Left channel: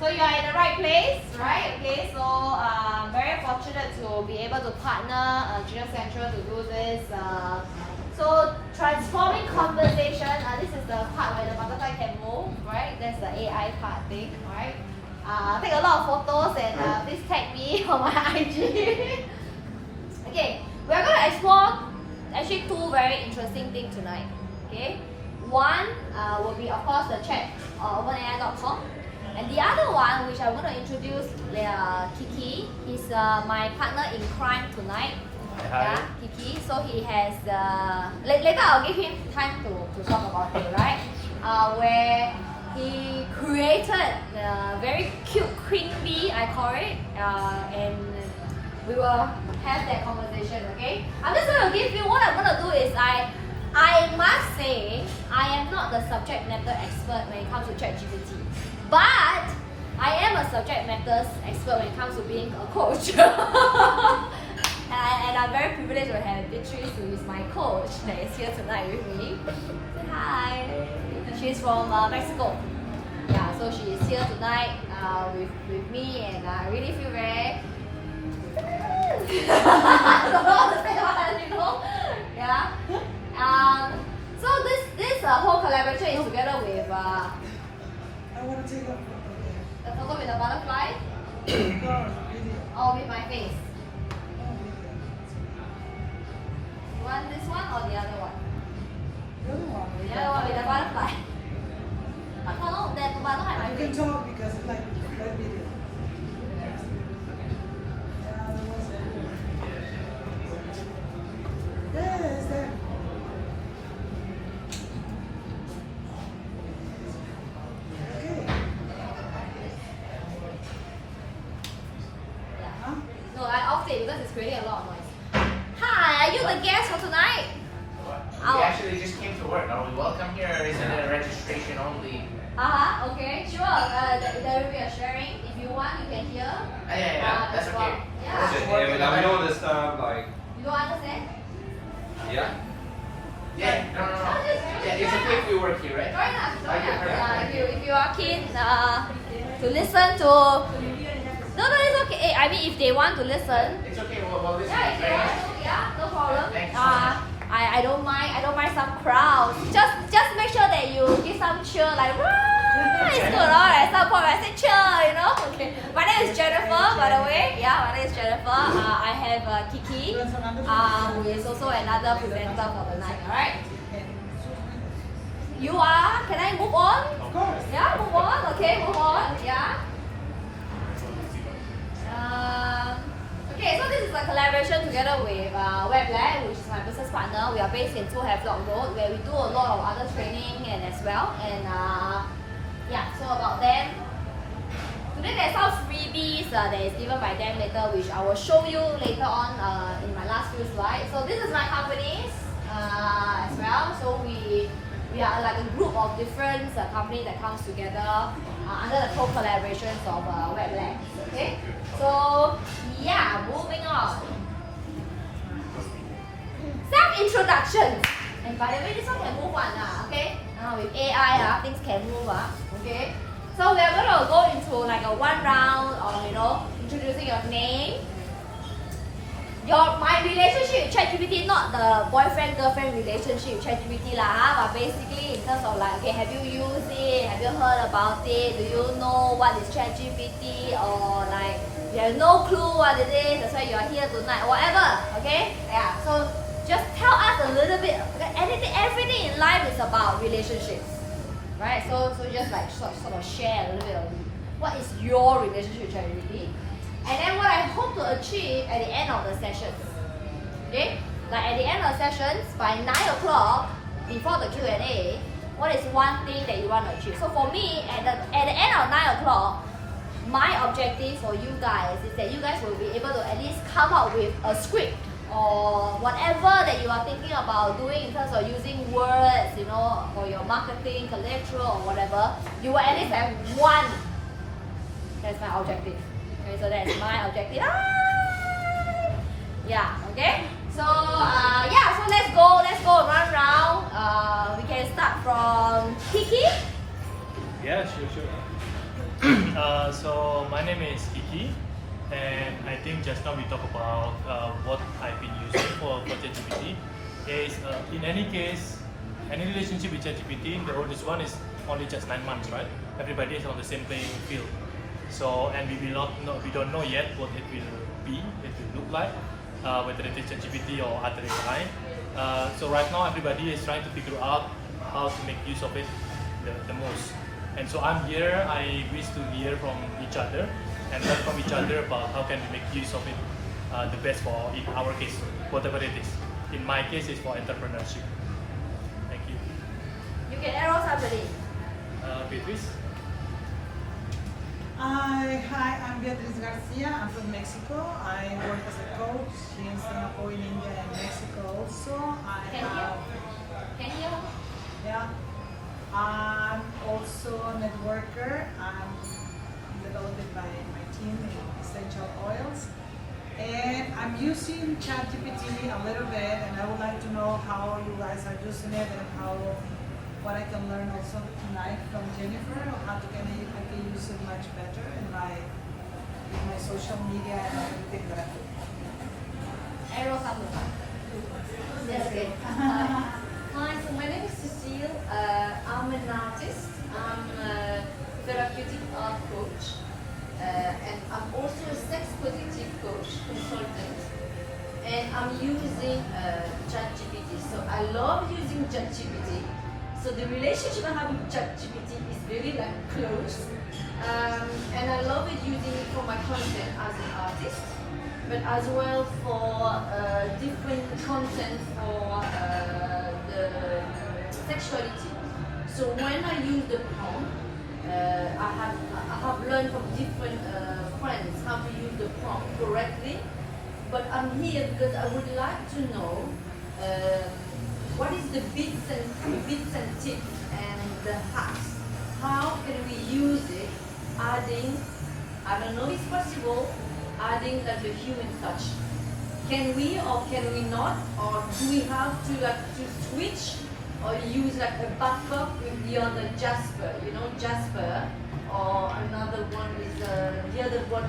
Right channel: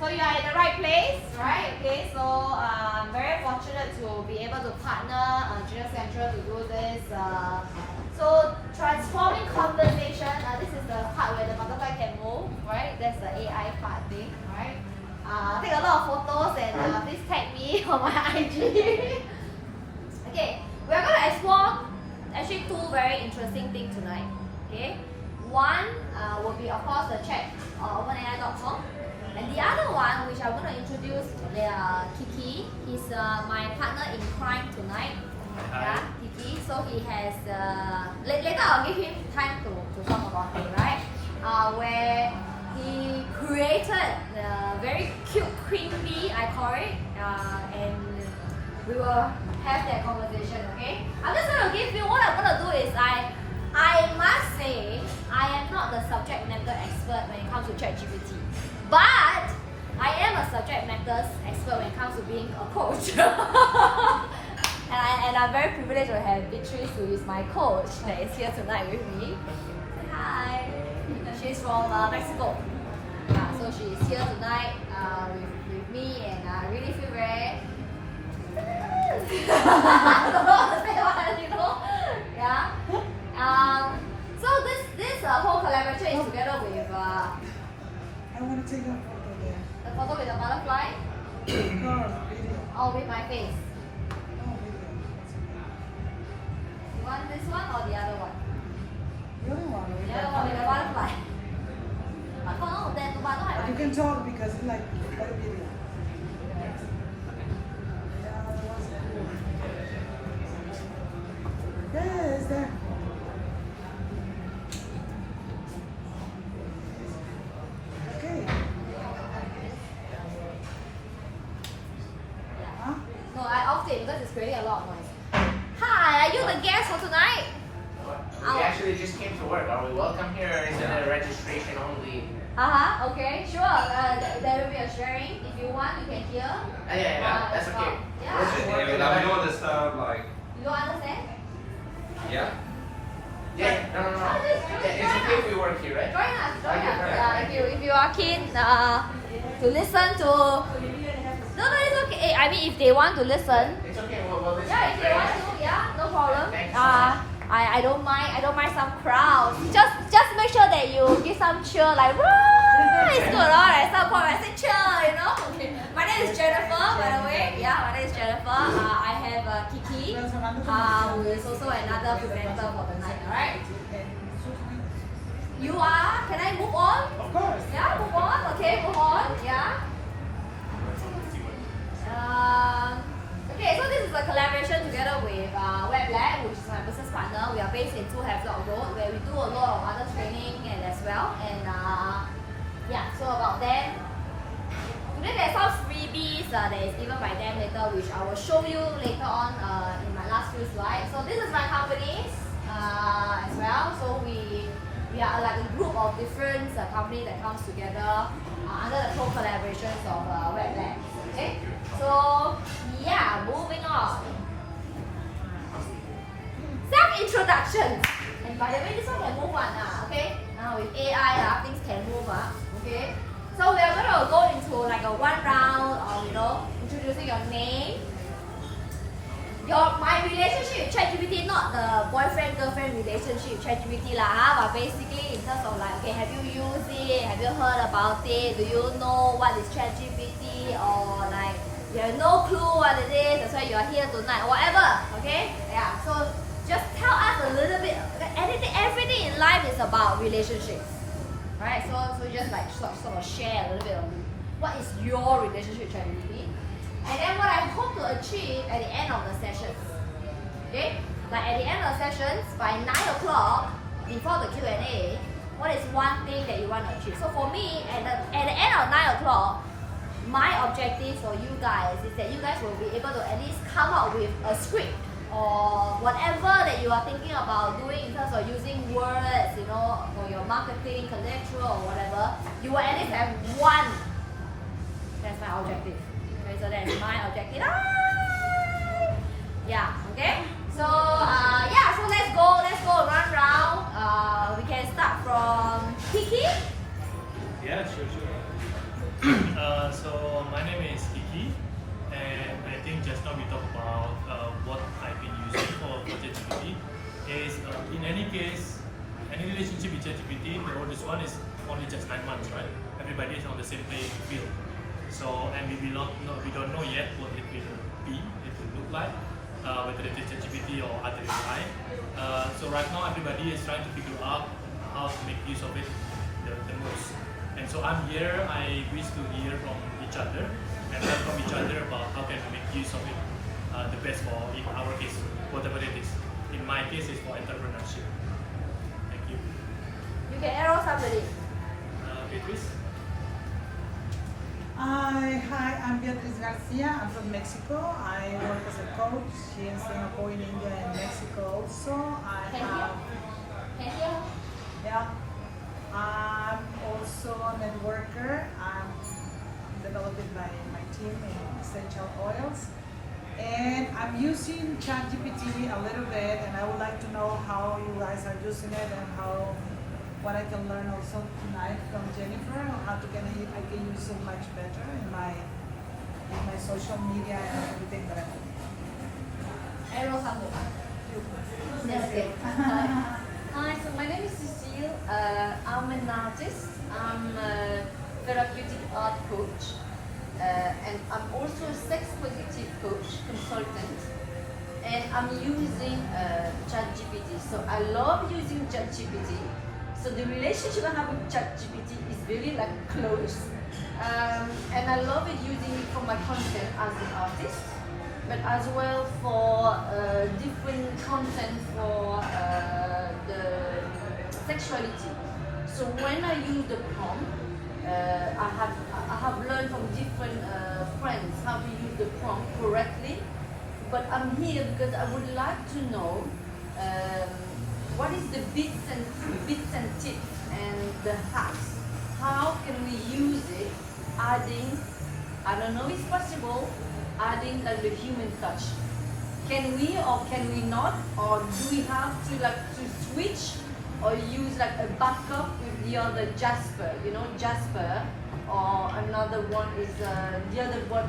So you are in the right place, right? Okay, so I'm very fortunate to be able to partner Genius Central to do this. So transforming conversation, this is the part where the butterfly can move, right? That's the AI part thing, right? Take a lot of photos and please tag me on my IG. Okay, we're going to explore actually two very interesting things tonight. Okay, one will be of course the chat on OpenAI.com. And the other one, which I want to introduce, Kiki. He's my partner in crime tonight. Hi. Yeah, Kiki. So he has, later I'll give him time to talk about it, right? Where he created a very cute queen bee, I call it, and we will have that conversation, okay? I'm just going to give you, what I'm going to do is I must say, I am not the subject matter expert when it comes to ChatGPT. But I am a subject matter expert when it comes to being a coach. and I'm very privileged to have Beatrice, who is my coach, that is here tonight with me. Say hi. She's from Mexico. Yeah, so she is here tonight with me, and I really feel very... I don't know how to say what, you know? Yeah. So this whole collaboration is together with... I'm gonna take a photo there. The photo with the butterfly? No, Or with my face? video. You want this one or the other one? Good one. The other one with the butterfly. But no, that but don't have my You can face. talk because it's like a video. Yes, there. Okay. Yeah. Huh? No, I off it because it's creating a lot of noise. Hi, are you the guest for tonight? We actually just came to work. Are we welcome here or is it a registration only? Okay, sure. There will be a sharing. If you want, you can hear. Yeah, that's okay. Yeah. Let me know the stuff like, You don't understand? yeah. Yeah, no. Yeah, it's okay if we work here, right? Join us. Okay. If you are keen to listen to... No, it's okay. I mean, if they want to listen, It's okay, we'll listen. yeah, if they want to, yeah, no problem. Thanks so much. I don't mind some crowds. Just make sure that you give some cheer, like woo, it's good, alright. At some point I say cheer, you know. Okay. My name is Jennifer, by the way. Yeah, my name is Jennifer. I have Kiki, who is also another presenter for the night. Alright. You are? Can I move on? Of course. Yeah, move on. Okay, move on. Yeah. Okay, so this is a collaboration together with WebLab, which is my business partner. We are based in 2 Havelock Road, where we do a lot of other training and as well. And yeah, so about them. Today there's some freebies that is given by them later, which I will show you later on in my last few slides. So this is my companies as well. So we are like a group of different companies that comes together under the co-collaborations of WebLab. Okay, so yeah, moving on. Self-introductions. And by the way, this one can move on, okay? Now with AI, things can move, okay? So we are going to go into like a one round of, introducing your name. My relationship with ChatGPT, not the boyfriend-girlfriend relationship with ChatGPT but basically in terms of like, okay, have you used it? Have you heard about it? Do you know what is ChatGPT? Or like, you have no clue what it is, that's why you are here tonight, whatever, okay? Yeah, so just tell us a little bit, okay? Everything in life is about relationships, right? So just like sort of share a little bit of what is your relationship with ChatGPT. And then what I hope to achieve at the end of the sessions, okay? Like at the end of the sessions, by 9 o'clock, before the Q&A, what is one thing that you want to achieve? So for me, at the end of 9 o'clock, my objective for you guys is that you guys will be able to at least come up with a script or whatever that you are thinking about doing in terms of using words, for your marketing, collateral or whatever. You will at least have one. That's my objective. Okay, so that's my objective. Yeah, okay? So so let's go run round. We can start from Kiki. Yeah, sure. think just now we talked about what I've been using for ChatGPT. Is in any case, any relationship with ChatGPT, the oldest one is only just 9 months, right? Everybody is on the same playing field. So, and we will we don't know yet what it will be, it will look like, whether it is ChatGPT or other AI. So right now everybody is trying to figure out how to make use of it the most. And so I'm here, I wish to hear from each other and learn from each other about how can we make use of it the best for, in our case, whatever it is. In my case, it's for entrepreneurship. Thank you. You can arrow somebody. Beatrice? Hi, I'm Beatriz Garcia. I'm from Mexico. I work as a coach in Singapore, in India, and Mexico also. Can you? Can you? Yeah. I'm also a networker. I'm developed by my team in essential oils. And I'm using ChatGPT a little bit, and I would like to know how you guys are using it and what I can learn also tonight from Jennifer on how I can use it much better in my social media and everything that I do. Arrow somebody. Okay. Hi, so my name is Cecile. I'm an artist. I'm a therapeutic art coach. And I'm also a sex positive coach, consultant. And I'm using ChatGPT. So I love using ChatGPT. So the relationship I have with ChatGPT is very close. And I love it using it for my content as an artist, but as well for different content for the sexuality. So when I use the prompt, I have learned from different friends how to use the prompt correctly. But I'm here because I would like to know what is the bits and tips and the hacks. How can we use it? Adding, I don't know if it's possible, adding the human touch. Can we or can we not? Or do we have to switch or use a backup with the other Jasper? You know, Jasper, or another one is the other one.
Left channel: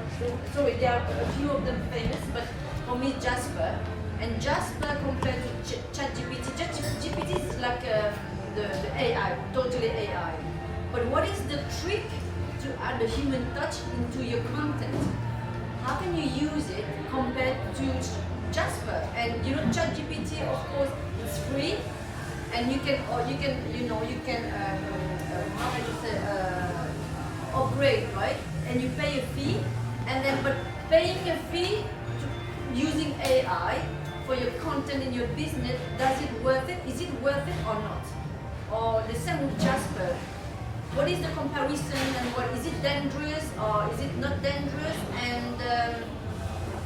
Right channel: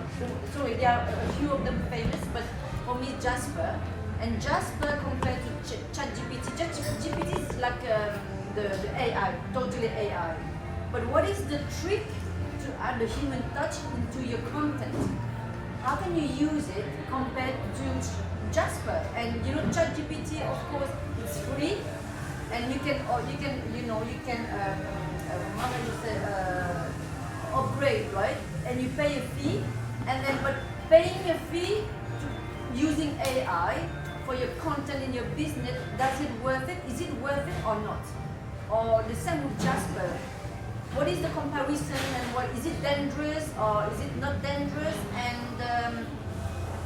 Sorry, there are a few of them famous, but for me Jasper. And Jasper compared to ChatGPT. ChatGPT is like the AI, totally AI. But what is the trick to add the human touch into your content? How can you use it compared to Jasper? And you know, ChatGPT, of course, it's free, and you can how can you say, upgrade, right? And you pay a fee, and then but paying a fee to using AI for your content in your business, does it worth it? Is it worth it or not? Or the same with Jasper. What is the comparison and what is it dangerous or is it not dangerous? And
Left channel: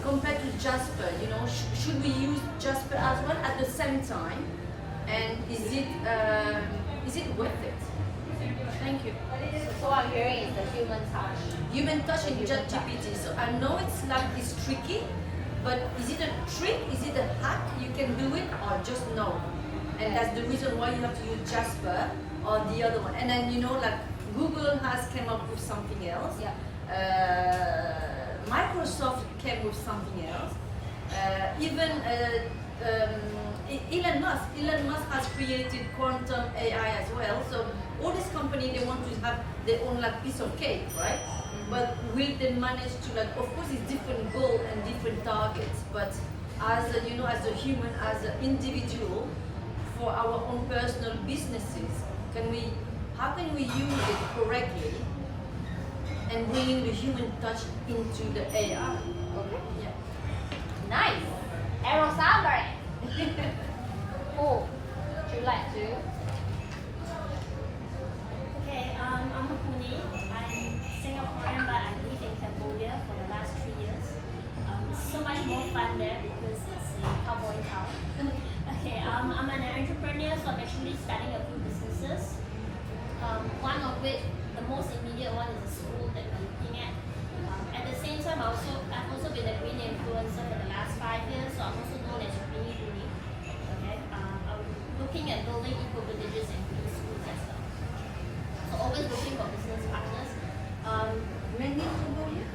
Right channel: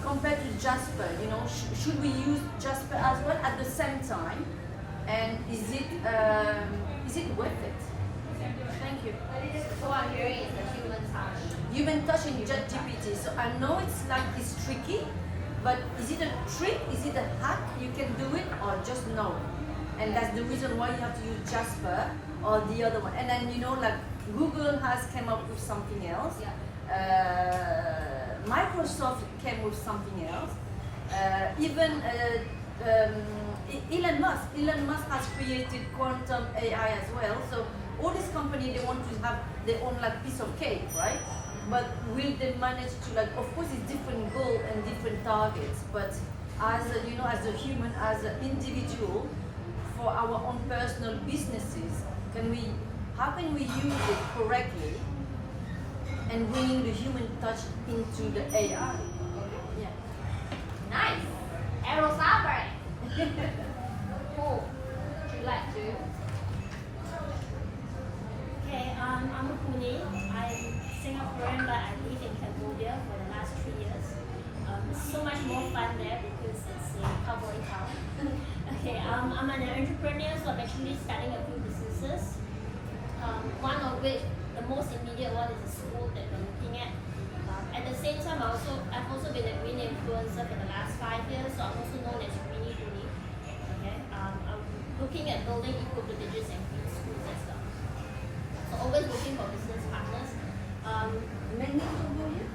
compared to Jasper, you know, should we use Jasper as well at the same time? And is it worth it? Thank you. So I'm hearing is the human touch. Human touch in ChatGPT. So I know it's tricky, but is it a trick? Is it a hack? You can do it or just no. And that's the reason why you have to use Jasper or the other one. And then, you know, Google has come up with something else. Yeah. Microsoft came with something else. Even Elon Musk has created quantum AI as well. So all these companies, they want to have their own piece of cake, right? But will they manage to of course it's different goal and different targets, but as a, you know, as a human, as an individual, for our own personal businesses, how can we use it correctly and bringing the human touch into the AI? Okay. Yeah. Nice. Arrow somebody. Cool. Would you like to? Okay, I'm Puni. I'm Singaporean, but I live in Cambodia for the last 3 years. So much more fun there because it's a cowboy town. Okay, I'm an entrepreneur, so I'm actually starting a few businesses. One of which, the most immediate one, is a school that we're looking at. At the same time, I've also been a green influencer for the last 5 years, so I'm also known as Greenie Puni. Okay, I'm looking at building eco-villages and green schools as well. So always looking for business partners. Mainly Cambodia?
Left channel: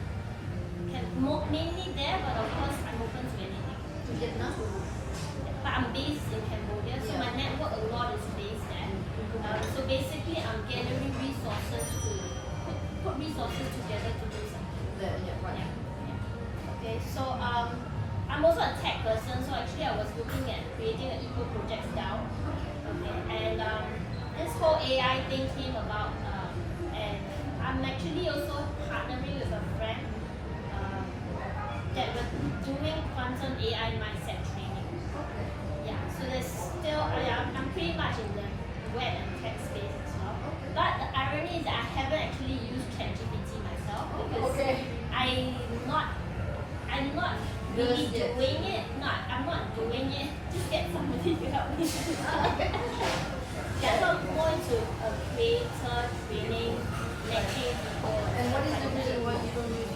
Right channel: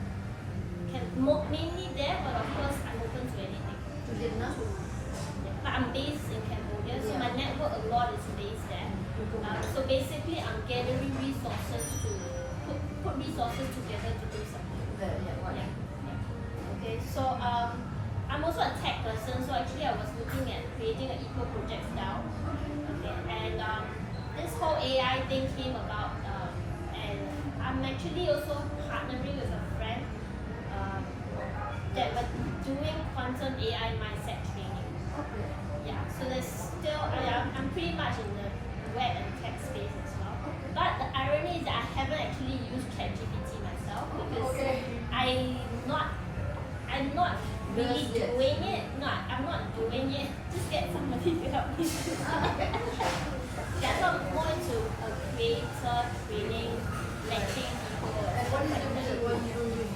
mainly there, but of course I'm open to anything. To Vietnam. Yeah, but I'm based in Cambodia, so my network a lot is based there. So basically, I'm gathering resources to put resources together to do something. Yeah, right. Yeah. Okay, so I'm also a tech person, so actually I was looking at creating an eco project style. Okay, and this whole AI thing came about, and I'm actually also partnering with a friend that we're doing quantum AI mindset training. Okay. Yeah, so there's still, I'm pretty much in the web and tech space as well. But the irony is that I haven't actually used ChatGPT myself because I'm not really Yet. doing it. No, I'm not doing it. Just get somebody to help me. Yeah, so I'm more into a creator, training, lecturing people. And what is stuff the like reason that. why you don't use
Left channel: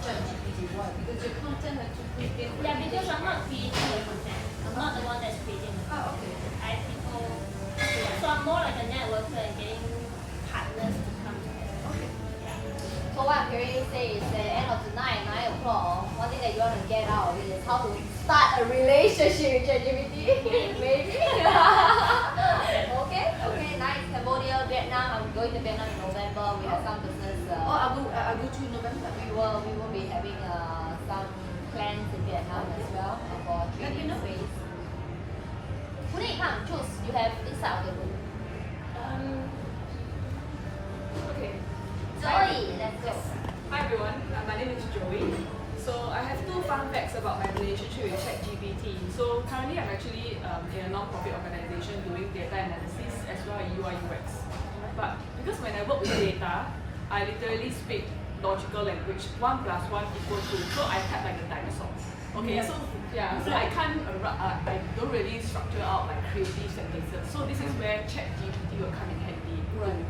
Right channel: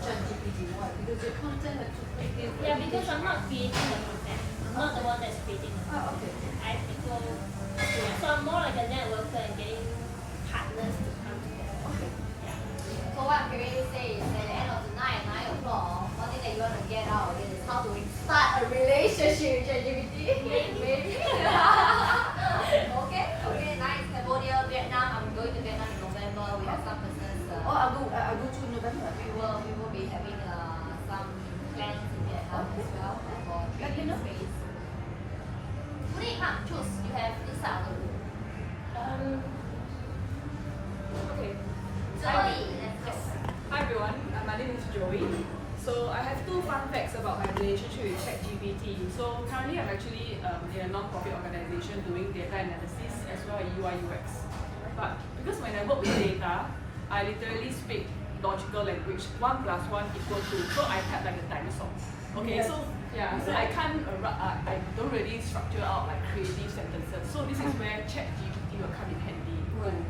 ChatGPT? Why? Because your content has to fit. Yeah, because I'm not creating the content. I'm not the one that's creating the content. Oh, okay. I have people. So I'm more like a networker and getting partners to come together. Okay. Yeah. So what Perry says is at the end of the night, 9 o'clock, one thing that you want to get out of it is how to start a relationship with ChatGPT. Maybe. Okay, nice. Cambodia, Vietnam. I'm going to Vietnam in November. We have some business. I'll go to November. We will be having some plans in Vietnam as well for Let me 3 know. days. Today, come choose. You have inside of the room. Okay. Joey, let's go. Hi everyone, my name is Joey. So I have 2 fun facts about my relationship with ChatGPT. So currently I'm actually in a non-profit organization doing data analysis as well as UI UX. But because when I work with data, I literally speak logical language. 1 + 1 = 2. So I type like a dinosaur. Okay, so yeah, so I can't, I don't really structure out like creative sentences. So this is where ChatGPT will come in handy. Right.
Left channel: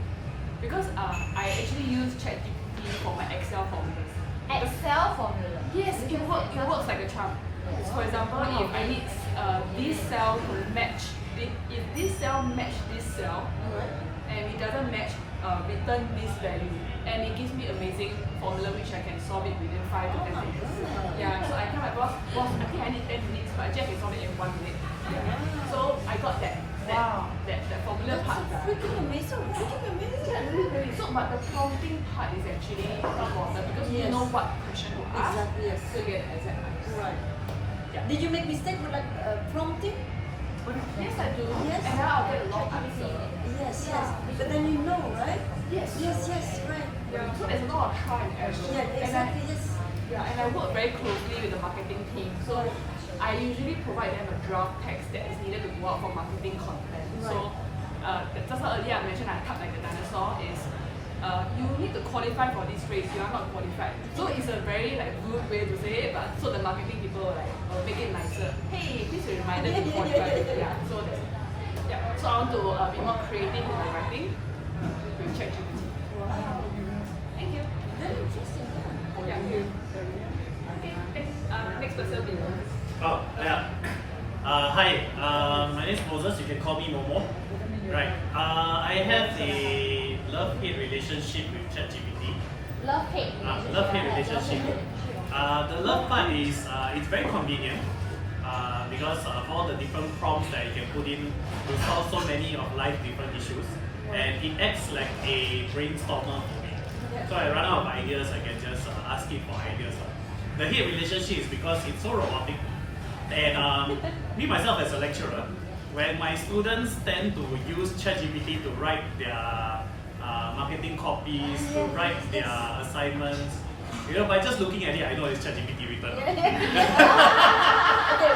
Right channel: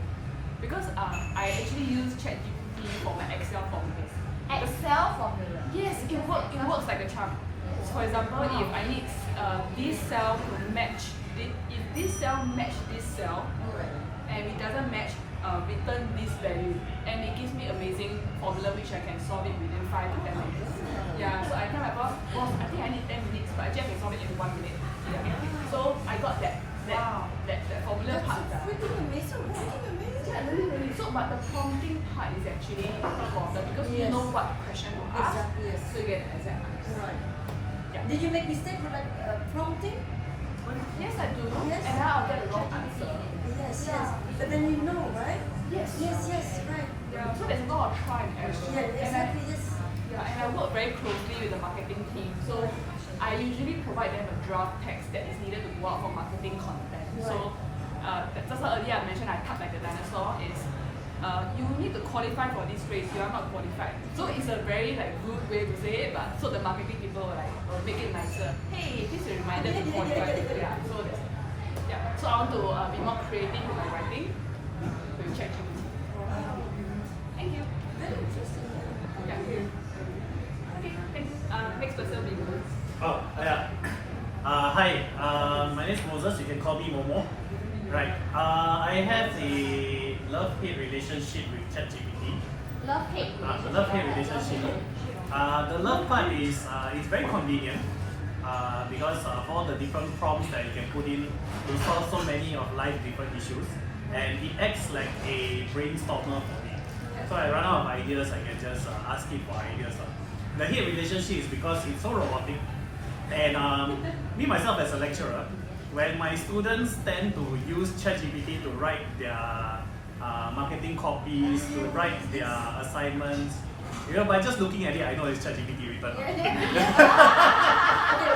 Because I actually use ChatGPT for my Excel formulas. Because- Excel formula. Yes, it works like a charm. For example, if I need this cell to match, if this cell match this cell, and it doesn't match, return this value, and it gives me amazing formula which I can solve it within 5 to 10 minutes. Yeah, so I tell my boss, I think I need 10 minutes, but Jeff can solve it in 1 minute. Yeah. So I got that formula part done. Freaking amazing. Yeah, really. So, but the prompting part is actually important because you Yes. know what question to ask, Exactly, yes. so you get the exact answer. Right. Yeah. Did you make mistake with like prompting? Yes, I do. Yes. And then I'll get the wrong answer. Yes, Yeah. yes. But then you know, right? Yes. Yes, right. Yeah. So there's a lot of try and error. Yeah, And I, exactly, yes. yeah, and I work very closely with the marketing team. So I usually provide them a draft text that is needed to go out for marketing content. So just like earlier I mentioned, I type like a dinosaur is you need to qualify for this race, you are not qualified. So it's a very like rude way to say it, but so the marketing people will make it nicer. Hey, please be reminded to qualify. Yeah, so that's, yeah. So I want to be more creative in my writing with ChatGPT. Thank you. Very interesting. Yeah. Okay, thanks. Next person will be Oh, yeah. Hi, my name is Moses. You can call me Momo. Right. I have a love-hate relationship with ChatGPT. Love-hate relationship. Love-hate relationship. The love part is it's very convenient because all the different prompts that you can put in will solve so many of life's different issues, and it acts like a brainstormer for me. So I run out of ideas, I can just ask it for ideas. The hate relationship is because it's so robotic, and me myself as a lecturer, when my students tend to use ChatGPT to write their marketing copies, to write their assignments, by just looking at it, I know it's ChatGPT written. Okay,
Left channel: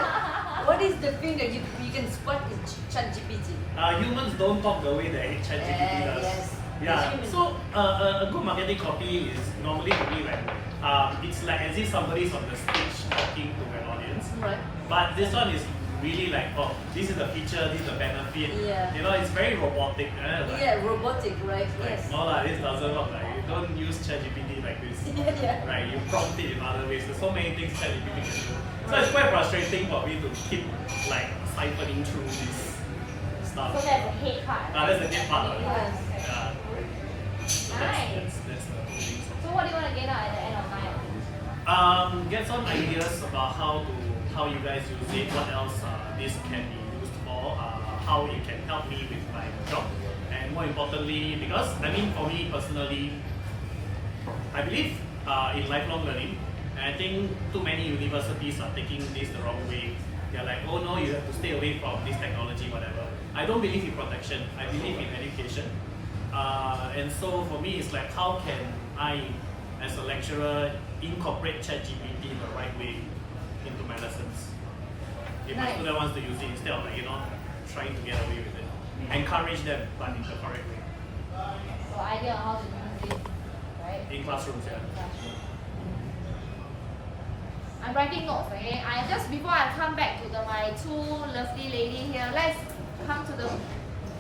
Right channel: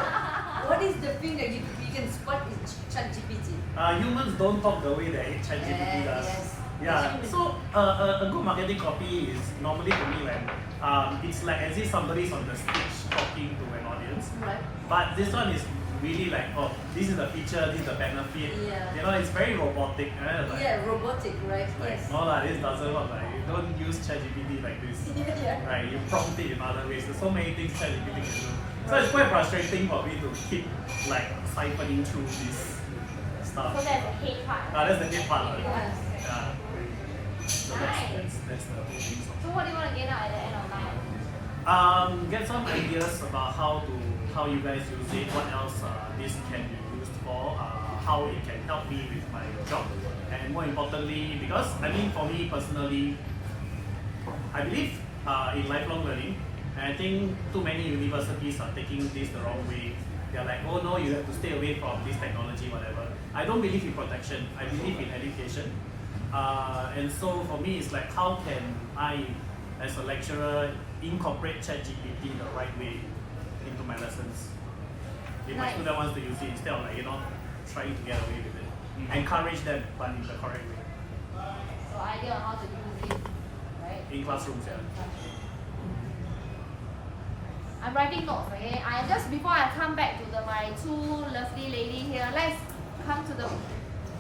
what is the thing that you can spot in ChatGPT? Humans don't talk the way that ChatGPT does. Yes. Yeah, so a good marketing copy is normally to me when it's like as if somebody's on the stage talking to an audience. Right. But this one is really like, oh, this is the feature, this is the benefit. Yeah. It's very robotic. Like, Yeah, robotic, right? like, Yes. no lah, this doesn't work. Like, you don't use ChatGPT like this. Yeah. Right, you prompt it in other ways. There's so many things ChatGPT can do. So it's quite frustrating for me to keep like siphoning through this stuff. So that's the hate part. That's the hit part. Right? Yes. Yeah. So that's the whole thing. So what do you want to get out at the end of night? Get some ideas about how you guys use it, what else this can be used for, how it can help me with my job, and more importantly, because I mean for me personally, I believe in lifelong learning, and I think too many universities are taking this the wrong way. They're like, oh no, you have to stay away from this technology, whatever. I don't believe in protection. I believe in education. And so for me, it's like, how can I, as a lecturer, incorporate ChatGPT the right way into my lessons? If my student wants to use it, instead of trying to get away with it. Encourage them, but in the correct way. So idea on how to use it, right? In classrooms, yeah. I'm writing notes, okay? I just before I come back to my two lovely lady here, let's come to the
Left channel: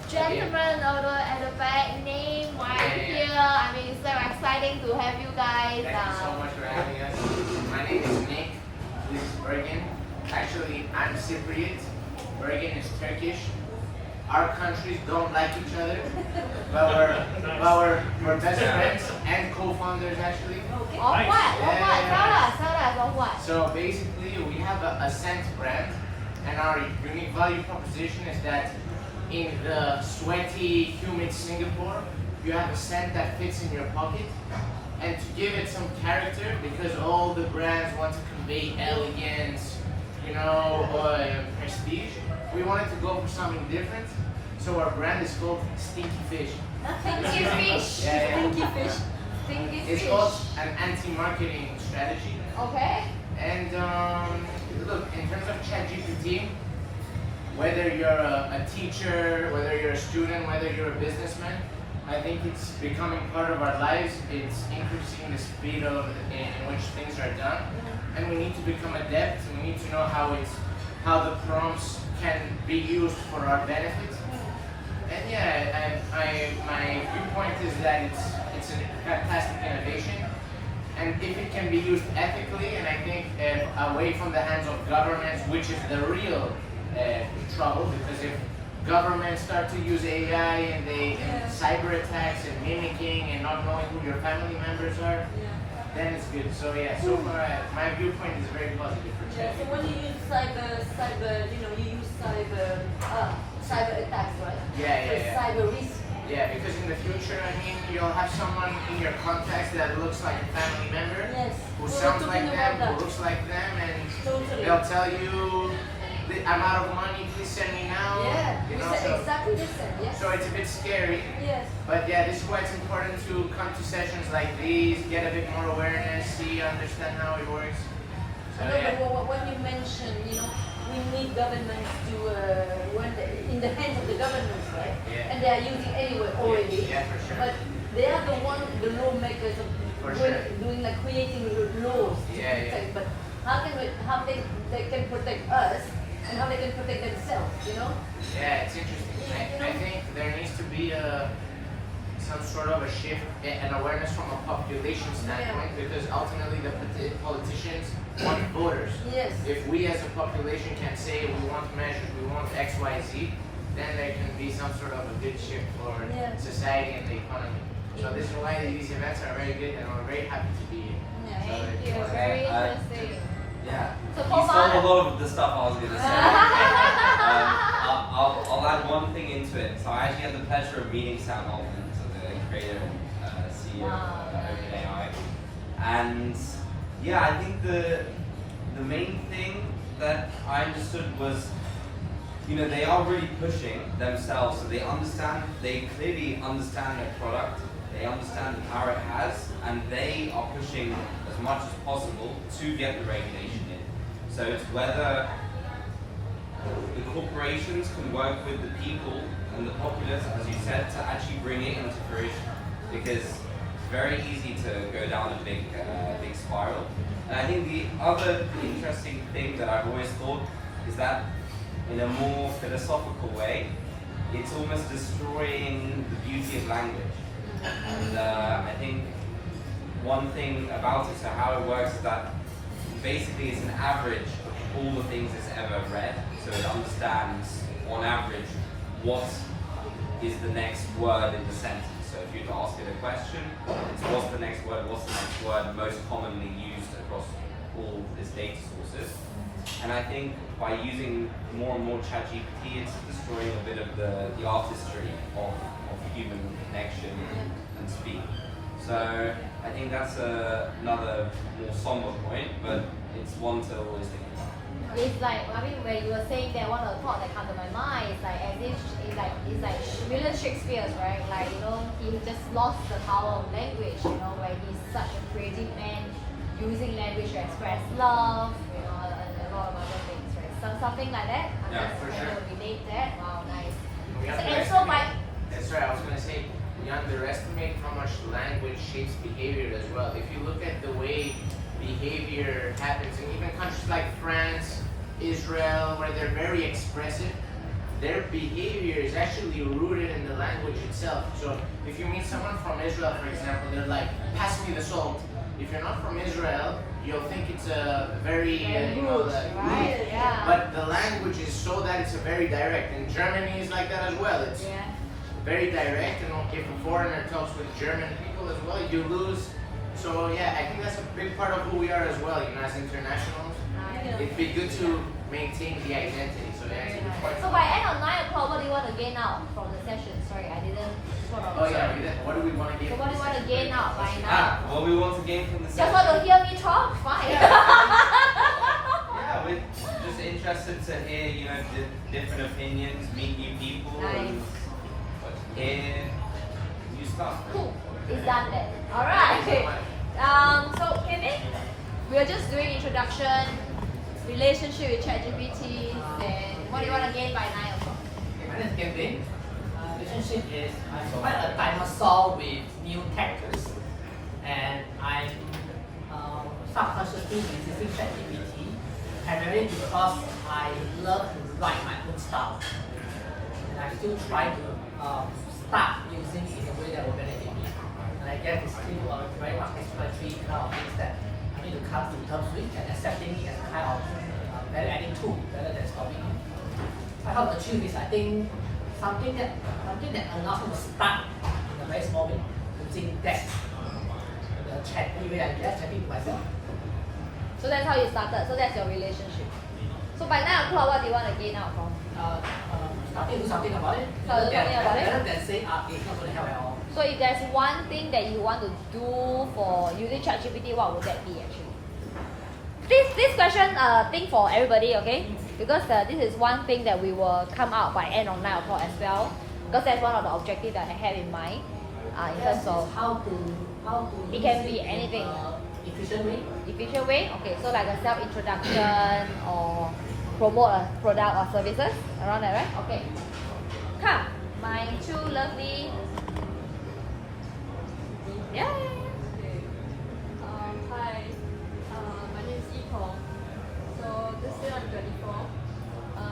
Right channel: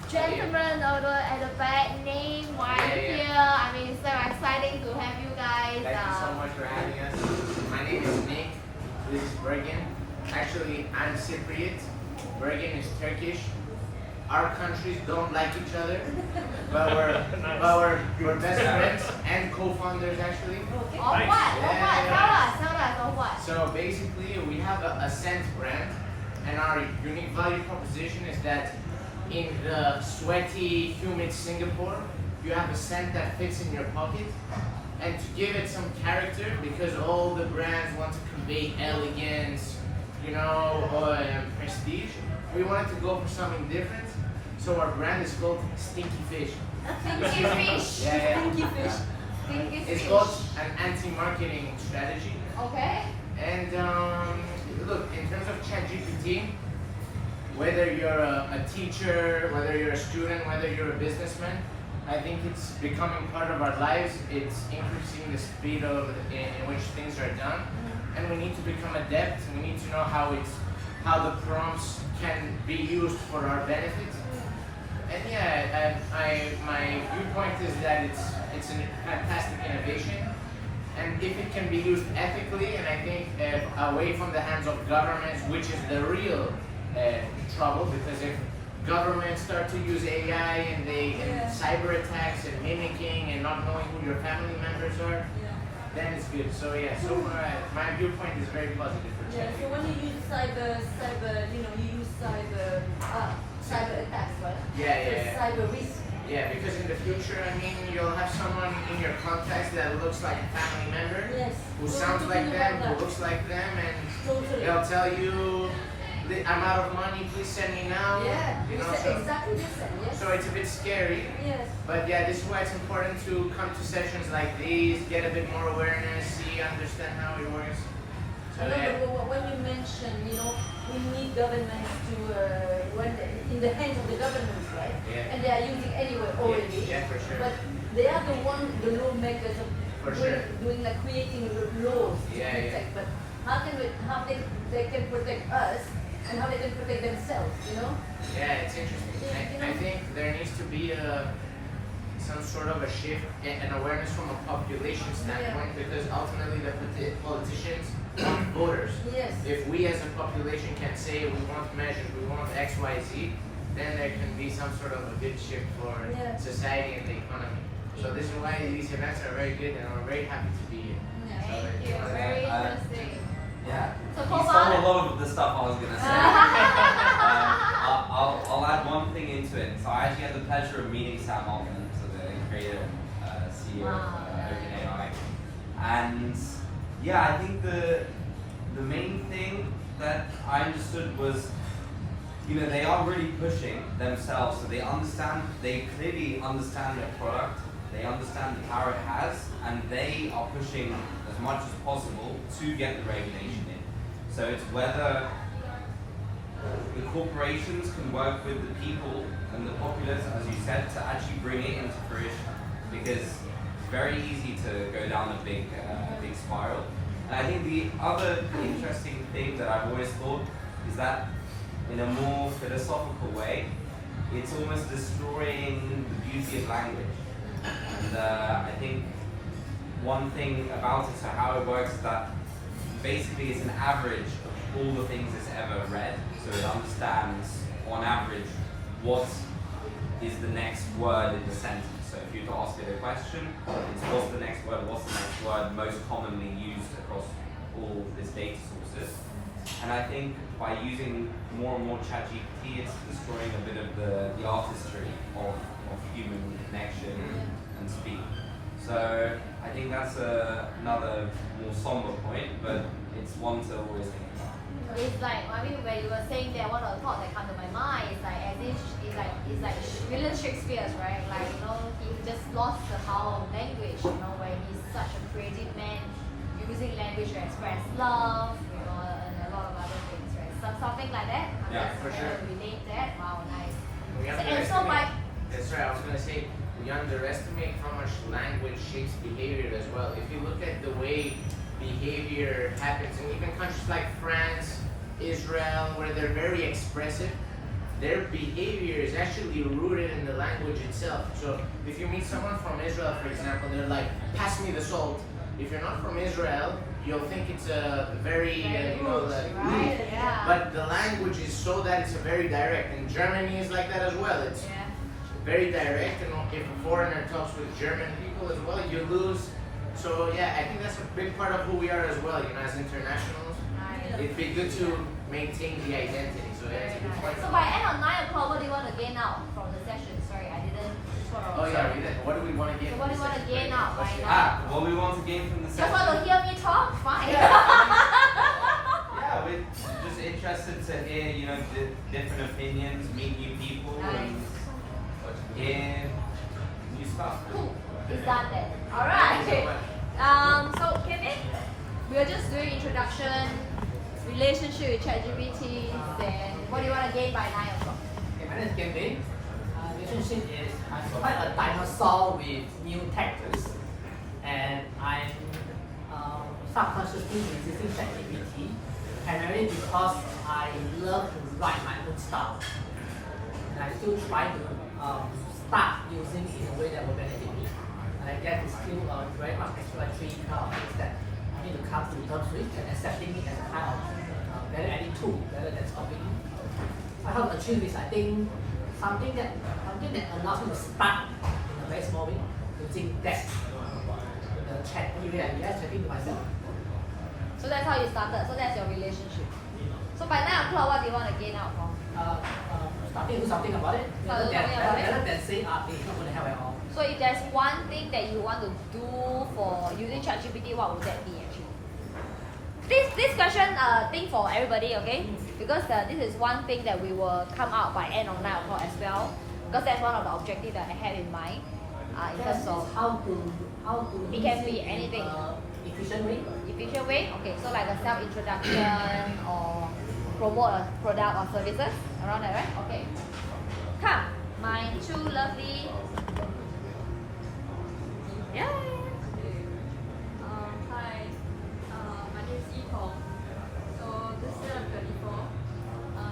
gentleman at the back. Name, why are you here? I mean, it's so exciting to have you guys. Thank you so much for having us. My name is Nick. This is Bergen. Actually, I'm Cypriot. Bergen is Turkish. Our countries don't like each other, but we're best friends and co-founders actually. Okay. What? Tell us what? So basically, we have a scent brand, and our unique value proposition is that in the sweaty, humid Singapore, you have a scent that fits in your pocket, and to give it some character, because all the brands want to convey elegance, prestige. We wanted to go for something different, so our brand is called Stinky Fish. Stinky Fish. Yeah. Stinky Fish. Stinky It's Fish. called an anti-marketing strategy. Okay. And look, in terms of ChatGPT, whether you're a teacher, whether you're a student, whether you're a businessman, I think it's becoming part of our lives. It's increasing the speed in which things are done, and we need to become adept. We need to know how the prompts can be used for our benefit. And yeah, my viewpoint is that it's a fantastic innovation, and if it can be used ethically, and I think away from the hands of governments, which is the real trouble, because if governments start to use AI and cyber attacks and mimicking and not knowing who your family members are, then it's good. So yeah, so far my viewpoint is very positive for Yeah, ChatGPT. so when you use you use cyber attacks, right? Yeah. Cyber risk. Yeah, because in the future, I mean, you'll have someone in your contacts that looks like a family member, Yes. who We were sounds like talking them, about who that. looks like them, and Totally. they'll tell you, I'm out of money, please send me now. Yeah, You know, it's so, exactly the same. Yes. so it's a bit scary. Yes. But yeah, this is why it's important to come to sessions like these, get a bit more awareness, understand how it works. So I know, yeah. but when you mention, we need governments to, in the hands of the governments, right? Yeah. And they are using anyway already. Yeah, for sure. But they are the lawmakers of For sure. creating laws to Yeah, yeah. protect. But how they can protect us and how they can protect themselves, Yeah, it's interesting. I think there needs to be some sort of a shift and awareness from a population standpoint, because ultimately the politicians want voters. Yes. If we as a population can say we want measures, we want X, Y, Z, then there can be some sort of a good shift for society and the economy. So this is why these events are very good, and we're very happy to be here. So if you wanna- Very interesting. Yeah, So you hold stole on. a lot of the stuff I was going to say. I'll add one thing into it. So I actually had the pleasure of meeting Sam Altman, so the creative CEO of OpenAI. And yeah, I think the main thing that I understood was, they are really pushing themselves, so they clearly understand their product, they understand the power it has, and they are pushing as much as possible to get the regulation in. So it's whether the corporations can work with the people and the populace, as you said, to actually bring it into fruition, because it's very easy to go down a big spiral. And I think the other interesting thing that I've always thought is that in a more philosophical way, it's almost destroying the beauty of language. And I think one thing about it, so how it works, is that basically it's an average of all the things it's ever read. So it understands, on average, what is the next word in the sentence. So if you were to ask it a question, it's what's the next word, most commonly used across all its data sources. And I think by using more and more ChatGPT, it's destroying a bit of the artistry of human connection and speak. So I think that's another more somber point, but it's one to always think about. It's like, I mean, when you were saying that, one of the thoughts that come to my mind is like, it's like William Shakespeare, right? Like, you know, he just lost the power of language, you know, like he's such a creative man, using language to express love, you know, and a lot of other things, right? So something like that. Yeah, for sure. Relate that. Wow, nice. We And so underestimate. like, Sorry, I was gonna say we underestimate how much language shapes behavior as well. If you look at the way behavior happens in even countries like France, Israel, where they're very expressive, their behavior is actually rooted in the language itself. So if you meet someone from Israel, for example, they're like, pass me the salt. If you're not from Israel, you'll think it's a very, you know, like, rude. But the language is so that it's a very direct. And Germany is like that as well. It's very direct. And if a foreigner talks with German people as well, you lose. So yeah, I think that's a big part of who we are as well, you know, as internationals. It'd be good to maintain the identity. So yeah, it's a good point. so by end of 9 o'clock, what do you want to gain out from the session? Sorry, I didn't. Oh yeah, what do we want to get? What do you want to gain out? Let's see. What we want to gain from the Just session. want to hear me talk? Fine. Yeah, we're just interested to hear, you know, different opinions, meet new people, and hear new stuff. Cool. It's done then. Thank you so Alright. much. So Kevin, we're just doing introduction, relationship with ChatGPT, then what do you want to gain by 9 o'clock? My name is Kevin. Relationship is I provide a dinosaur with new tactics, and I'm subconsciously using ChatGPT primarily because I love to write my own style, and I still try to start using it in a way that will benefit me. And I guess it's still very much exploratory kind of things that I need to come to terms with and accepting it as a kind of value-adding tool rather than stopping it. I hope to achieve this. I think something that allows me to start in a very small way, using text, the chat, anyway, I just chatting to myself. So that's how you started. So that's your relationship. So by 9 o'clock, what do you want to gain out from? Starting to do something about it, rather than say, it's not going to help at all. So if there's one thing that you want to do for using ChatGPT, what would that be actually? This question, thing for everybody, okay? Because this is one thing that we will come out by end of 9 o'clock as well. Because that's one of the objectives that I had in mind. In terms of how to it can be anything. Efficient way. Efficient way? Okay, so like a self-introduction or promote a product or services around that, right? Okay. Come, my two lovely. Yeah. Hi, my name is Nicole. So this year I'm 24, and I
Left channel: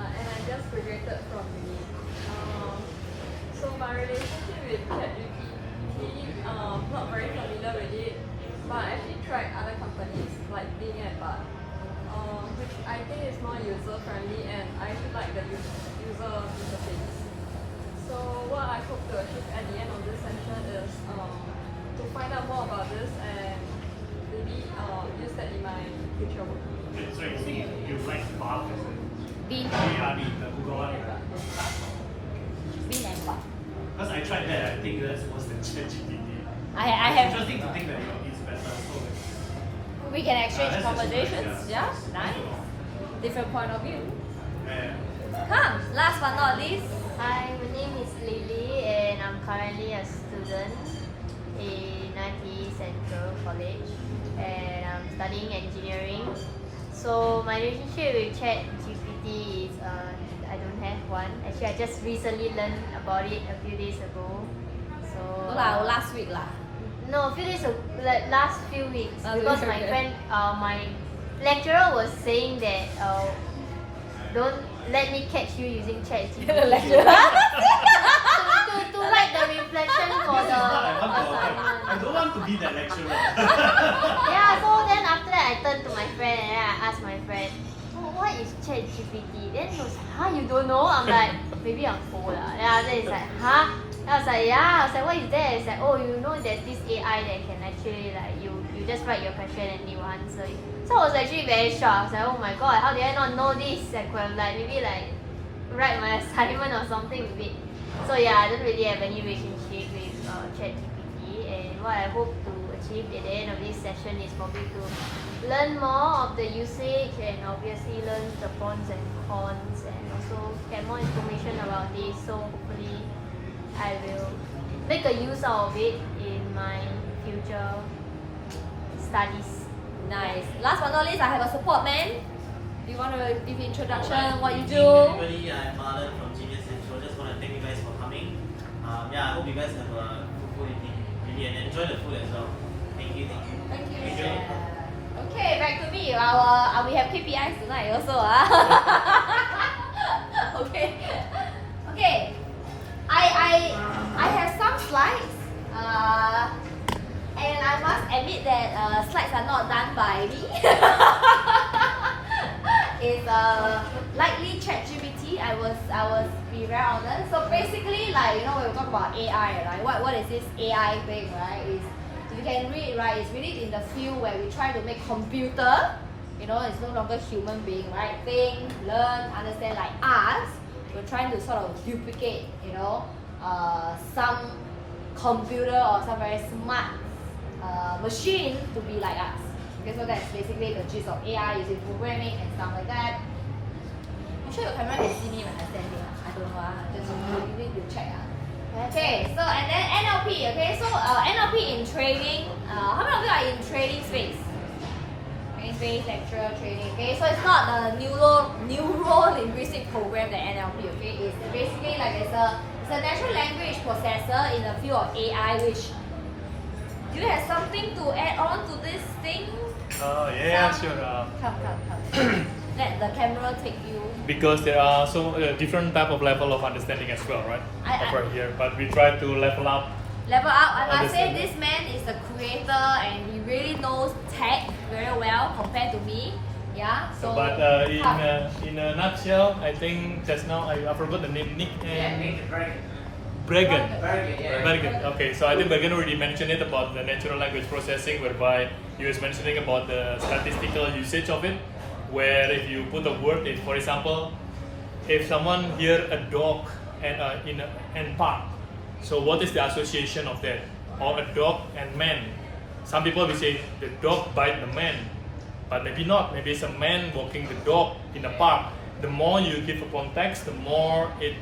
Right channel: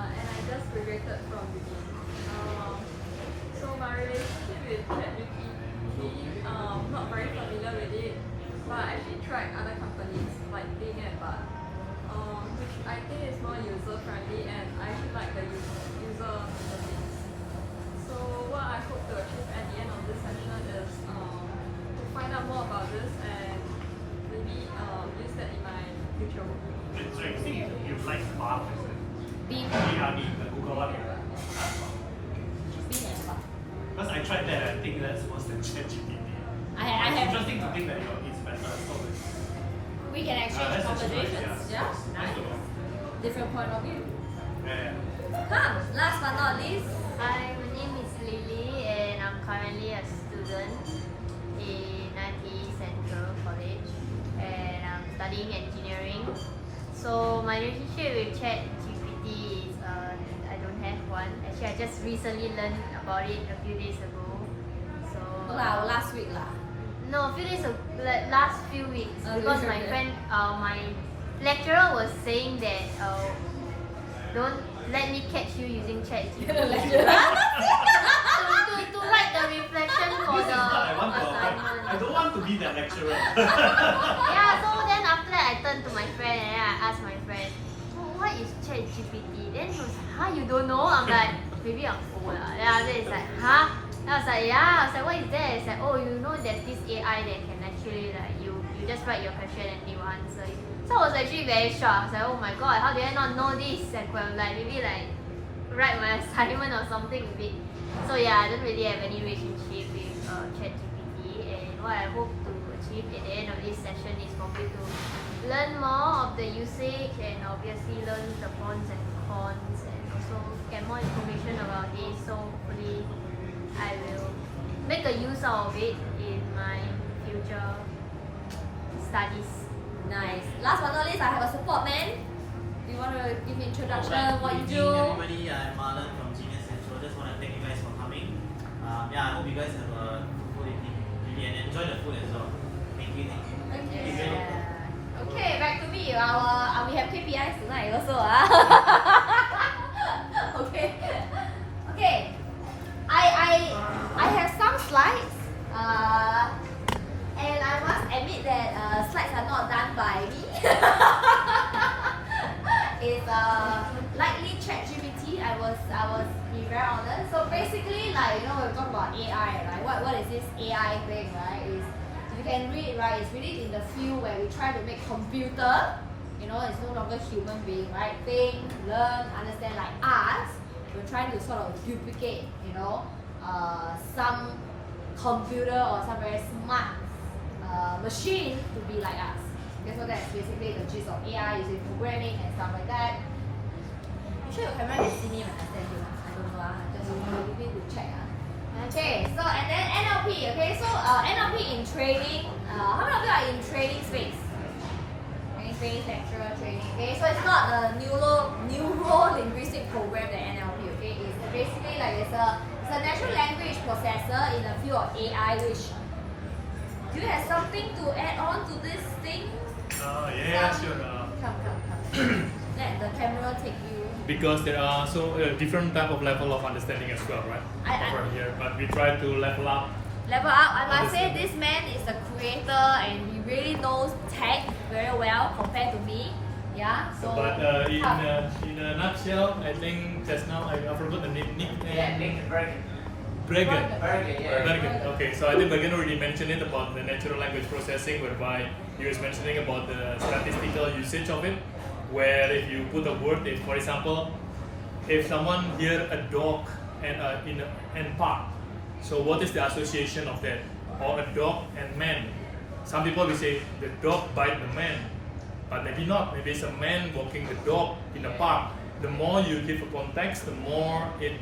just graduated from uni. So my relationship with ChatGPT, not very familiar with it, but I actually tried other companies like Bing and Bar, which I think is more user friendly, and I really like the user interface. So what I hope to achieve at the end of this session is to find out more about this and maybe use that in my future work. So I think you like Bar, Bean. BRB, the Google one. Bean and Bar. Because I tried that, I think that's worse than ChatGPT. I It's have. interesting to think that it's better. So We can exchange that's conversations. nice, Yeah, nice. Different point of view. yeah. Come, last but not least. Hi, my name is Lily and I'm currently a student in NT Central College and I'm studying engineering. So my relationship with ChatGPT is I don't have one. Actually, I just recently learned about it a few days ago. So Last week lah. no, a few days ago, last few weeks, Oh, because okay. my friend, my lecturer was saying that don't let me catch you using ChatGPT. to write the reflection for This is the what I want to assignment. I don't want to be that lecturer. Yeah, so then after that I turned to my friend and I asked my friend, oh, what is ChatGPT? Then he was, huh, you don't know? I'm like, maybe I'm full lah. Yeah, then it's like, huh? I was like, yeah. I was like, what is that? It's like, oh, you know, there's this AI that can actually like you just write your question and it will answer it. So I was actually very shocked. I was like, oh my god, how did I not know this? And could have like maybe like write my assignment or something with it. So yeah, I don't really have any relationship with ChatGPT, and what I hope to achieve at the end of this session is probably to learn more of the usage and obviously learn the pros and cons and also get more information about this. So hopefully I will make a use out of it in my future studies. Nice. Last but not least, I have a support man. Do you want to give introduction? Alright, What you good do? evening, everybody. I'm Marlon from Genius Central. Just want to thank you guys for coming. Yeah, I hope you guys have a good evening really, and enjoy the food as well. Thank you. Thank you. Enjoy. Okay, back to me. We have KPIs tonight also. Okay. Okay. I have some slides. And I must admit that slides are not done by me. It's likely ChatGPT. I was be very honest. So basically, like, you know, we're talking about AI, right? What is this AI thing, right? Is you can read, right? It's really in the field where we try to make computer. You know, it's no longer human being, right? Think, learn, understand, like us. We're trying to sort of duplicate, you know, some computer or some very smart machine to be like us. Okay, so that's basically the gist of AI using programming and stuff like that. I'm sure your camera can see me when I stand here. I don't know, just you need to check. Okay, so and then NLP. Okay, so NLP in trading. How many of you are in trading space? Trading space, lecture, trading. Okay, so it's not the neuro-linguistic program that NLP. Okay, it's basically like it's a natural language processor in the field of AI, which. Do you have something to add on to this thing? Yeah, sure. Come. Let the camera take you. Because there are different type of level of understanding as well, right? Over here, but we try to level up. Level up. I must say this man is a creator and he really knows tech very well compared to me. Yeah. So. But in a nutshell, I think just now I forgot the name. Bregan. Okay, so I think Bregan already mentioned it about the natural language processing, whereby he was mentioning about the statistical usage of it, where if you put a word in, for example, if someone hear a dog and park, so what is the association of that? Or a dog and man. Some people will say the dog bite the man, but maybe not. Maybe it's a man walking the dog in the park. The more you give a context, the more it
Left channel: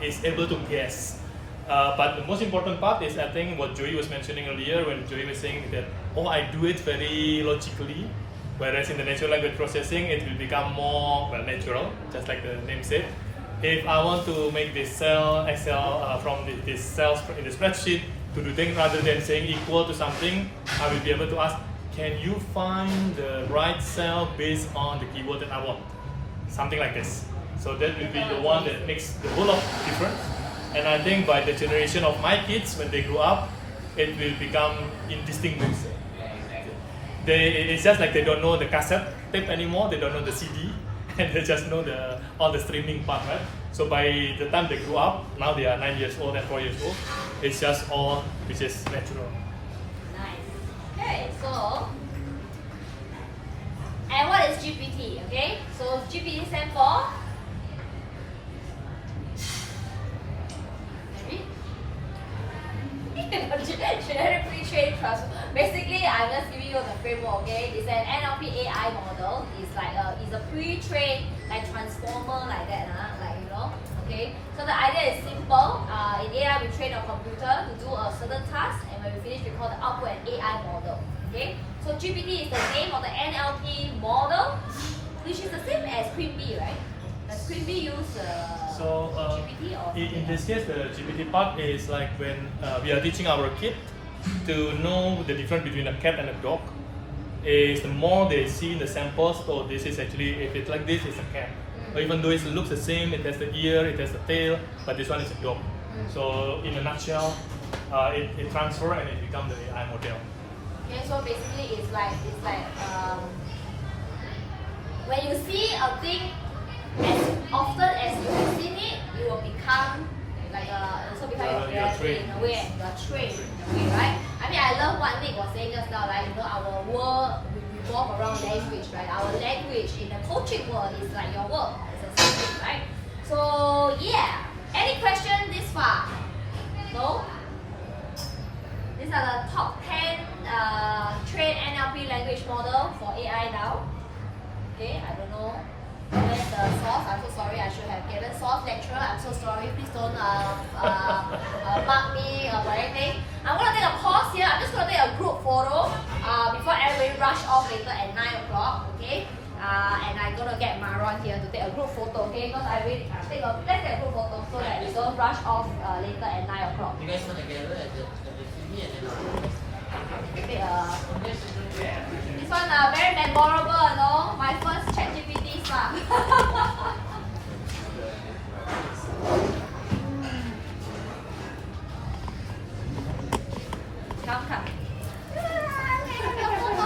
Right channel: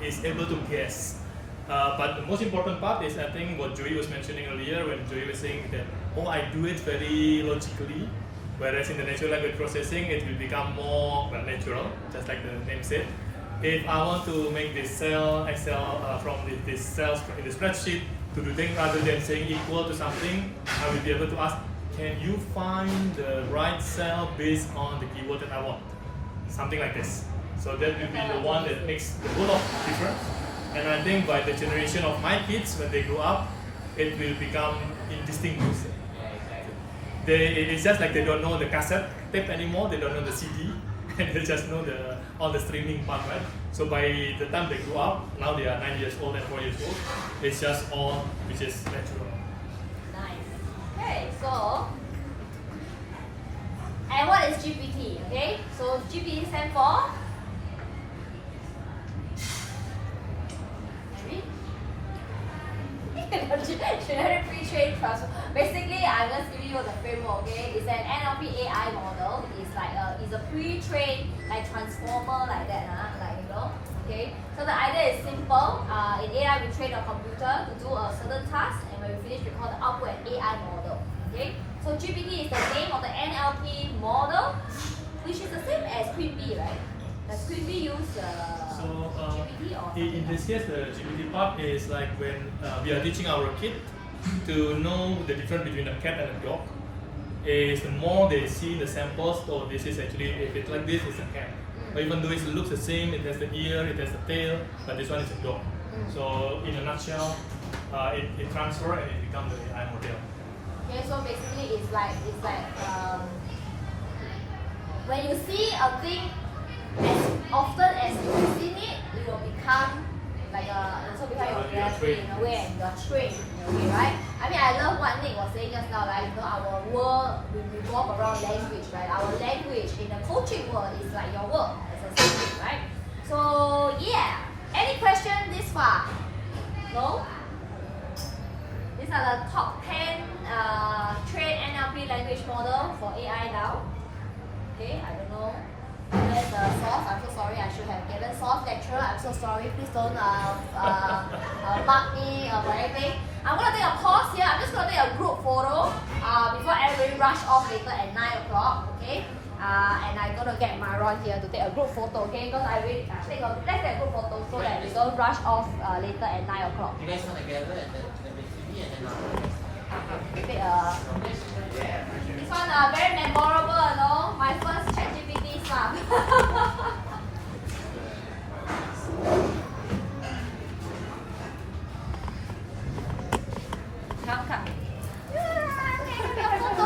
is able to guess. But the most important part is, I think, what Joey was mentioning earlier when Joey was saying that, oh, I do it very logically, whereas in the natural language processing, it will become more natural, just like the name said. If I want to make this cell Excel from this cells in the spreadsheet to do things rather than saying equal to something, I will be able to ask, can you find the right cell based on the keyword that I want? Something like this. So that will be the one that makes the whole of difference. And I think by the generation of my kids, when they grow up, it will become indistinguishable. It's just like they don't know the cassette tape anymore, they don't know the CD, and they just know all the streaming part, right? So by the time they grow up, now they are 9 years old and 4 years old, it's just all which is natural. Nice. Okay, so, and what is GPT? Okay, so GPT stands for generic pre-trained transfer. Basically, I'm just giving you the framework. Okay, it's an NLP AI model. It's like it's a pre-trained like transformer like that, like you know. Okay, so the idea is simple. In AI, we train a computer to do a certain task, and when we finish, we call the output an AI model. Okay, so GPT is the name of the NLP model, which is the same as Queen Bee, right? Does Queen Bee use the GPT or in this case, the GPT part is like when we are teaching our kid to know the difference between a cat and a dog. Is the more they see the samples, so this is actually, if it's like this, it's a cat. Or even though it looks the same, it has the ear, it has the tail, but this one is a dog. So in a nutshell, it transfers and it becomes the AI model. Okay, so basically it's like when you see a thing as often as you have seen it, you will Exactly, in a way, and you are trained in a way, right? I mean, I love what Nick was saying just now, right? You know, our world we revolve around language, right? Our language in the coaching world is like your work. It's the same thing, right? So yeah, any question this far? No? These are the top 10 trained NLP language model for AI now. Okay, I don't know. Where's the source? I'm so sorry. I should have given source lecturer. I'm so sorry. Please don't mark me or anything. I'm gonna take a pause here. I'm just gonna take a group photo before everybody rush off later at 9 o'clock. Okay. And I'm gonna get Maron here to take a group photo. Okay. Because let's take a group photo so that we don't rush off later at 9 o'clock. You guys gonna gather at the TV and then This one very memorable, no? My first ChatGPT stuff. Come. Your photo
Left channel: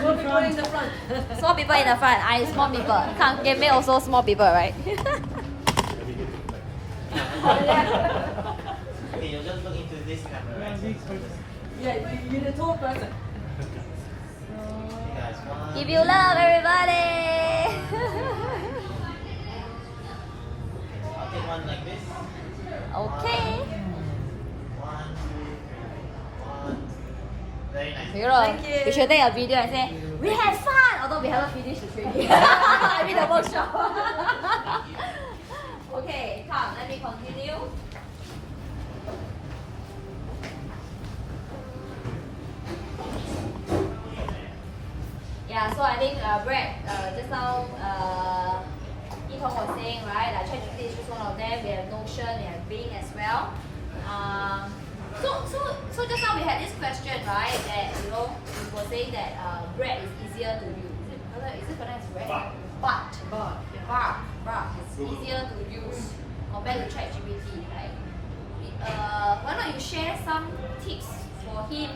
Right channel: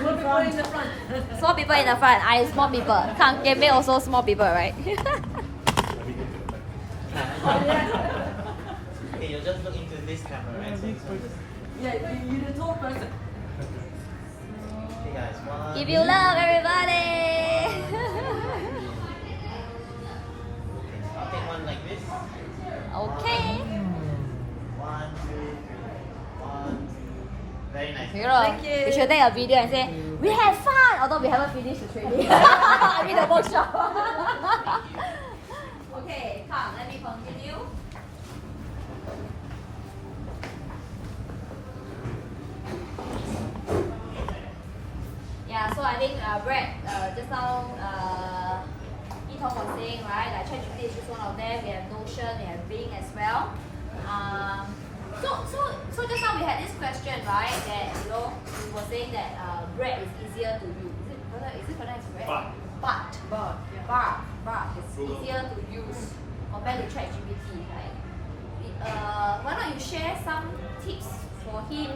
More people in the front. Small people in the front. I small people. Come, give me also small people, right? Okay, you just look into this camera, right? Yeah, you're the tall person. Hey guys, one. If you love everybody. I'll take one like this. Okay. 1, 2, 3. 1, 2. Very nice. Thank you. We should take a video and say, we have fun! Although we haven't finished the training. I mean the workshop. Okay, come, let me continue. Yeah, so I think Brett, just now, Etong was saying, right, that ChatGPT is just one of them. We have Notion, we have Bing as well. So just now we had this question, right, that, you know, we were saying that Brett is easier to use. Is it pronounced Brett? But. It's easier to use compared to ChatGPT, right? Why not you share some tips for him,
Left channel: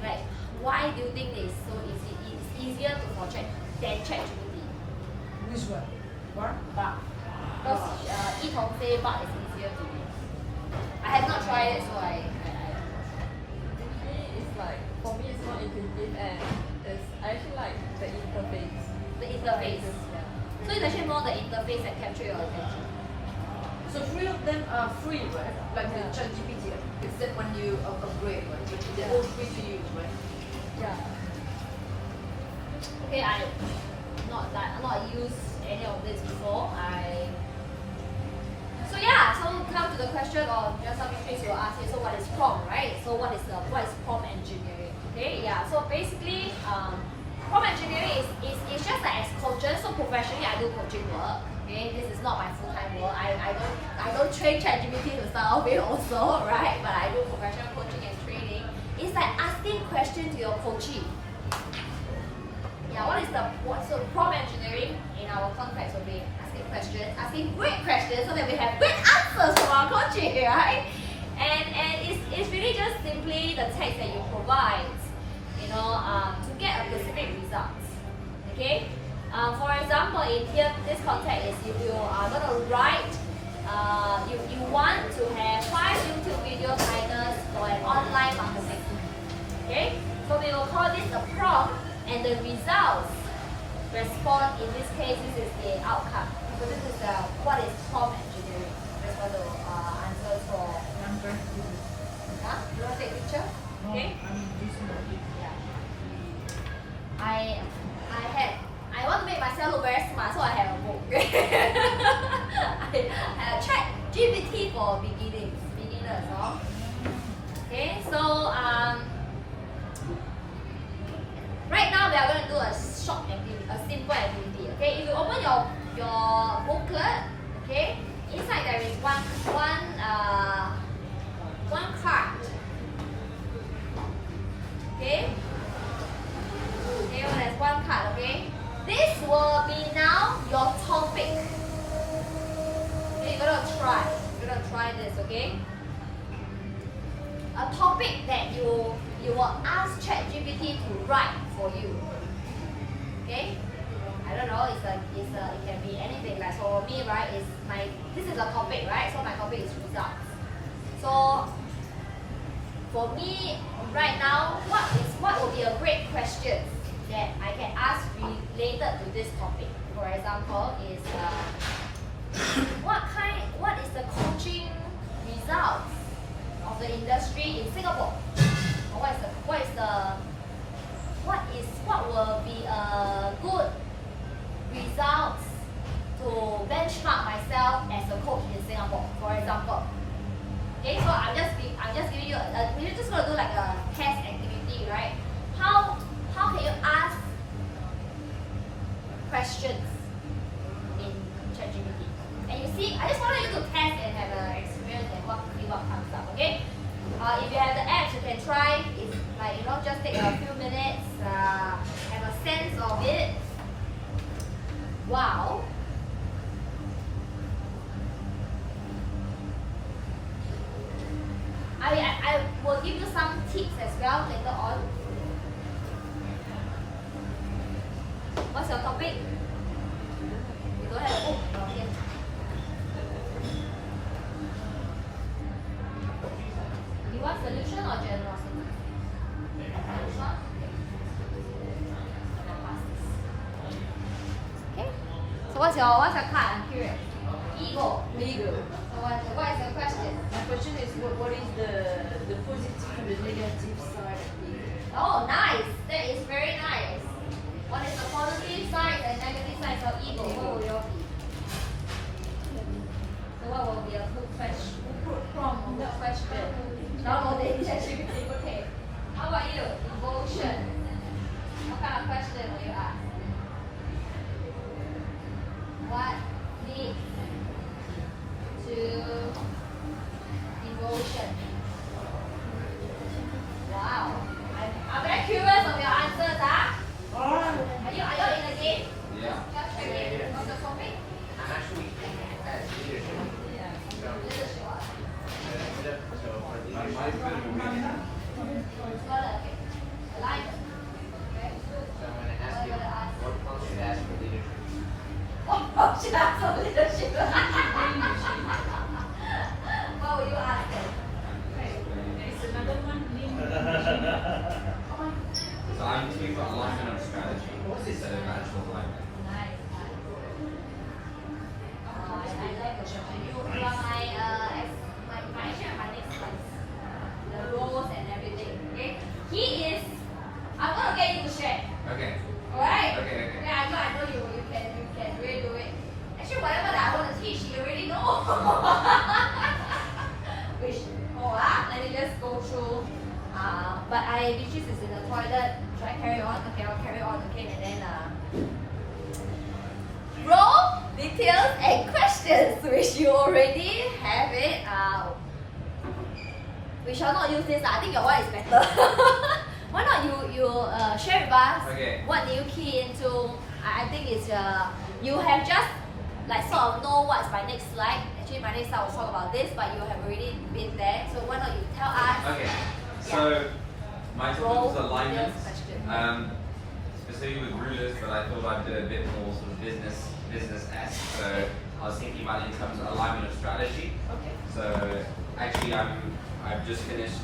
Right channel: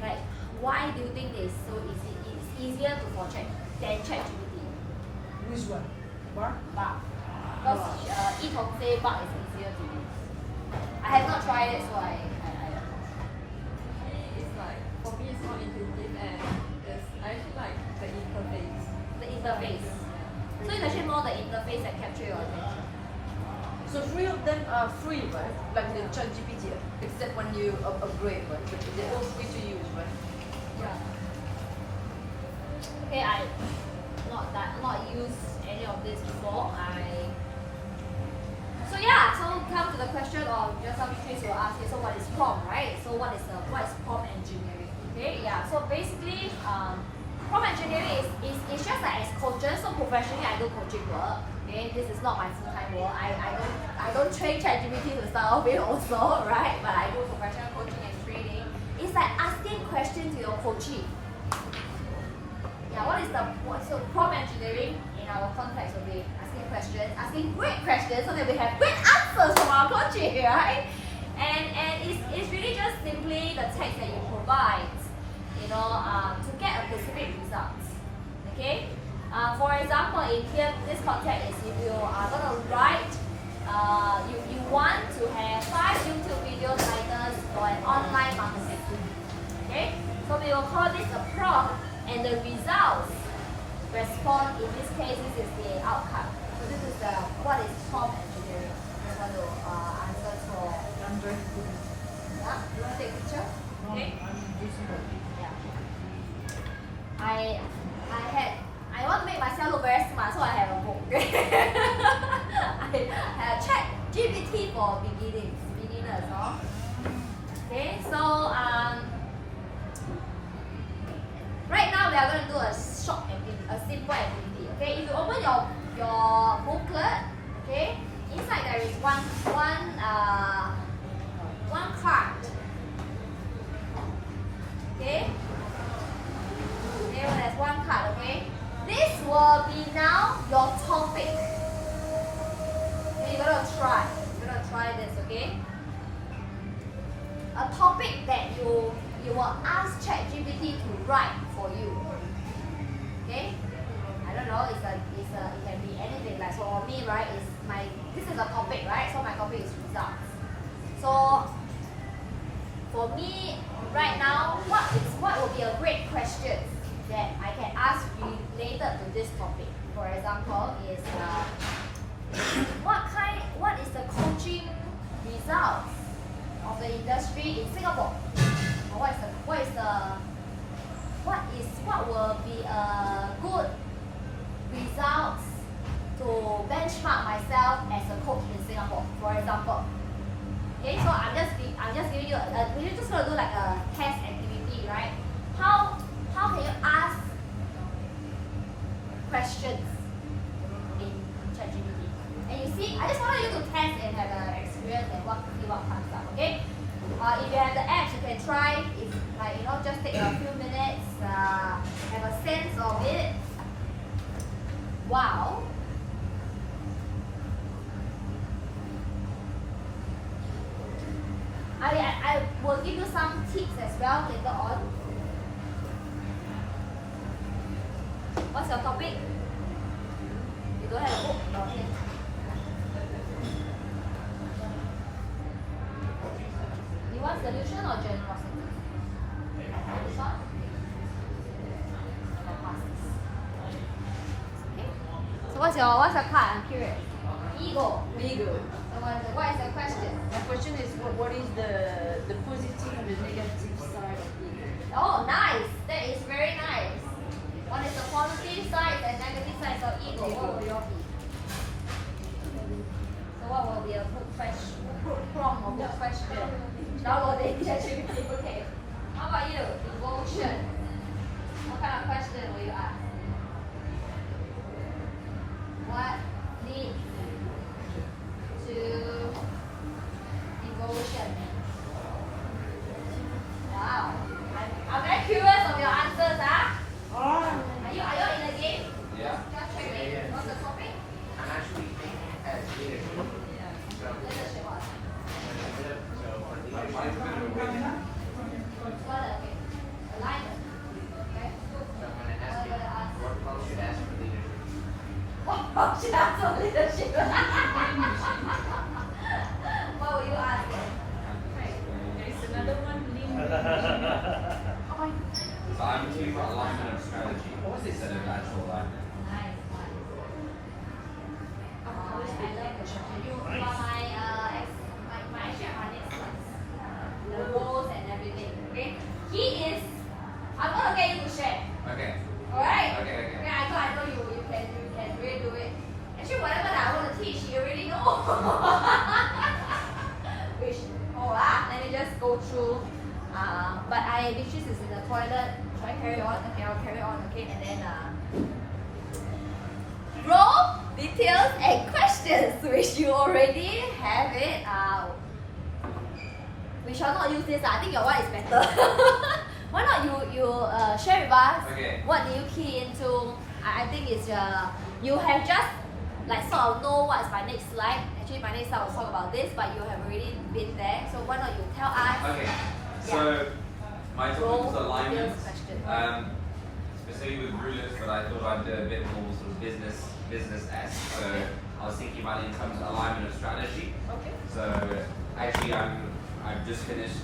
like, why do you think it's so easy? It's easier than ChatGPT. Which one? Bar? Bard. Because Etong say Bard is easier to use. I have not tried it, so I It's like, for me it's so intuitive and I actually like the interface. the interface. So it's actually more the interface that capture your attention. So three of them are free, right? Like the ChatGPT, except when you upgrade, right? They're all free to use, right? Yeah. Okay, I not used any of this before. So yeah, so come to the question of just how many things you will ask here. So what is prompt, right? So what is prompt engineering? Okay, yeah. So basically, prompt engineering is just like as coaches. So professionally, I do coaching work. Okay, this is not my full-time work. I don't train ChatGPT to start off with also, right? But I do professional coaching and training. It's like asking questions to your coachee. Yeah, so prompt engineering in our context will be asking questions, asking great questions so that we have great answers from our coaching, right? And it's really just simply the text that you provide, you know, to get a specific results. Okay? For example, in here, this context is if you are going to write, you want to have 5 YouTube video titles for an online marketing. Okay? So we will call this a prompt, and the results respond, in this case, this is the outcome. So this is what is prompt engineering. Just want to answer for. Yeah? You want to take a picture? Okay? Yeah. I want to make myself look very smart, so I have a book. I have ChatGPT for beginners, no? Okay, so right now we are going to do a short activity, a simple activity. Okay, if you open your booklet, okay, inside there is one card. Okay. Okay, there's one card. Okay, this will be now your topic. Okay, you're gonna try this. Okay, a topic that you will ask ChatGPT to write for you. Okay, I don't know. It can be anything. Like so for me, right? This is a topic, right? So my topic is results. So for me right now, what will be a great question that I can ask related to this topic? For example, is what is the coaching results of the industry in Singapore? Or what will be a good results to benchmark myself as a coach in Singapore, for example. Okay, so I'm just giving you we're just gonna do like a test activity, right? How can you ask questions in ChatGPT? And you see, I just wanted you to test and have an experience and see what comes up. Okay. If you have the apps, you can try. If like just take a few minutes, have a sense of it. Wow. I will give you some tips as well later on. What's your topic? You don't have a book? Okay. You want solution or generosity? Which one? Okay. So what's your card? I'm curious. Ego. So what is the question? My question is, what is the positive and the negative side of it? Oh, nice. That is very nice. What is the positive side and negative side of ego? What will your be? So what will be a good question? Prompt of the question? Download the ChatGPT. Okay. How about you? Devotion. What kind of question will you ask? What leads to devotion? Wow. I'm very curious of your answers, Are you in the game? Yeah. Just checking. What's the topic? I'm actually thinking as leadership. So, Leadership. so for leadership, Okay. Alignment. Okay. so I'm going to ask you, what prompt should ask for leadership? What should I ask for leadership? What will you ask them? So I'm talking about alignment of strategy instead of actual alignment. Nice. I like the chapter. You are my next class. The roles and everything. Okay. I'm gonna get you to share. Okay. Alright? Okay. Okay, I know you can really do it. Actually, whatever that I want to teach, you already know. Let me just go through. But Beatrice is in the toilet. Should I carry on? Okay, I'll carry on. Okay, and then role, details, and questions, which you already have it. We shall not use this. I think your one is better. Why not you share with us? Okay. What do you key into? I think it's you have just like sort of know what's my next slide. Actually, my next slide will talk about this, but you have already been there. So why not you tell us? Okay. So my topic Role, was alignment. details, question. Specifically with rulers, but I thought I'd do a bit more sort of business-esque. So I was thinking about it in terms of alignment of strategy. Okay. So actually, I've just finished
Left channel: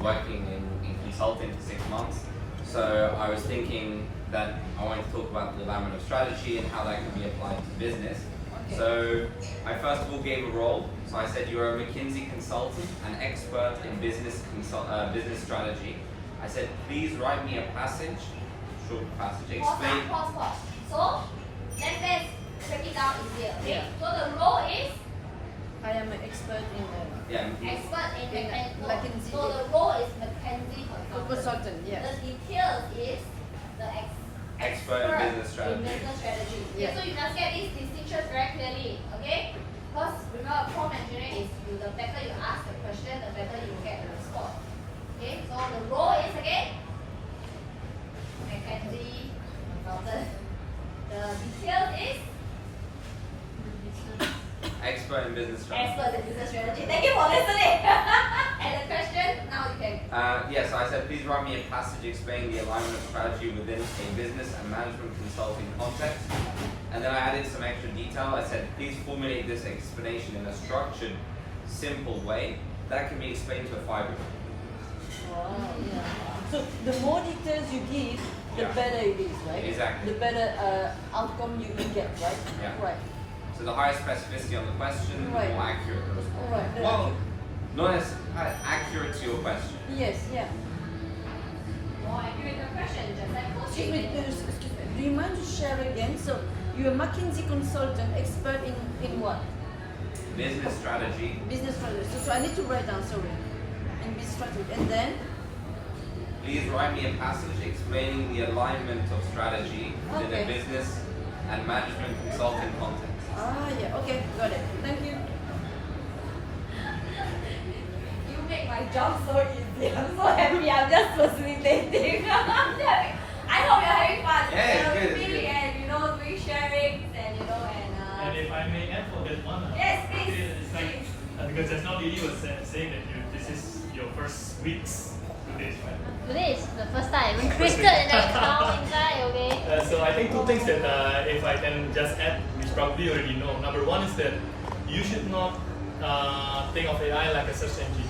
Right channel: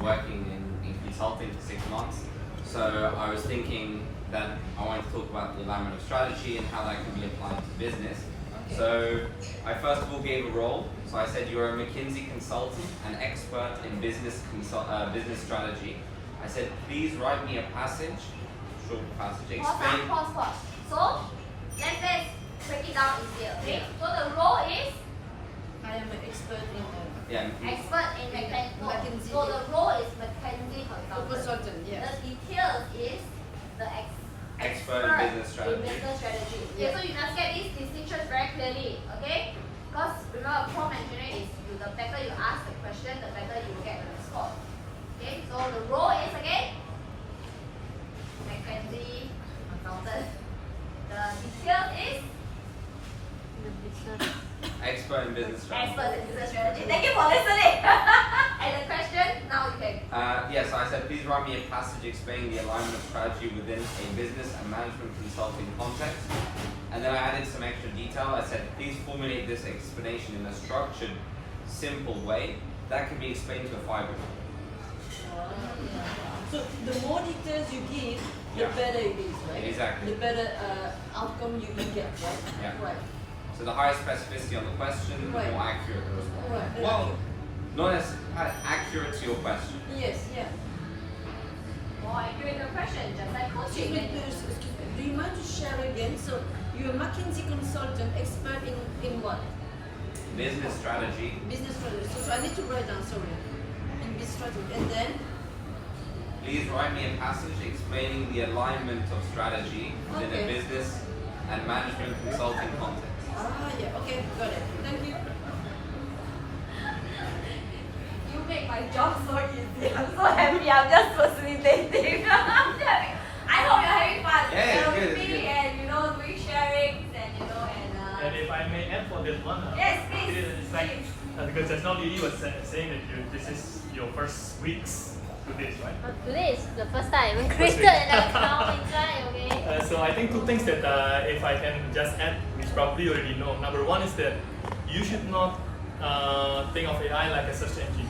working in consulting for 6 months. So I was thinking that I wanted to talk about the alignment of strategy and how that can be applied to business. Okay. So I first of all gave a role. So I said you're a McKinsey consultant, an expert in business strategy. I said please write me a passage, short passage, explain. Pause. So let's break it down easier. Okay. Yeah. So the role is I am an expert in Yeah. expert in McKinsey. So the role is McKinsey consultant, yes. The details is the Expert in business strategy. In business strategy. Okay, Yeah. so you must get these distinctions very clearly. Okay? Because remember, prompt engineering is the better you ask the question, the better you get the response. Okay, so the role is again McKinsey consultant. The details is Expert in business strategy. expert in business strategy. Thank you for listening. And the question, now you can. Yes, I said please write me a passage explaining the alignment of strategy within a business and management consulting context. And then I added some extra detail. I said please formulate this explanation in a structured simple way that can be explained to a 5-year-old. So the more details you give, the Yeah. better it is, right? Exactly. The better outcome you get, right? Yeah. Right. So the higher specificity on the question, the Right. more accurate the response. Right. Well, not as accurate to your question. Yes, yeah. More accurate question, just like Excuse me, do you mind to share again? So you're a McKinsey consultant, expert in what? Business strategy. Business strategy. So I need to write down, sorry. In business strategy. And then? Please write me a passage explaining the alignment of strategy within Okay. a business and management consulting context. Yeah, okay, got it. Thank you. You make my job so easy. I'm so happy. I'm just facilitating. I hope you're having fun. Yeah, it's good, it's Me good. and doing sharings and And if I may add for that one, Yes, please. it's like because just now Lily was saying that this is your first weeks to this, right? Today is the first time we created an account inside, okay? So I think two things that if I can just add, which probably you already know. Number one is that you should not think of AI like a search engine.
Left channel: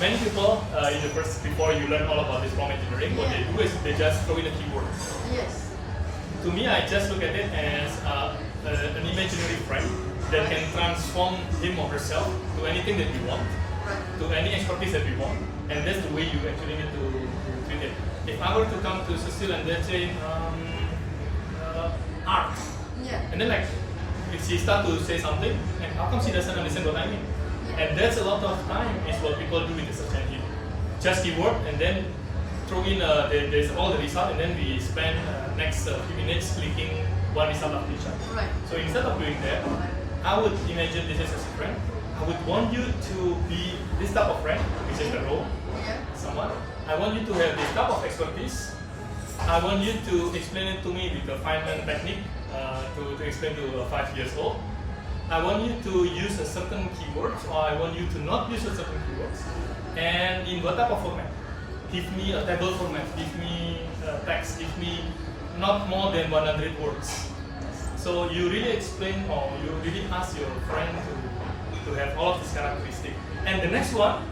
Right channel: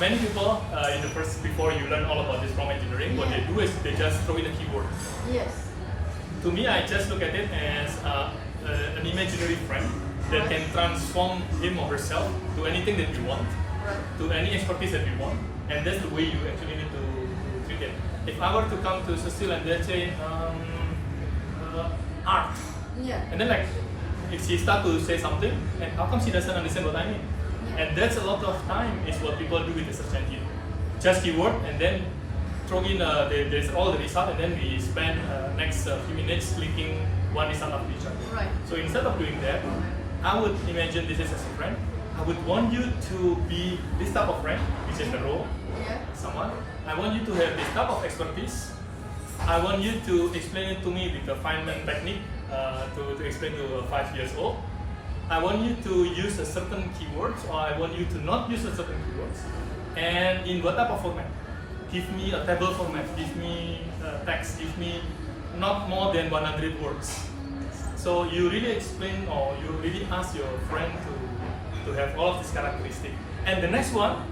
Many people in the first, before you learn all about this prompt engineering, what they do is they just throw in a keyword. Yes. To me, I just look at it as an imaginary friend that can transform him or herself to anything that we want, to any expertise that we want, and that's the way you actually need to treat it. If I were to come to Cecile and then say art, and then like if she start to say something, and how come she doesn't understand what I mean? And that's a lot of time is what people do with the search engine. Just keyword and then throw in there's all the result, and then we spend next few minutes clicking one result after each other. Right. So instead of doing that, I would imagine this is as a friend. I would want you to be this type of friend, which is the role, someone. I want you to have this type of expertise. I want you to explain it to me with the Feynman technique to explain to a 5 years old. I want you to use a certain keywords, or I want you to not use a certain keywords. And in what type of format? Give me a table format, give me text, give me not more than 100 words. So you really explain, or you really ask your friend to have all of these characteristics. And the next one,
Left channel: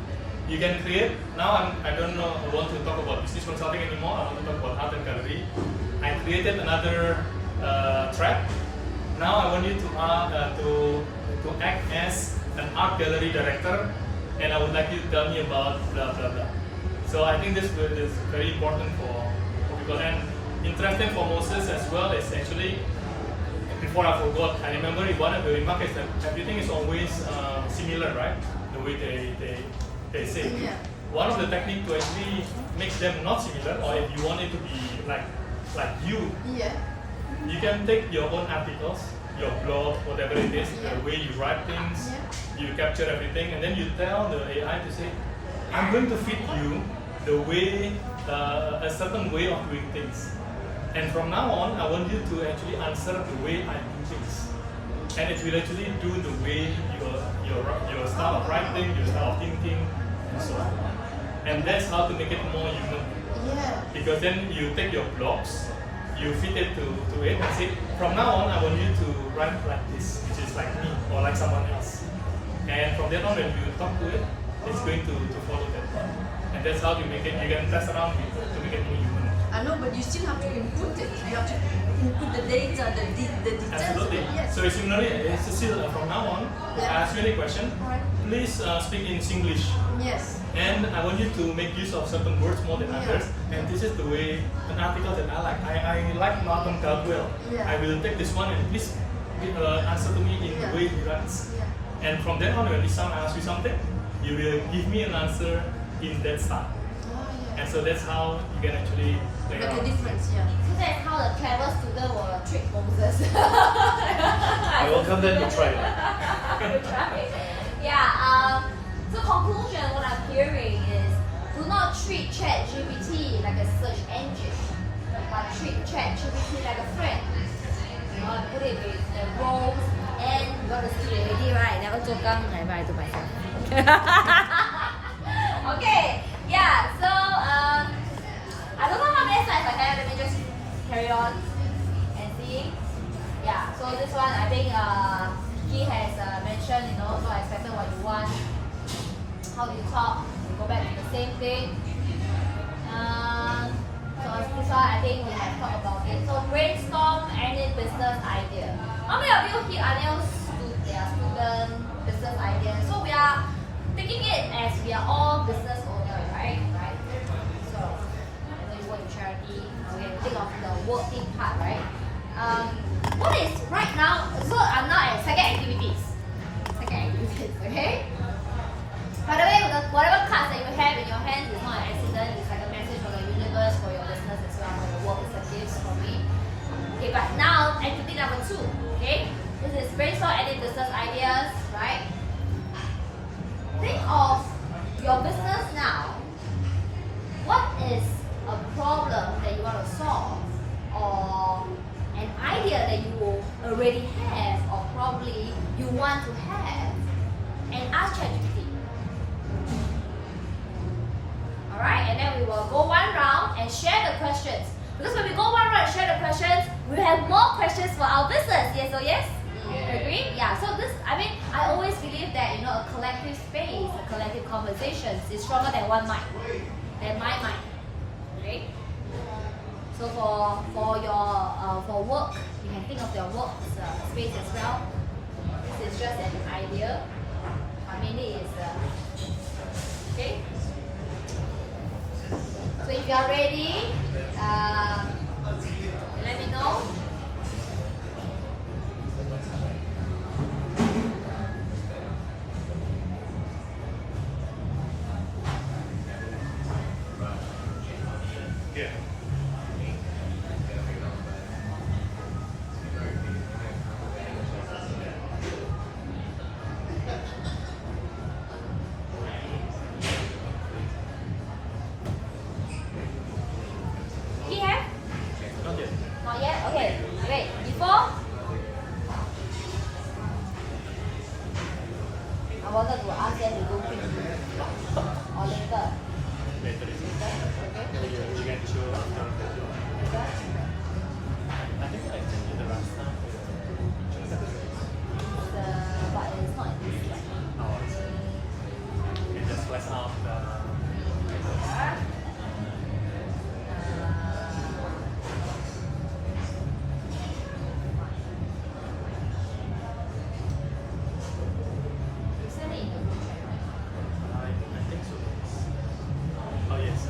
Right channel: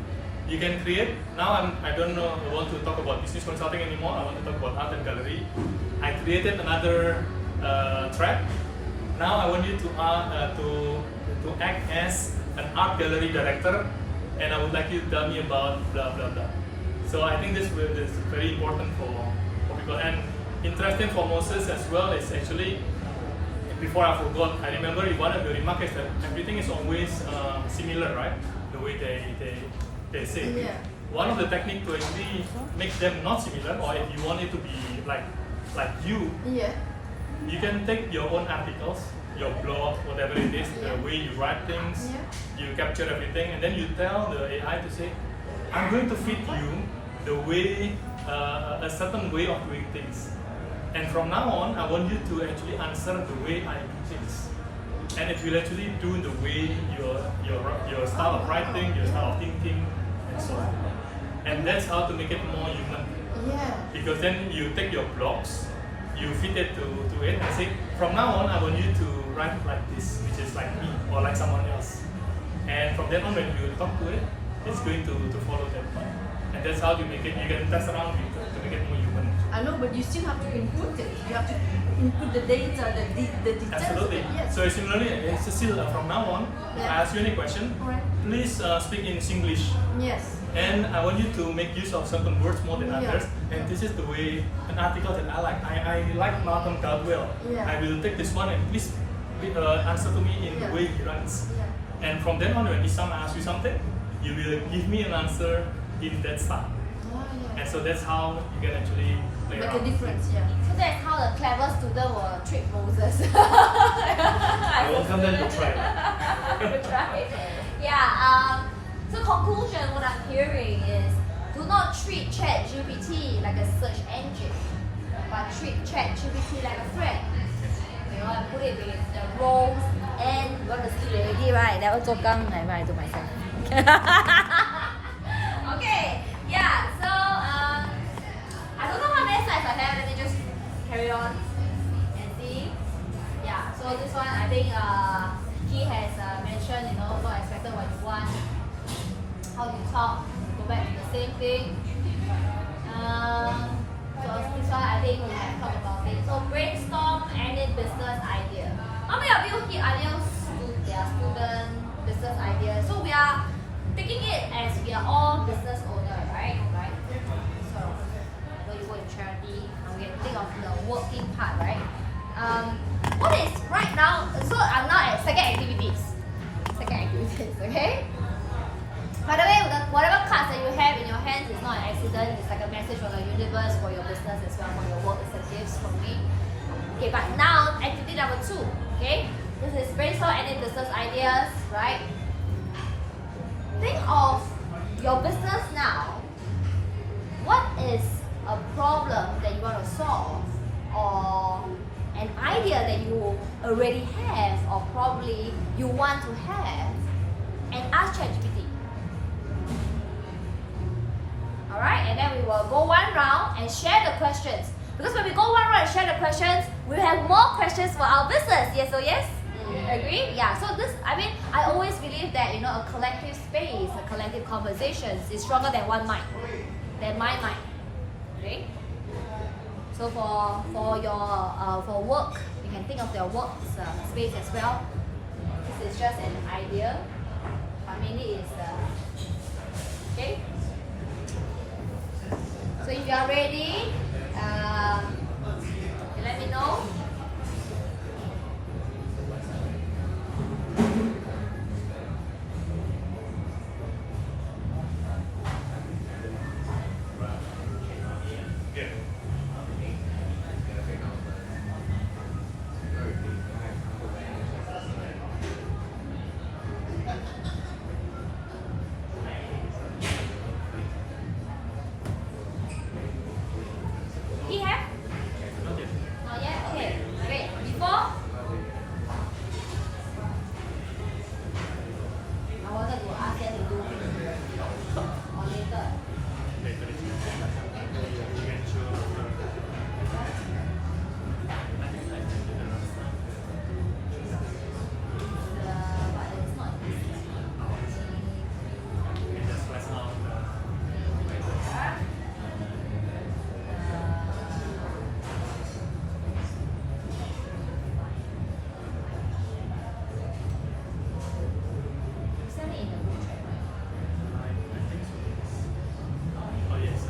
you can create, now I don't want to talk about business consulting anymore, I want to talk about art and gallery. I created another thread. Now I want you to act as an art gallery director, and I would like you to tell me about blah blah blah. So I think this is very important for people. And interesting for Moses as well is actually, before I forgot, I remember one of the remarks is that everything is always similar, right? The way they say. Yeah. One of the techniques to actually make them not similar, or if you want it to be like you, you can take your own articles, your blog, whatever it is, the way you write things, you capture everything, and then you tell the AI to say, I'm going to fit you the way, a certain way of doing things. And from now on, I want you to actually answer the way I do things. And it will actually do the way your style of writing, your style of thinking, and so on. And that's how to make it more human. Because then you take your blogs, you fit it to it and say, from now on, I want you to write like this, which is like me or like someone else. And from then on, when you talk to it, it's going to follow that one. And that's how you make it, you can test around it to make it more human. I know, but you still have to input it. You have to input the data, the details. Absolutely. Yes. So similarly, Cecile, from now on, if I ask you any question, please speak in Singlish. Yes. And I want you to make use of certain words more than others. And this is the way, an article that I like. I like Malcolm Gladwell. I will take this one and please answer to me in the way he writes. And from then on, when this time I ask you something, you will give me an answer in that style. And so that's how you can actually play Make around. a difference, So that's how the clever student will trick Moses. I will come then to try. So conclusion, what I'm hearing is, do not treat ChatGPT like a search engine, but treat ChatGPT like a friend. You know, put it with the roles and what is already right. That was I to myself. Okay, yeah. So I don't know how many slides I have. Let me just carry on and see. Yeah. So this one, I think he has mentioned, not expected what you want. one. How to talk, go back to the same thing. So this one I think we have talked about it. So brainstorm any business idea. How many of you here are their student business idea? So we are taking it as we are all business owner, right? Right? Sort of. I know you work in charity. We can think of the working part, right? What is right now? So I'm now at second activities. Okay? By the way, whatever cards that you have in your hands is not an accident. It's like a message from the universe for your business as well, for your work. It's a gift for me. Okay, but now activity number 2. Okay, this is brainstorm any business ideas, right? Think of your business now. What is a problem that you want to solve, or an idea that you already have, or probably you want to have, and ask ChatGPT. Alright, and then we will go one round and share the questions. Because when we go one round and share the questions, we have more questions for our business. Yes or yes? Yeah. Agree? Yeah. So this, I always believe that a collective space, a collective conversations is stronger than one mind, than my mind. Okay. So for your for work, you can think of your work space as well. This is just an idea, but mainly is okay. So if you are ready, let me know. Yeah. He have? Not yet? Okay. Wait. Before? I wanted to ask them to do quick. Or later. But it's not this yet. Yeah. You send it in the group chat, right? Oh yes.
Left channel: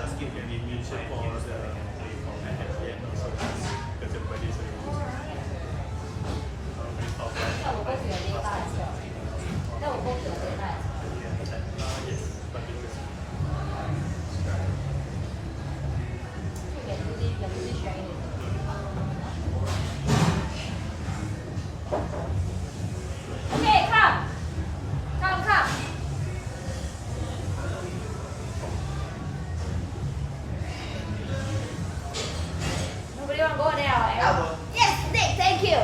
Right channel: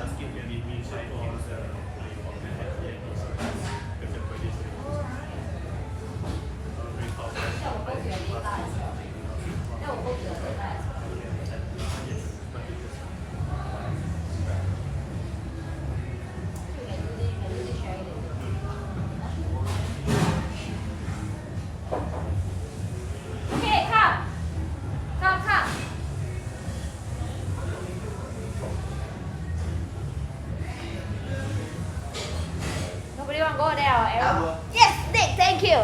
Ask him to leave me inside games that I can play for my husband and also with everybody. I'm very powerful. That will go to your data as well. That will go to your data as well. So you can do this sharing later. Okay, come. Nobody want to go there, or Hello. Yes, Nick, thank you.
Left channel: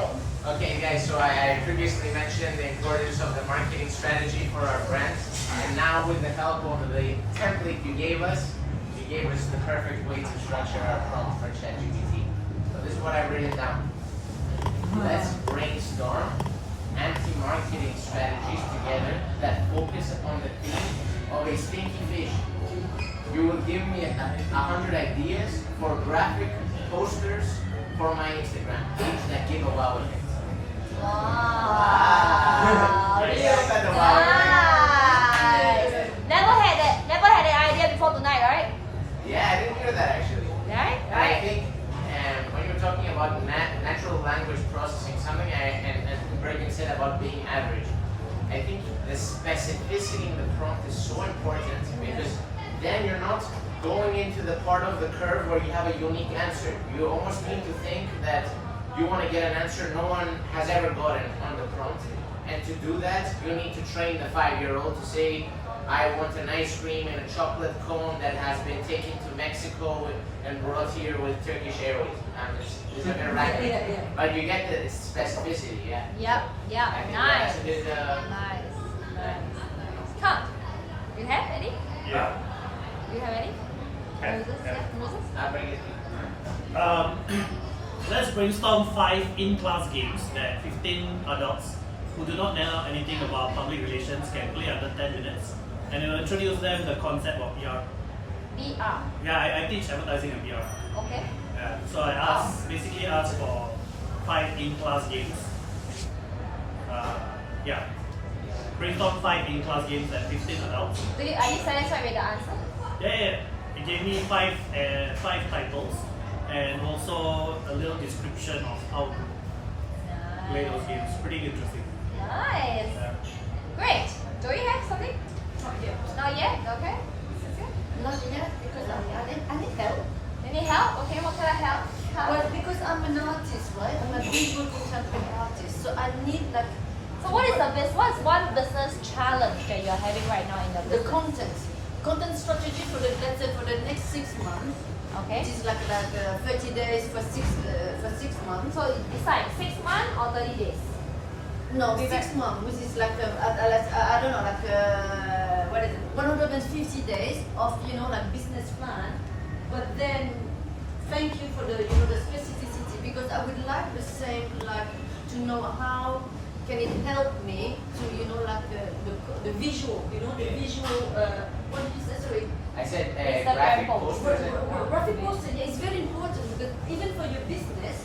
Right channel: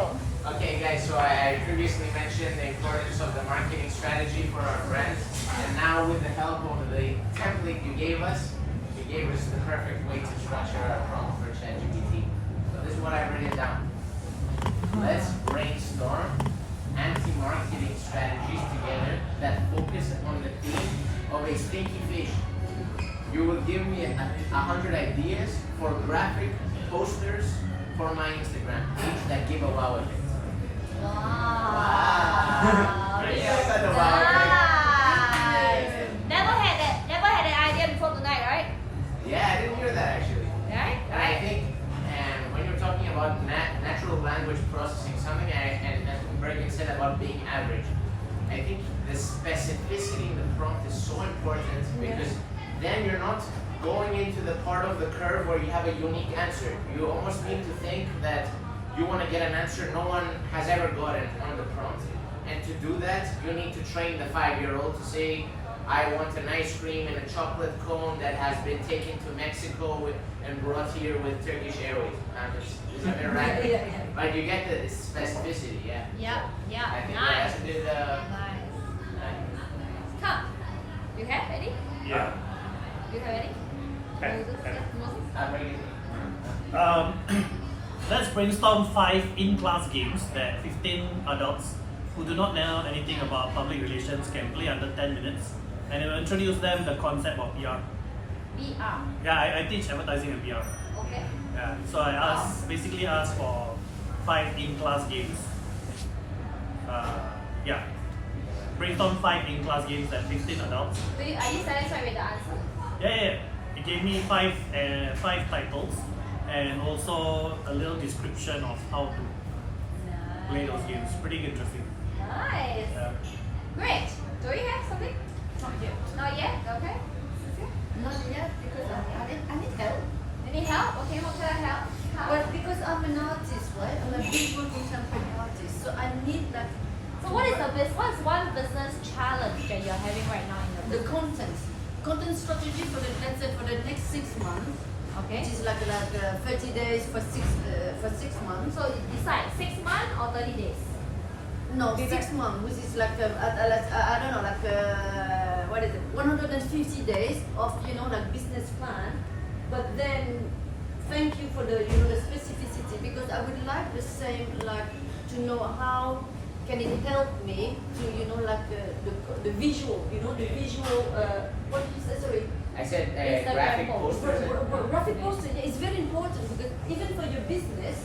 Okay guys, so I previously mentioned the importance of the marketing strategy for our brand, and now with the help of the template you gave us the perfect way to structure our prompt for ChatGPT. So this is what I've written down. Let's brainstorm anti-marketing strategies together that focus on the theme of a stinky fish. You will give me 100 ideas for graphic posters for my Instagram page that give a wow effect. Wow. Yeah, I got the wow effect. Nice. Never had that idea before tonight, right? Yeah, I didn't hear that actually. Right? And I think when you're talking about natural language processing, something I think Bergen said about being average, I think the specificity in the prompt is so important because then you're not going into the part of the curve where you have a unique answer. You almost need to think that you want to get an answer no one has ever gotten on the prompt. And to do that, you need to train the 5-year-old to say, I want an ice cream in a chocolate cone that has been taken to Mexico and brought here with Turkish Airways. It's a bit random. Yeah. But you get the specificity, yeah. Yep, yeah, I think nice. that's a bit, Nice. Tom, you have any? Yeah. You have any? Okay. Moses? Yeah, Moses? I'm bringing it. Let's brainstorm 5 in-class games that 15 adults who do not know anything about public relations can play under 10 minutes, and I will introduce them the concept of PR. VR. Yeah, I teach advertising and PR. Okay. Yeah, so I basically ask for 5 in-class games. Yeah, brainstorm 5 in-class games that 15 adults. Are you satisfied with the answer? Yeah. It gave me 5 titles and also a little description of how to play those games. Pretty interesting. Nice. Great. Do you have something? Not yet. Not yet? Okay. Not yet, because I need help. Any help? Okay, what kind of help? Well, because I'm an artist, right? I'm a visual contemporary artist, so I need like So what's one business challenge that you're having right now in the the content strategy for the, let's say, for the next 6 months. Okay. Which is like 30 days for 6 months. So decide 6 months or 30 days? No, 6 months, which is like I don't know, like what is it? 150 days of like business plan. But then, thank you for the the specificity, because I would like the same, like to know how can it help me to like the visual, the visual. What did you say? Sorry. I said Instagram graphic post. posters. Graphic poster, yeah, it's very important, because even for your business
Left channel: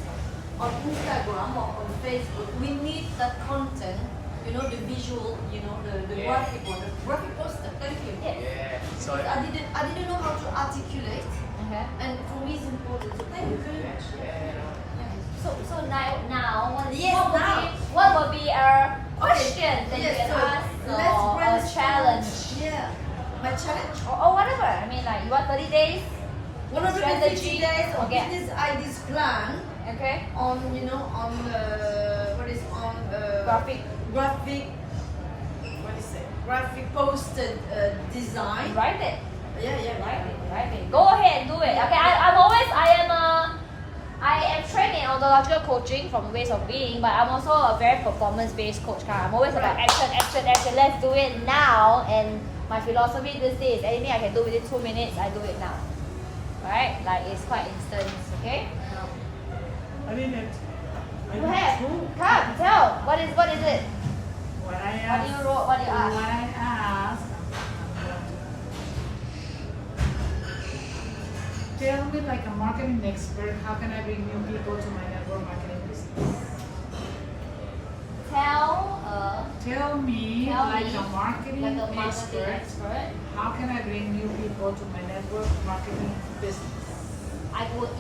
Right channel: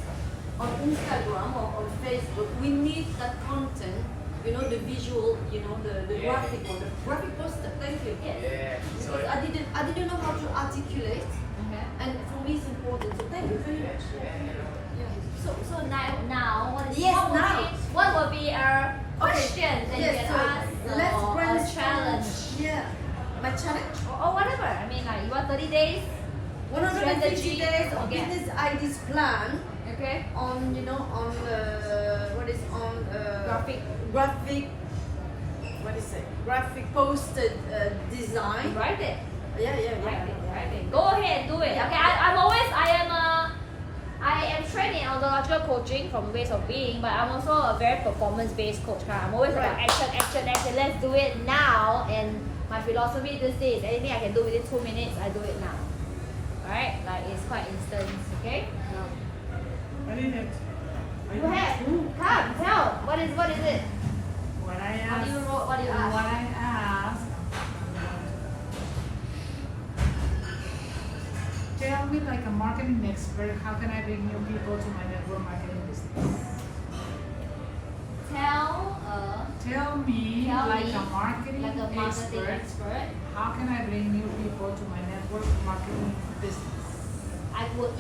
on Instagram or on Facebook, we need that content, the visual, the Yeah. graphic one, the graphic poster. Thank you. Yeah. So Because I didn't know how to articulate, Okay. and for me it's important. So thank you very much. So now what is Yes, what will be a question that you Yes, can so ask let's or a brainstorm. challenge Yeah. My challenge? or whatever. I mean, like you want 30 days. 150 Strategy. days of Okay. business ideas plan Okay. on what is on Graphic. what is it? Graphic posted design. Write it. Yeah. Write it. Go ahead and do it. Okay. I am trained in ontological coaching from Ways of Being, but I'm also a very performance-based coach. I'm always about action. Let's do it now. And my philosophy these days, anything I can do within 2 minutes, I do it now. Right? Like it's quite instant. Okay. I didn't. You have. Come, tell. What is it? What I What asked. do you wrote? What do you ask? What I asked. Tell me, like a marketing expert, how can I bring new people to my network marketing business? Tell me, Tell like me, a marketing like a marketing expert, how can I bring new people to my network marketing business?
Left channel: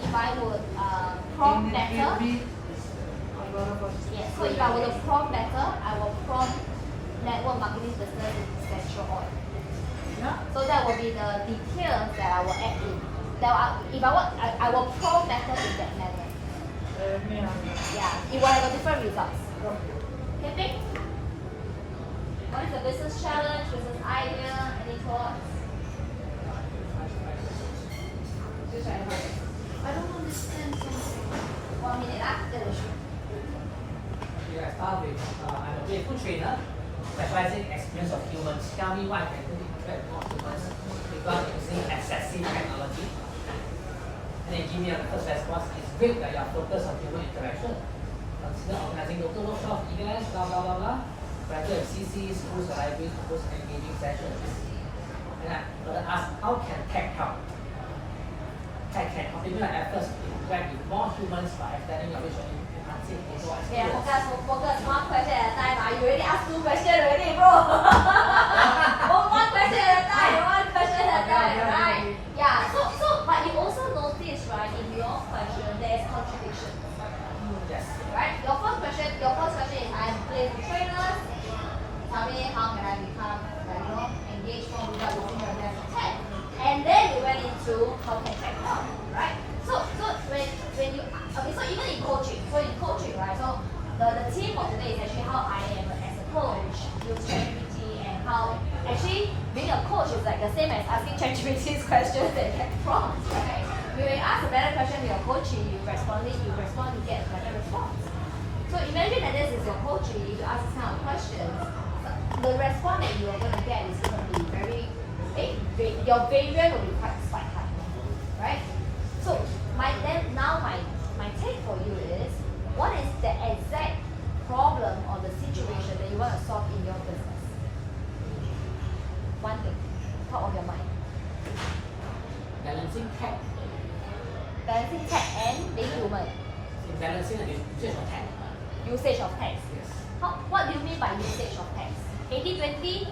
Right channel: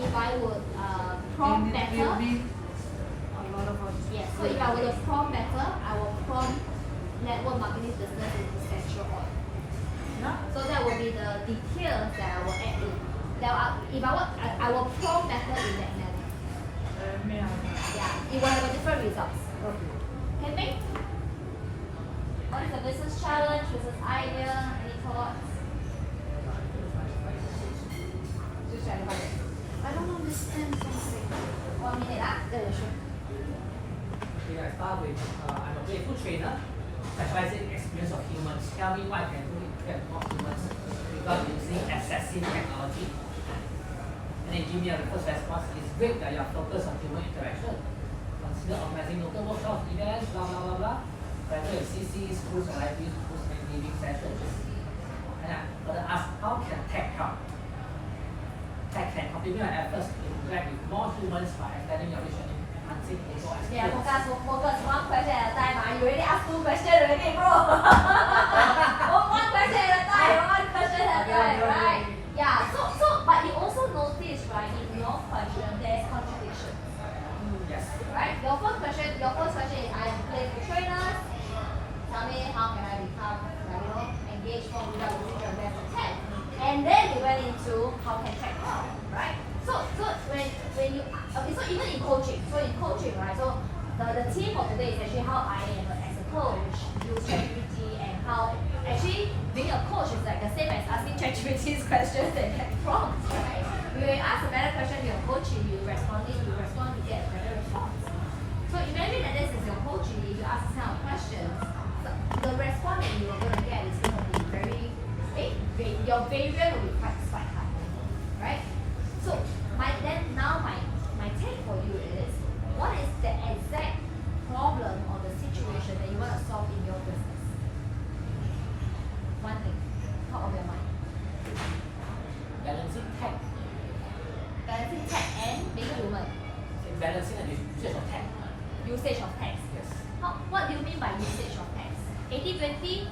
if I would prompt Can it better. give me a lot of Yes. So if I were to prompt better, I will prompt network marketing business in essential oil. Yeah. So that will be the details that I will add in. I will prompt better in that manner. Yeah. It will have a different results. Okay, Ping? What is the business challenge, business idea, any thoughts? I don't understand something. 1 minute, ah? Okay, I start with I'm a playful trainer specializing in experience of humans. Tell me what I can do to interact with humans without using excessive technology. And then give me a first response. It's great that you're focused on human interaction. Consider organizing local workshops, events, blah blah blah blah. Better in CC, schools, or libraries to host engaging sessions. And I further ask, how can tech help? Tech can complement our efforts to interact with more humans by extending your reach and enhancing social Yeah, experience. focus one question at a time. You already asked 2 questions already, bro. one question at a time. Right? Yeah. So, but you also notice, right, in your question there is contradiction. Yes. Right? Your first question is I'm playful trainer. Tell me how can I become, engage more without losing your best content. And then we went into how can tech help, right? So when you so even in coaching, right? So the theme of today is actually how I am as a coach use ChatGPT, and how actually being a coach is like the same as asking ChatGPT's questions that get prompts, right? When you ask a better question, you're coaching, you responding means you respond, you get a better response. So imagine that this is your coaching, you ask this kind of questions, the response that you're going to get is going to be your variance will be quite high, right? So my take for you is, what is the exact problem or the situation that you want to solve in your business? One thing, top of your mind. Balancing tech. Balancing tech and being human. Balancing the usage of tech. Usage of text. Yes. What do you mean by usage of text? 80-20,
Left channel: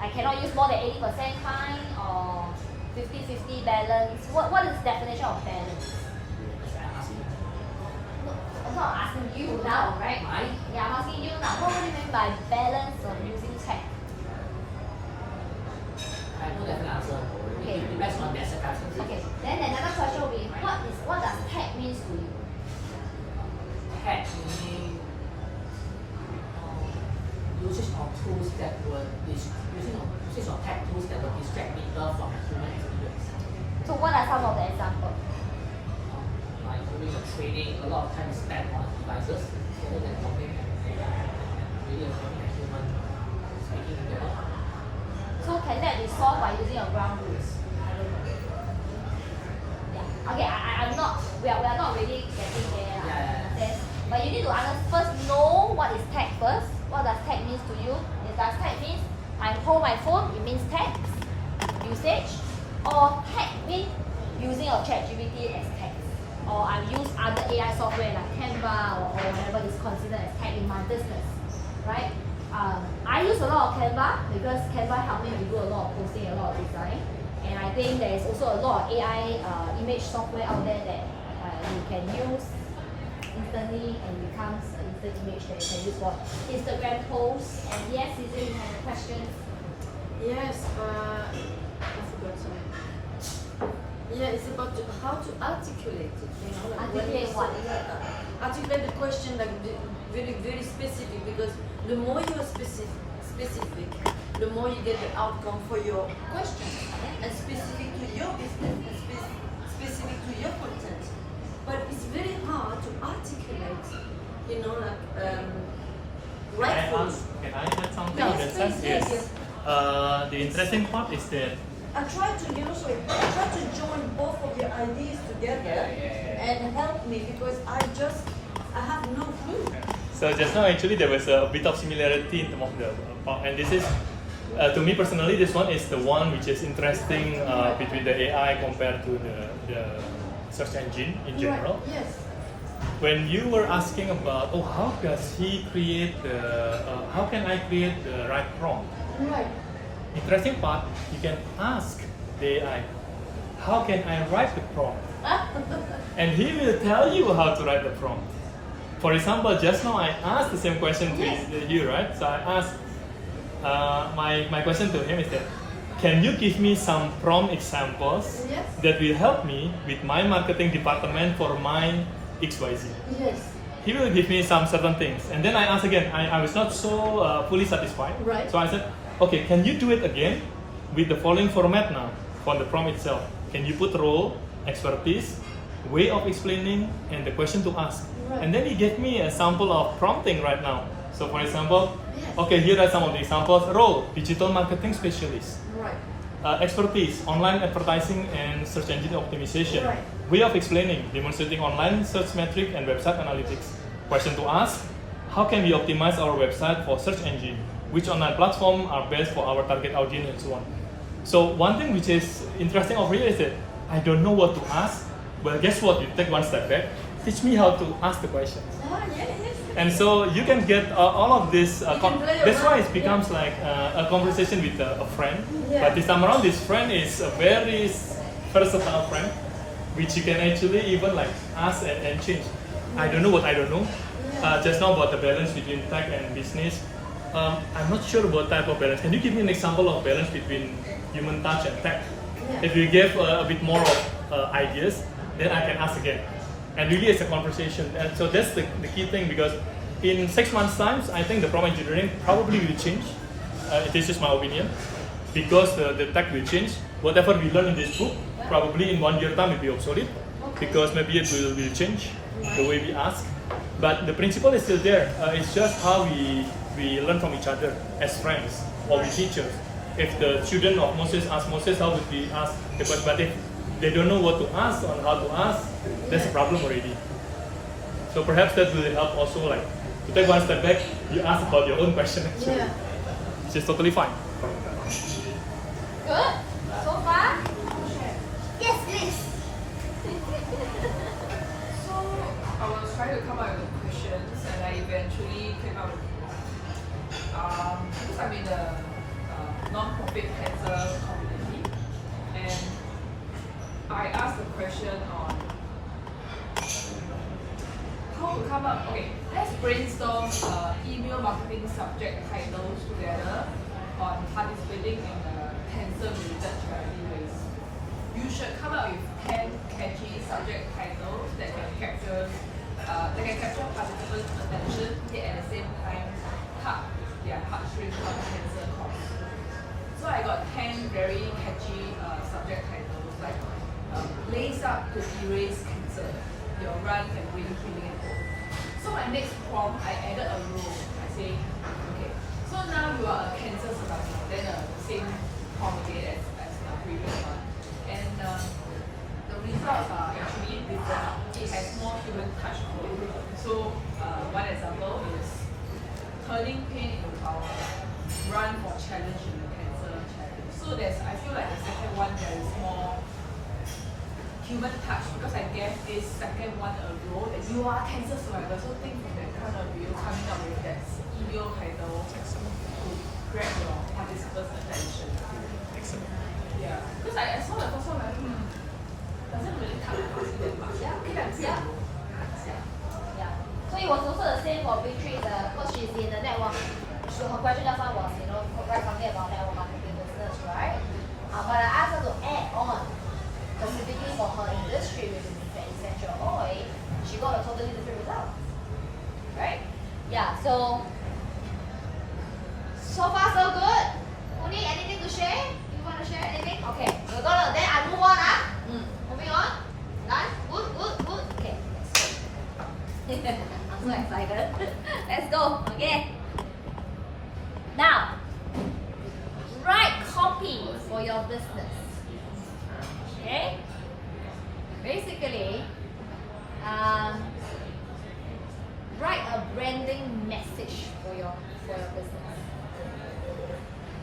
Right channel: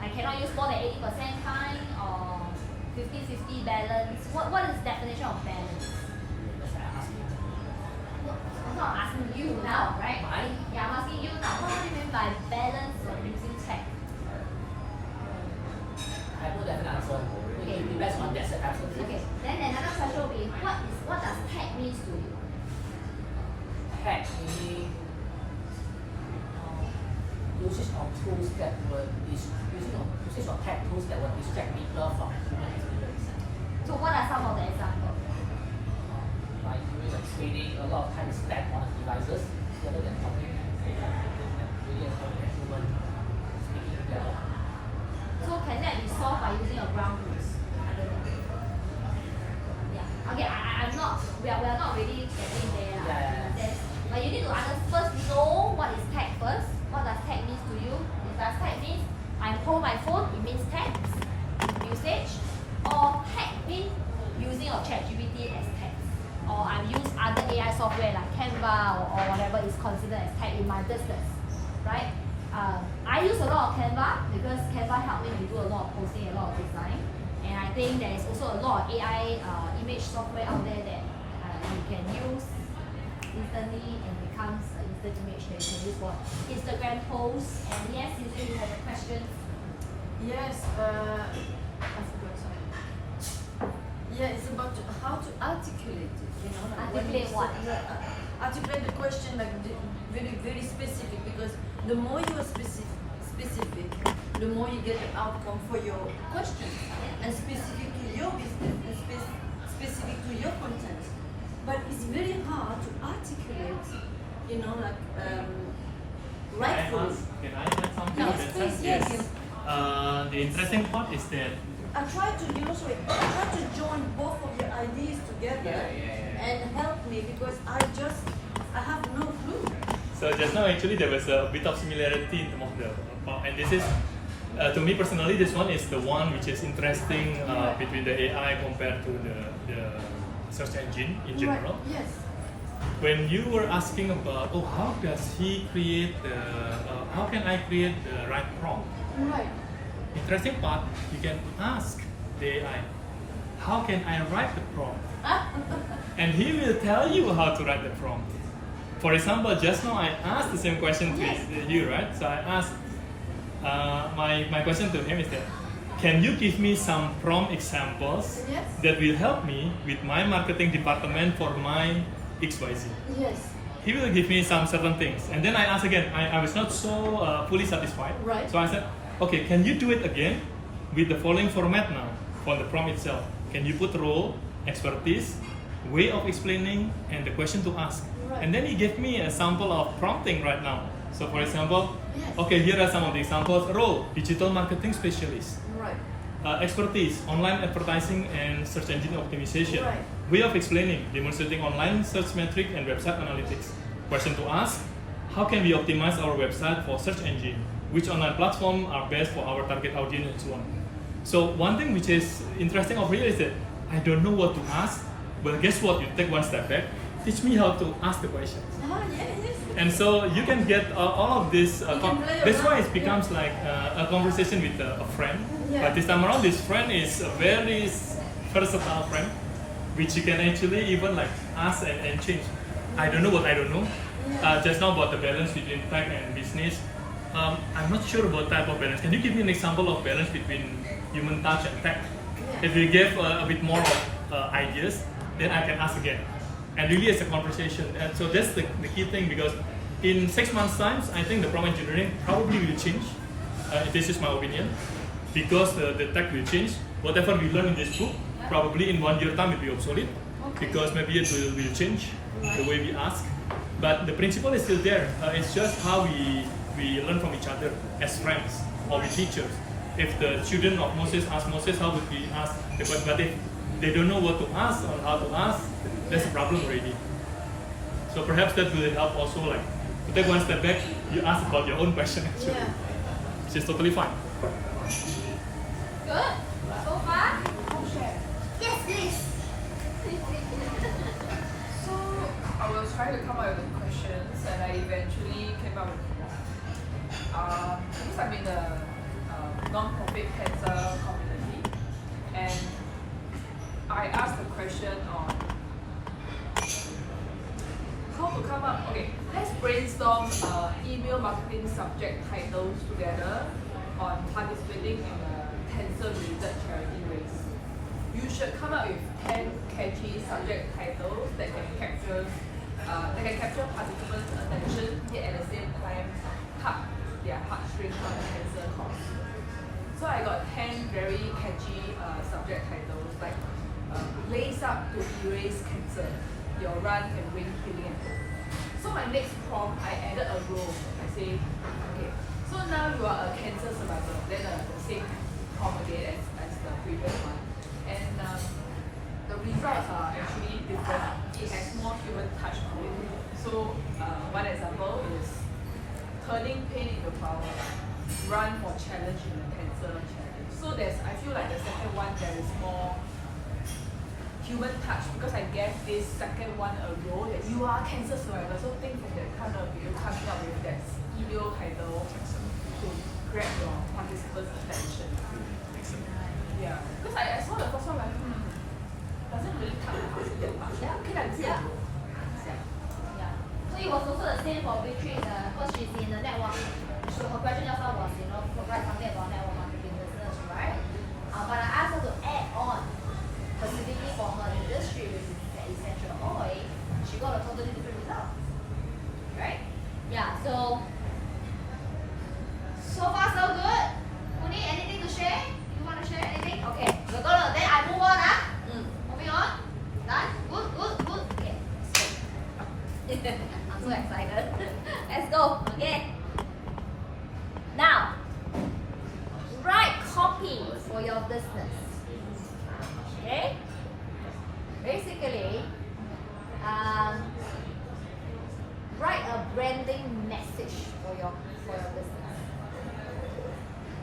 I cannot use more than 80% kind, or 50-50 balance. What is the definition of balance? I'm not asking you now, right? Yeah, I'm asking you now. What do you mean by balance when using tech? I have no definite answer. Okay. It depends on that circumstance. Okay. Then another question will be, what does tech means to you? Tech meaning usage of tools that would usage of tech tools that would distract people from human experience. So what are some of the examples? Like during the training, a lot of time is spent on the devices rather than talking and really having a human speaking together. So can that be solved by using a ground rules? I don't know. Yeah. Okay, we are not really getting there. But you need to first know what is tech first. What does tech means to you? Does tech means I hold my phone, it means text usage? Or tech means using your ChatGPT as text? Or I use other AI software like Canva or whatever is considered as tech in my business, right? I use a lot of Canva because Canva helped me to do a lot of posting, a lot of design. And I think there is also a lot of AI image software out there that you can use instantly and becomes an instant image that you can use for Instagram posts. And yes, Caesar, you have a question. Yes, I forgot something. Yeah, it's about how to articulate it. You know, like Articulate what? Articulate the question like very, very specific, because the more you are specific, the more you get the outcome for your question, and specific to your business and specific to your content. But it's very hard to articulate, you know, like rightfully. Can I add something? Yes, in that please, sense? yes. The interesting part is that I try to join both of your ideas together and help me, because I have no clue. So just now actually there was a bit of similarity in terms of the part, and this is to me personally, this one is the one which is interesting between the AI compared to the search engine in general. Right. Yes. When you were asking about, how does he create how can I create the right prompt? Right. Interesting part, you can ask the AI, how can I write the prompt? And he will tell you how to write the prompt. For example, just now I asked the same question to you, right? So I asked, my question to him is that, can you give me some prompt examples that will help me with my marketing department for my XYZ? Yes. He will give me some certain things. And then I asked again, I was not so fully satisfied. Right. So I said, okay, can you do it again with the following format now for the prompt itself? Can you put role, expertise, way of explaining, and the question to ask? Right. And then he gave me a sample of prompting right now. So for example, okay, here are some of the examples. Role, digital marketing specialist. Right. Expertise, online advertising and search engine optimization. Right. Way of explaining, demonstrating online search metric and website analytics. Question to ask, how can we optimize our website for search engine? Which online platform are best for our target audience and so on. So one thing which is interesting over here is that I don't know what to ask, but guess what? You take one step back, teach me how to ask the questions. And so you can get all of this, that's why it becomes like a conversation with a friend. But this time around, this friend is a very versatile friend, which you can actually even like ask and change. I don't know what I don't know. Just now about the balance between tech and business. I'm not sure about type of balance. Can you give me an example of balance between human touch and tech? If you give a bit more of ideas, then I can ask again. And really it's a conversation. And so that's the key thing, because in 6 months' time, I think the prompt engineering probably will change. This is my opinion. Because the tech will change. Whatever we learn in this book, probably in 1 year time will be obsolete. because maybe it will change the way we ask. But the principle is still there. It's just how we learn from each other as friends or with teachers. If the student of Moses ask Moses, how would we ask the question? But if they don't know what to ask or how to ask, there's a problem already. So perhaps that will help also, like, to take one step back, you ask about your own question actually. Yeah. Which is totally fine. Good? So far? Yes, please. So I was trying to come up with the questions and I eventually came up with because I'm in a non-profit cancer community and I asked the question on how to come up, okay, let's brainstorm email marketing subject titles together on participating in a cancer-related charity race. You should come up with 10 catchy subject titles that can capture participants' attention, yet at the same time tug their heartstrings on the cancer cause. So I got 10 very catchy subject titles like Lace Up to Erase Cancer, Your Run Can Bring Healing and Hope. So my next prompt, I added a role. I say, okay, so now you are a cancer survivor, then the same prompt again as the previous one. And the results are actually different. It has more human touch to it. So one example is turning pain into power, run for challenge in cancer challenge. So I feel like the second one there is more human touch because I gave this second one a role that you are cancer survivor. So think from that kind of view, coming up with that email title to grab your participants' attention. Yeah, because I saw the first one, like, doesn't really touch that much. Yeah, okay, that's Yeah. Yeah. So it was also the same for Beatrice, because she's in the network. So her question just now was, write something about network marketing business, right? But I asked her to add on specifically for her industry, which is essential oil. She got a totally different result, right? Yeah. So far so good. Uni, anything to share? You want to share anything? Okay, we're gonna then I move on. Moving on. Done. Good. Okay, let's go. I'm so excited. Let's go. Okay. Now, write copy for your business. Okay. Basically, write a branding message for your business.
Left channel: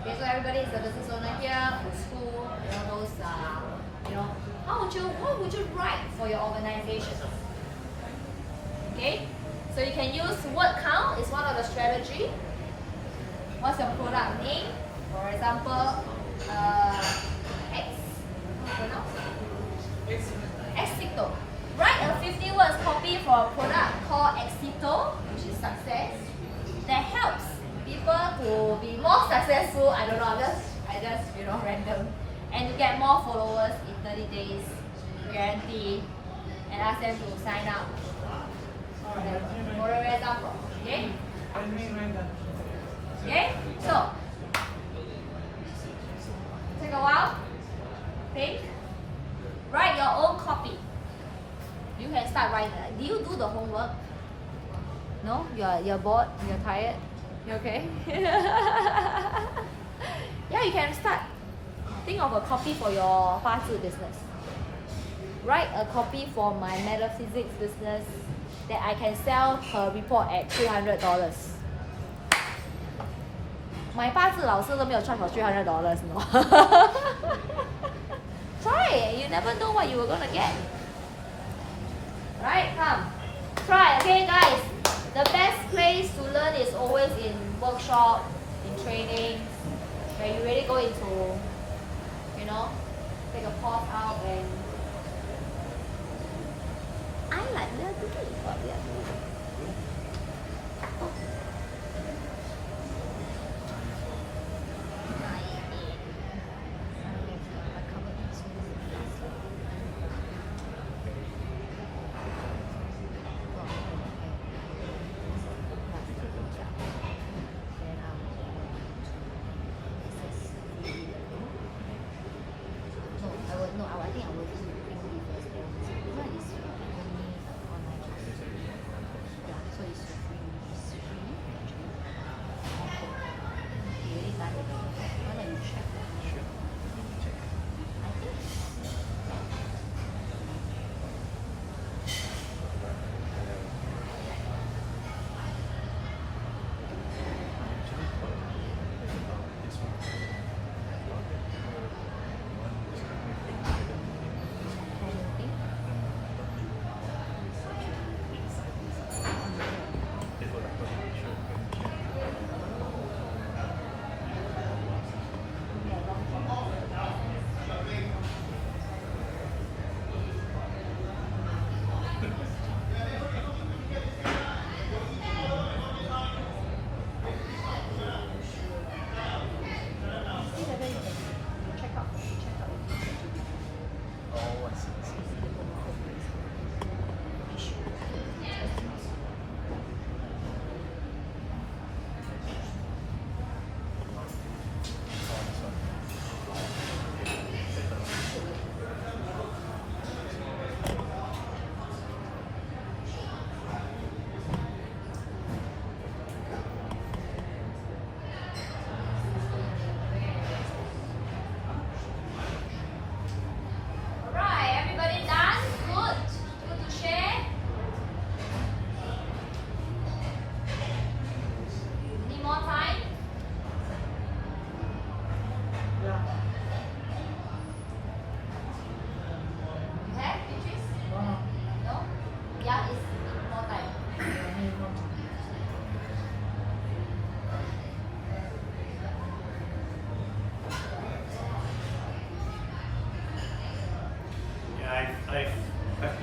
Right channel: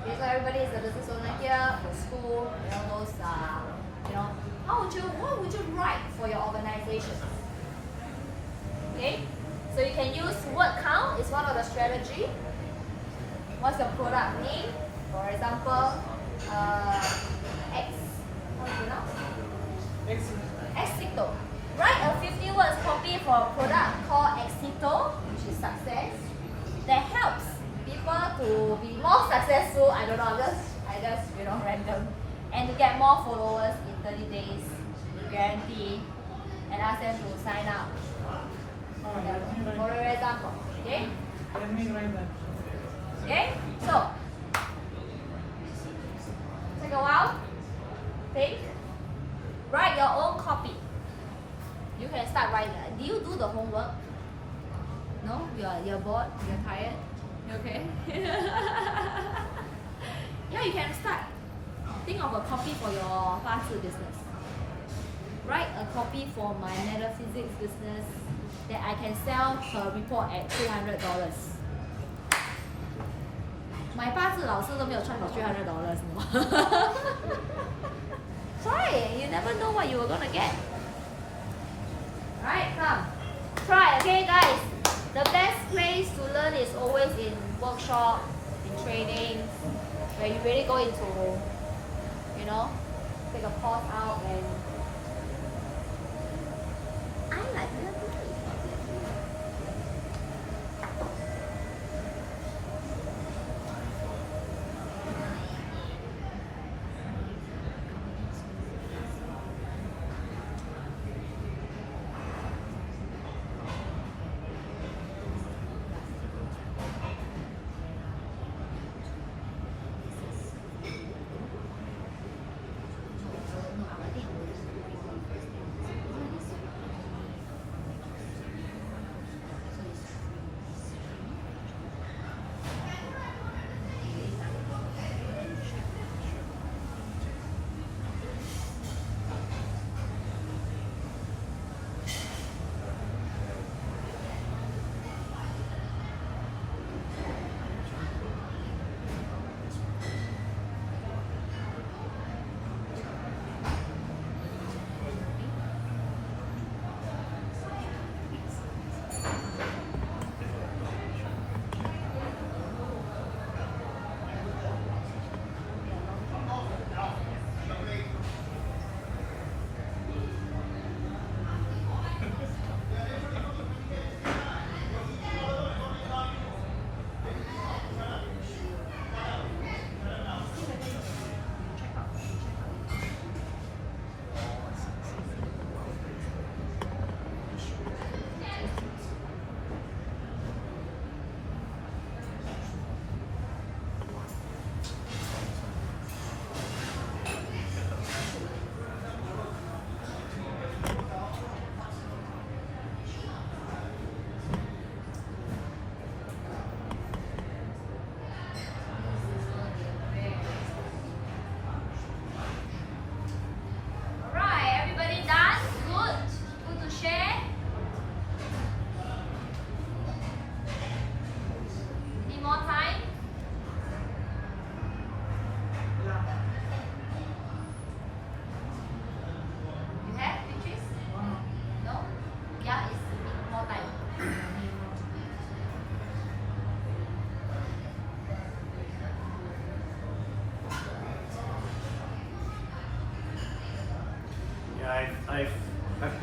Okay, so everybody is a business owner here, the school, those what would you write for your organization? Okay, so you can use word count, it's one of the strategy. What's your product name? For example, X, how to pronounce? Exito. Write a 50 words copy for a product called Exito, which is success, that helps people to be more successful. I don't know, I just random, and to get more followers in 30 days, guarantee, and ask them to sign up. For example, okay? Okay, so take a while, think, write your own copy. You can start writing. Do you do the homework? No, you're bored, you're tired. You okay? Yeah, you can start. Think of a copy for your fast food business. Write a copy for my metaphysics business that I can sell per report at $300. My 八字老师都没有 charge for $300, no. Try it. You never know what you were gonna get. Right? Come. Try, okay, guys. The best place to learn is always in workshop, in training, where you really go into, take a pause out and I like to do it.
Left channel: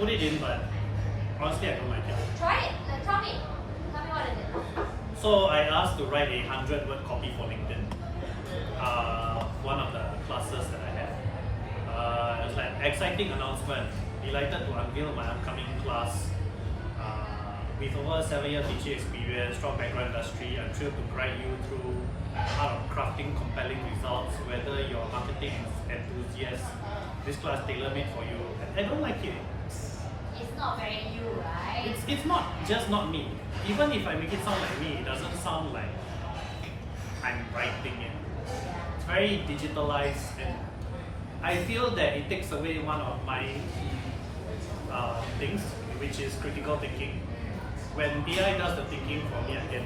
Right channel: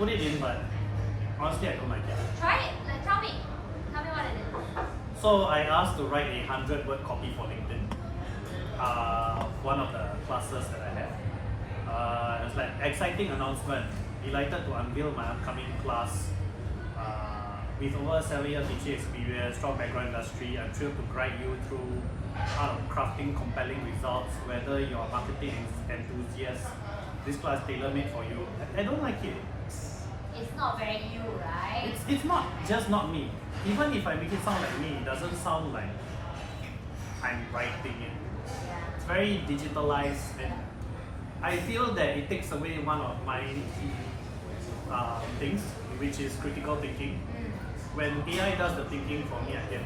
put it in, but honestly, I don't like it. Try it. Tell me what it is. So I asked to write a 100-word copy for LinkedIn. One of the classes that I had. It was like exciting announcement. Delighted to unveil my upcoming class. With over 7 years teaching experience, strong background industry, I'm thrilled to guide you through art of crafting compelling results. Whether you're a marketing enthusiast, this class is tailor-made for you. I don't like it. It's not very you, right? It's not just not me. Even if I make it sound like me, it doesn't sound like I'm writing it. It's very digitalized, and I feel that it takes away one of my things, which is critical thinking. When AI does the thinking for me, I get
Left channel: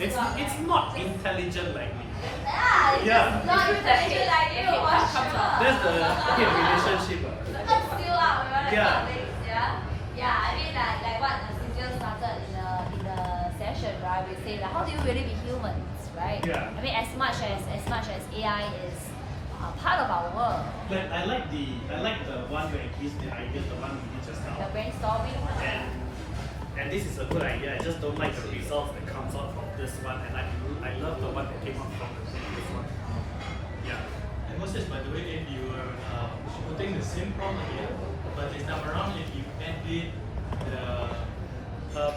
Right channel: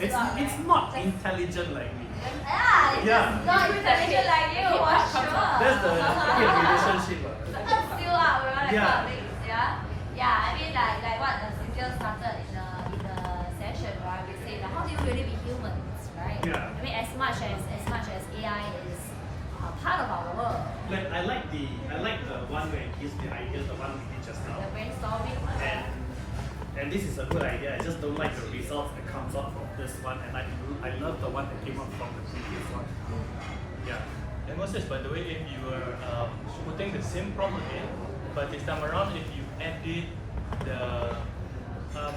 it's not intelligent like me. Yeah, it's not intelligent like you, for sure. That's the relationship. Still out, right? Yeah. Yeah, I mean like what Cynthia started in the session, right? We say like, how do you really be humans, right? Yeah. I mean, as much as AI is part of our world. Like I like the one where it gives the idea, the one we did just now. The brainstorming. And this is a good idea. I just don't like the results that comes out from this one, and I love the one that came out from the previous one. Yeah. And what's this, by the way, if you were putting the same prompt here, but this time around, if you edit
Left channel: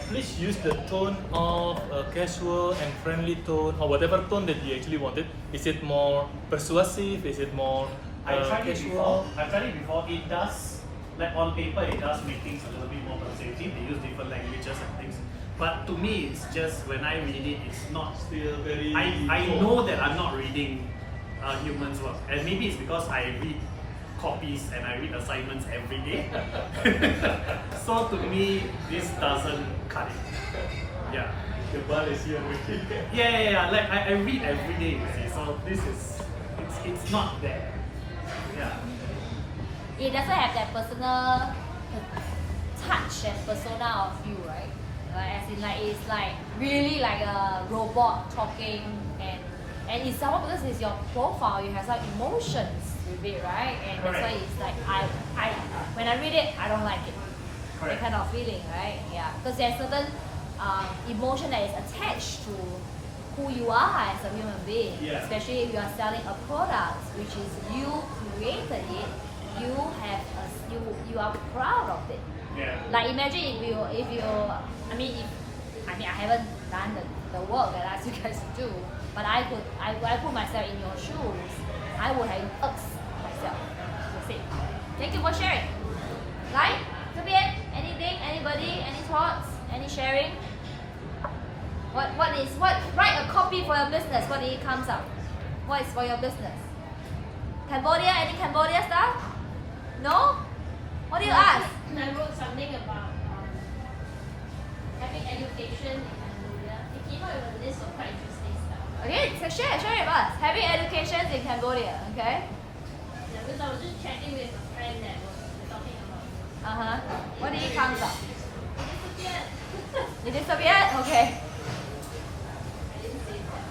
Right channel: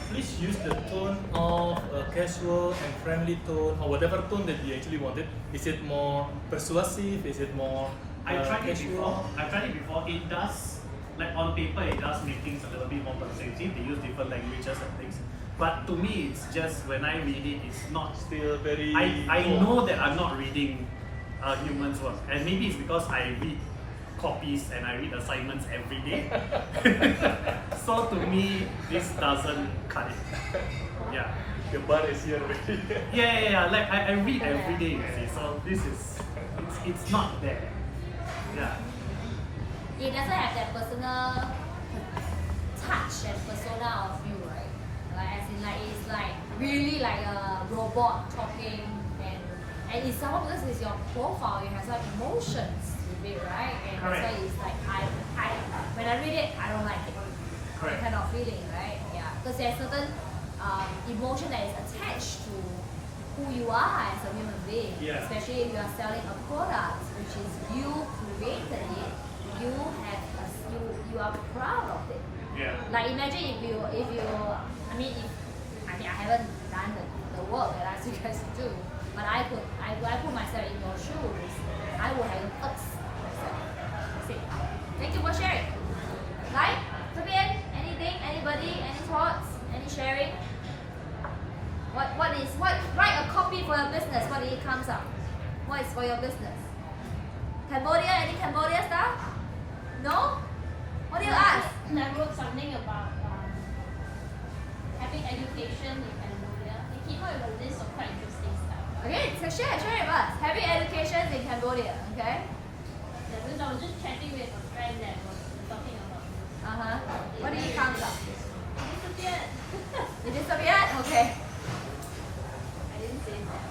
please use the tone of a casual and friendly tone, or whatever tone that you actually wanted. Is it more persuasive? Is it more I tried it casual? before. It does, like on paper, it does make things a little bit more persuasive. They use different languages and things. But to me, it's just when I read it, it's not. Still very. I know that I'm not reading humans' work, and maybe it's because I read copies and I read assignments every day. So to me, this doesn't cut it. Yeah. Your bar is here already. Yeah. Like I read every day, you see. So this is, it's not there. Yeah. It doesn't have that personal touch and persona of you, right? Like as in like it's like really like a robot talking, and it's somehow because it's your profile, you have some emotions with it, right? And Correct. that's why it's like I when I read it, I don't like it. Correct. That kind of feeling, right? Yeah, because there's certain emotion that is attached to who you are as a human being. Yeah. Especially if you are selling a product, which is you created it, you have you are proud of it. Yeah. Like imagine if you I mean I haven't done the work that I asked you guys to do, but I put myself in your shoes, I would have asked myself. That's it. Thank you for sharing. Right? Anything? Anybody? Any thoughts? Any sharing? What write a copy for your business, what it comes up? What is for your business? Cambodia? Any Cambodia stuff? No? What do you ask? I wrote something about having education, and it came up with a list of quite interesting stuff. Okay, so share it with us. Having education in Cambodia, okay? Yeah, because I was just chatting with a friend that was talking about. What did it come up? Yeah. Did you stop yet? Okay. I didn't say that.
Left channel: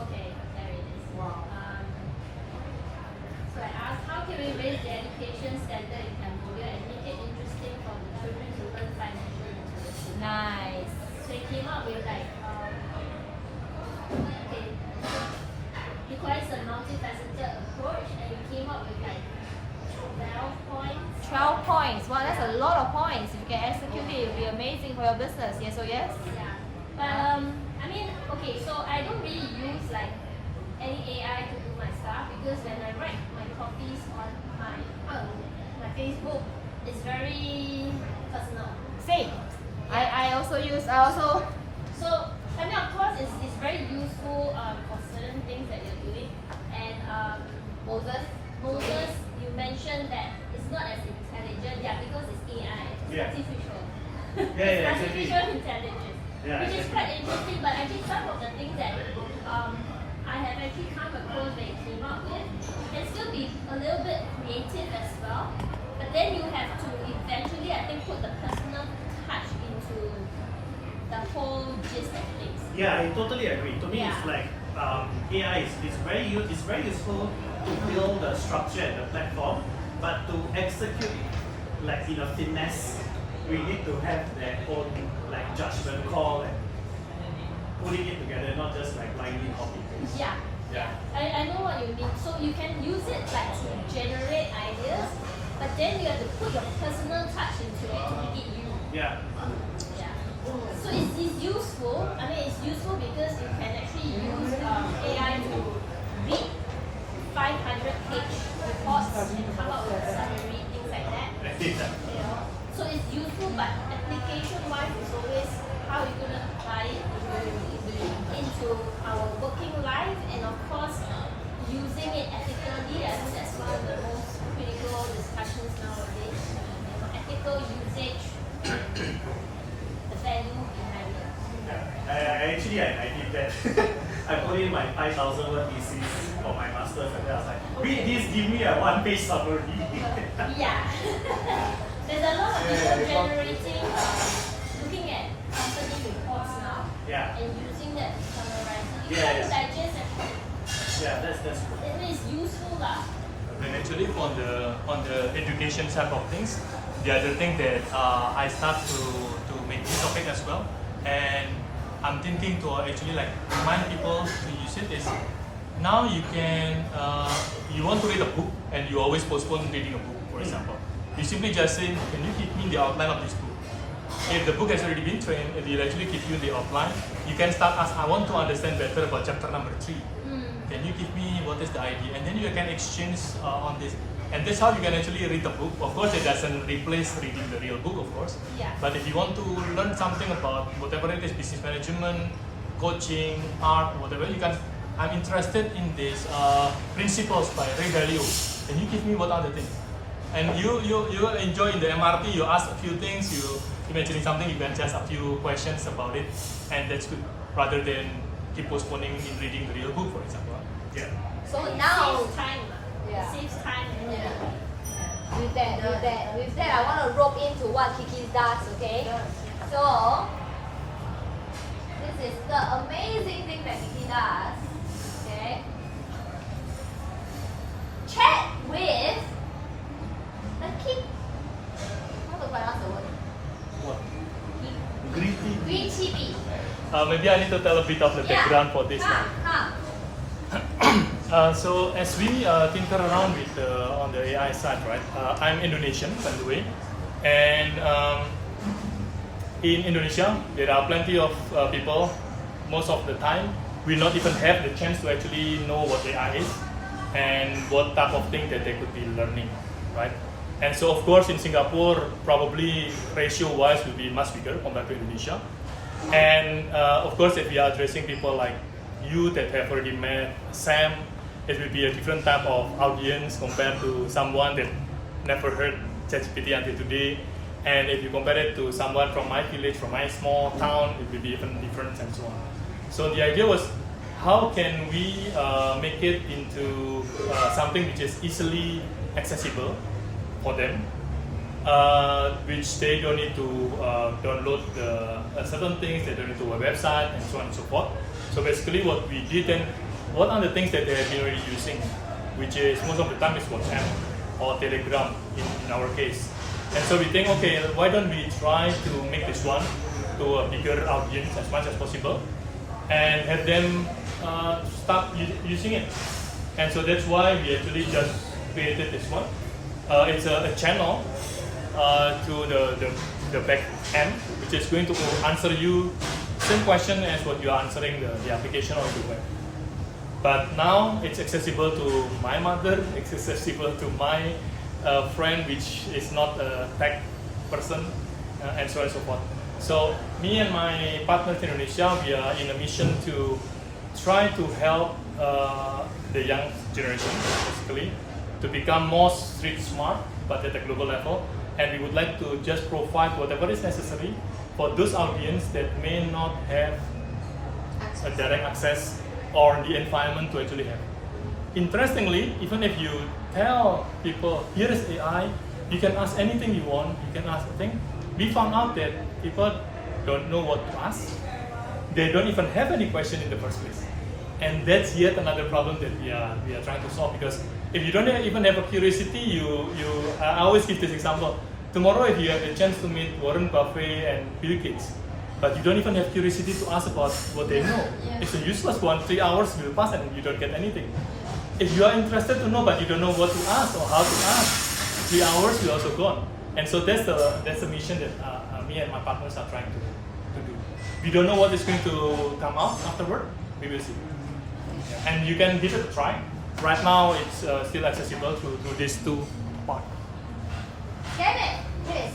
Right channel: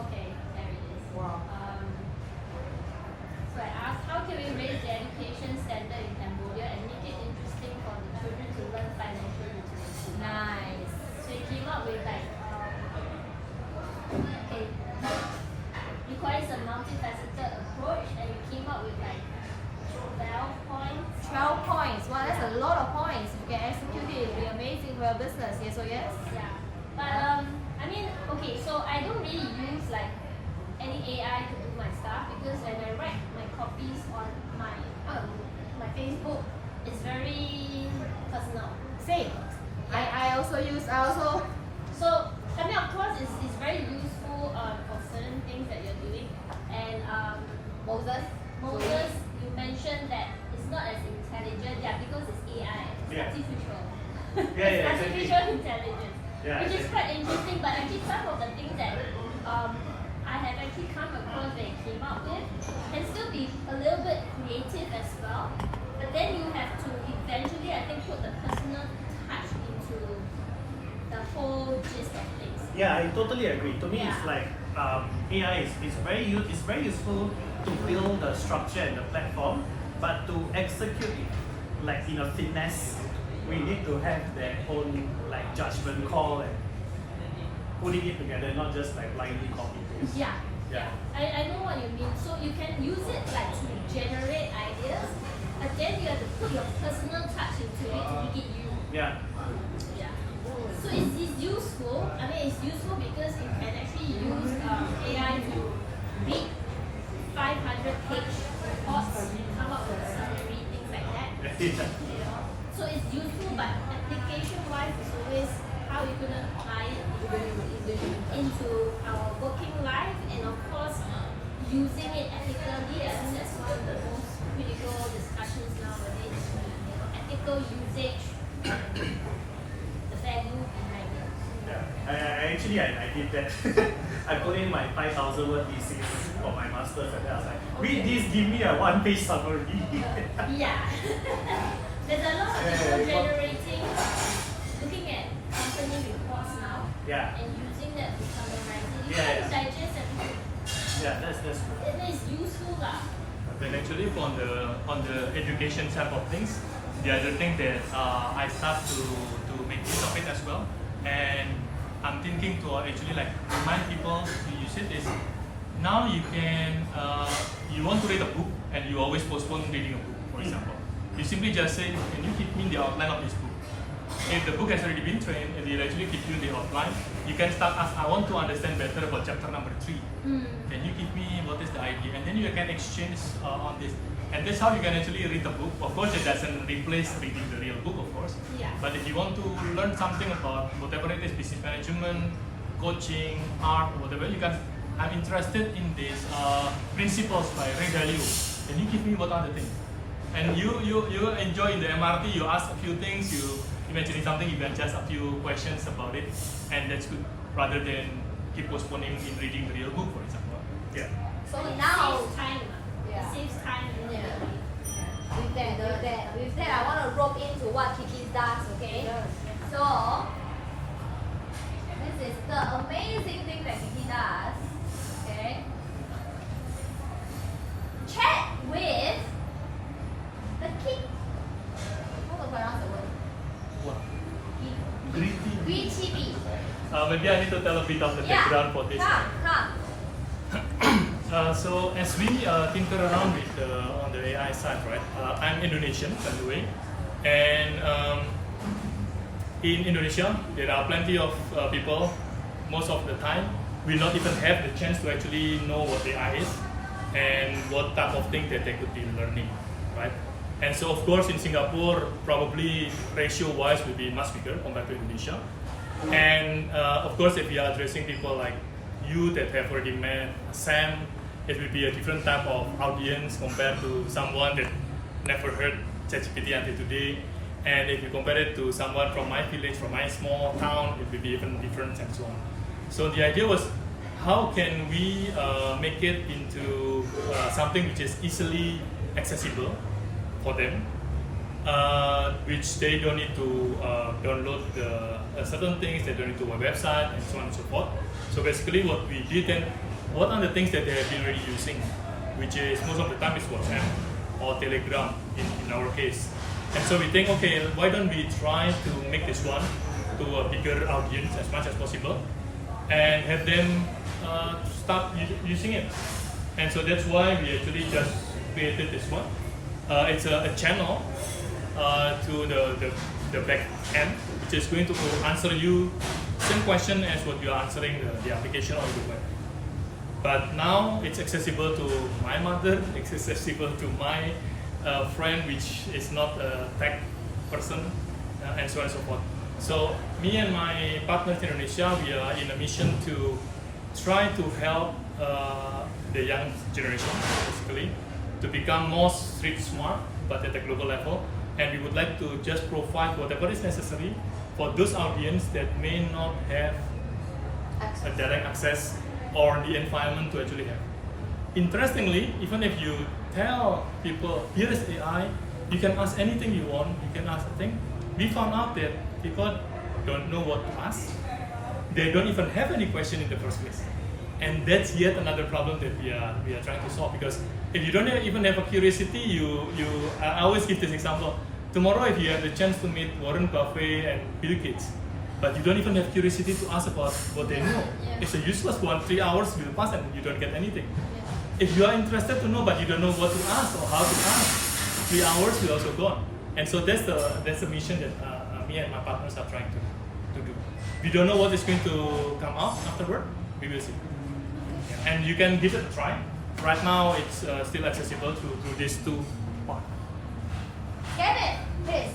Okay, there it is. So I asked, how can we raise the education standard in Cambodia and make it interesting for the children to learn financial literacy? Nice. So he came up with like, okay, requires a multifaceted approach, and he came up with like 12 points. 12 points. Wow, that's a lot of points. If you can execute it, it'll be amazing for your business. Yes or yes? Yeah. But I mean, okay, so I don't really use like any AI to do my stuff, because when I write my copies on my Facebook, it's very personal. Same. I also So I mean, of course, it's very useful for certain things that you're doing. And Moses, you mentioned that it's not as intelligent, because it's AI, it's Yeah. artificial. Yeah, It's exactly. artificial intelligence. Yeah, Which is exactly. quite interesting, but actually some of the things that I have actually come across that it came up with can still be a little bit creative as well. But then you have to eventually, I think, put the personal touch into the whole gist of things. Yeah, I totally agree. To me, Yeah. it's like AI is very useful to build the structure and the platform, but to execute it like in a finesse, we need to have their own like judgment call and putting it together, not just like blindly copy paste. Yeah. Yeah. I know what you mean. So you can use it like to generate ideas, but then you have to put your personal touch into it to make it you. Yeah. Yeah. So it's useful. I mean, it's useful because you can actually use AI to read 500-page reports and come up with a summary, things like that. You know? So it's useful, but application-wise, it's always how we're going to apply it into our working life, and of course, using it ethically. I think that's one of the most critical discussions nowadays. You know, ethical usage and the value behind it. Yeah, I did that. I put in my 5,000 word thesis for my master's, and then I was like, read this, give me a one-page summary. Yeah. There's a lot of people generating, looking at company reports now, Yeah. and using that to summarize it. You Yeah, can yeah. digest everything. Yeah, that's true. It is useful lah. Then actually on the education side of things, the other thing that I start to make use of it as well, and I'm thinking to actually like remind people to use it is now you can you want to read a book and you always postpone reading a book, for example. You simply just say, can you give me the outline of this book? If the book has already been trained, it will actually give you the outline. You can start as I want to understand better about chapter number 3. Can you give me what is the idea? And then you can exchange on this. And that's how you can actually read the book. Of course, it doesn't replace reading the real book, of course. Yeah. But if you want to learn something about whatever it is, business management, coaching, art, whatever, you can. I'm interested in these principles by Ray Dalio. Can you give me what are the things? And you enjoy in the MRT. You ask a few things. You mentioning something. You can just a few questions about it, and that's good rather than keep postponing in reading the real book, for example. Yeah. So It now, saves time. Yeah. Saves time and energy. with that, I want to rope into what Kiki does, okay? So, this is the amazing thing that Kiki does, okay? Chat with the king. How to pronounce the word? What? Greedy bee. Maybe I need to tell a bit of the background for this. Come. So as we tinker around with on the AI side, right? I'm Indonesian, by the way, and in Indonesia there are plenty of people. Most of the time, we not even have the chance to actually know what AI is and what type of thing that they could be learning, right? And so of course in Singapore, probably ratio-wise will be much bigger compared to Indonesia. And of course, if we are addressing people like you that have already met Sam, it will be a different type of audience compared to someone that never heard ChatGPT until today. And if you compare it to someone from my village, from my small town, it will be even different and so on. So the idea was, how can we make it into something which is easily accessible for them, which they don't need to download certain things, they don't need to a website and so on and so forth. So basically what we did then, what are the things that they have been already using, which is most of the time is WhatsApp or Telegram in our case. And so we think, okay, why don't we try to make this one to a bigger audience as much as possible and have them start using it. And so that's why we actually just created this one. It's a channel to the back end, which is going to answer you same question as what you are answering the application on the web. But now it's accessible to my mother, it's accessible to my friend which is not a tech person, and so on and so forth. So me and my partners in Indonesia, we are in a mission to try to help the young generation, basically, to become more street smart, but at a global level. And we would like to just provide whatever is necessary for those audience that may not have a direct access or the environment to actually have. Interestingly, even if you tell people, here is AI, you can ask anything you want, you can ask a thing. We found out that people don't know what to ask. They don't even have any question in the first place. And that's yet another problem that we are trying to solve, because if you don't even have a curiosity, I always give this example. Tomorrow, if you have the chance to meet Warren Buffett and Bill Gates, but you don't even have curiosity to ask about what they know, it's a useless one. 3 hours will pass and you don't get anything. If you are interested to know but you don't know what to ask or how to ask, 3 hours will also gone. And so that's the mission that me and my partners are trying to do. We don't know what is going to come out afterward. We will see. And you can give it a try. Right now, it's still accessible to these two parts. Kevin, please.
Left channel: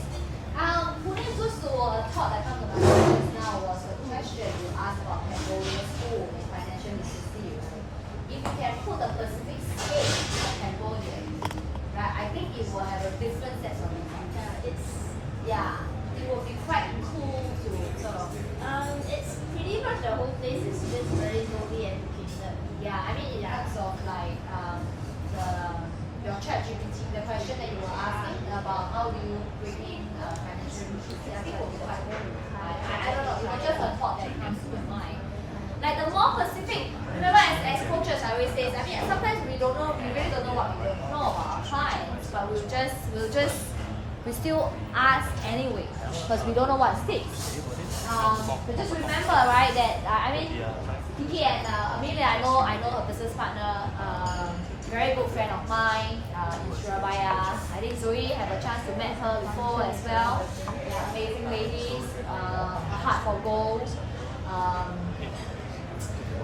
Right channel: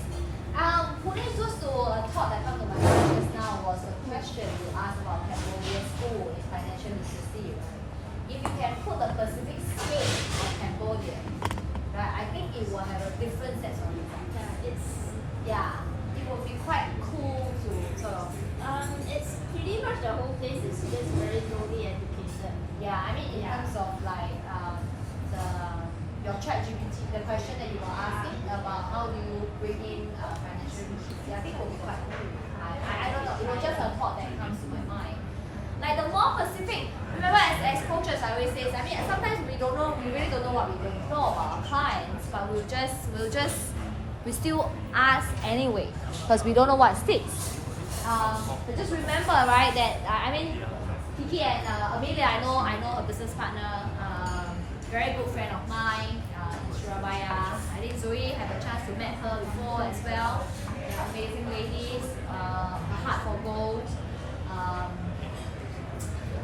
Putting just to a thought that came to my mind just now was the question you asked about Cambodia's school and financial literacy. If you can put a specific skill in Cambodia, right, I think it will have a different set of effects. It will be quite cool to sort of. It's pretty much the whole place is just very lowly educated. Yeah, I mean in terms of like your ChatGPT, the question that you were asking about how do you bring in financial literacy, I think it will be quite cool. I don't know, it was just a thought that comes to my mind. Like the more specific, remember as coaches I always say, I mean sometimes we really don't know what we don't know about our clients, but we still ask anyway because we don't know what sticks. But just remember, right, that I mean, Kiki and Amelia, I know her business partner, very good friend of mine in Surabaya. I think Zoe had a chance to meet her before as well. Yeah, amazing ladies, a heart for gold.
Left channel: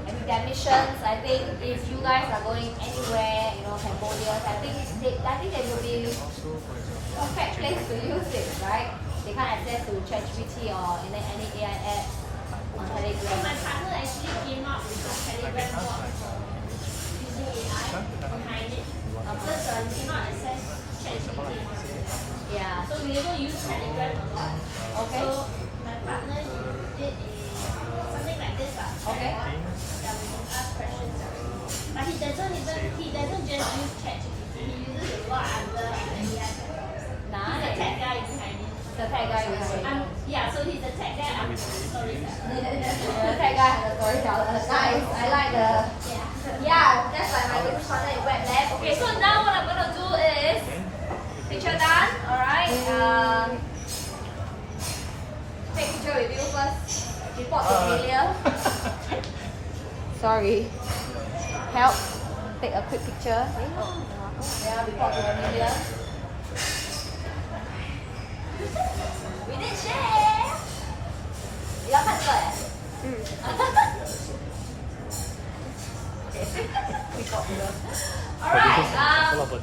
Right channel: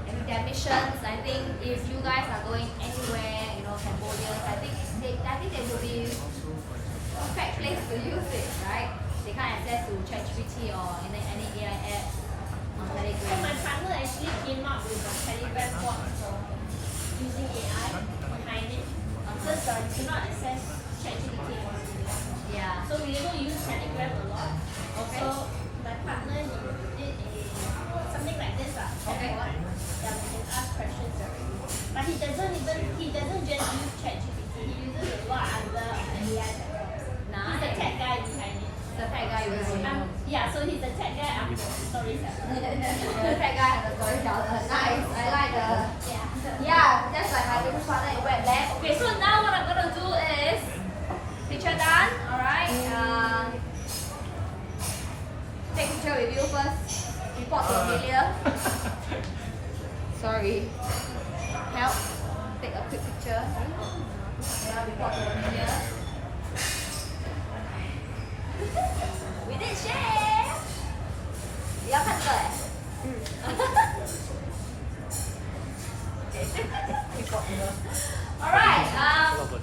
And with their missions, I think if you guys are going anywhere, Cambodia, I think they will be perfect place to use it, right? They can't access to ChatGPT or any AI app on Telegram. My partner actually came up with a Telegram bot for using AI behind it. Just do not access ChatGPT also. Yeah. So we don't use Telegram a lot. Okay. So my partner did something like this. Okay. Yeah, we can ask questions. But he doesn't just use ChatGPT. He uses a lot of other AI. Nice. He's the tech guy behind it. The tech guy is Yeah, so he's the tech guy. I'm the storyteller. the tech guy and the storyteller. Nice. I like the. Yeah, that's like my business partner in Web Lab. Okay, so now what I'm gonna do is picture done. Alright. Take picture with you first. Report to Amelia. Sorry. Help. Take a quick picture. Yeah, report to Amelia. We did share. 你要看这个Alright. Okay.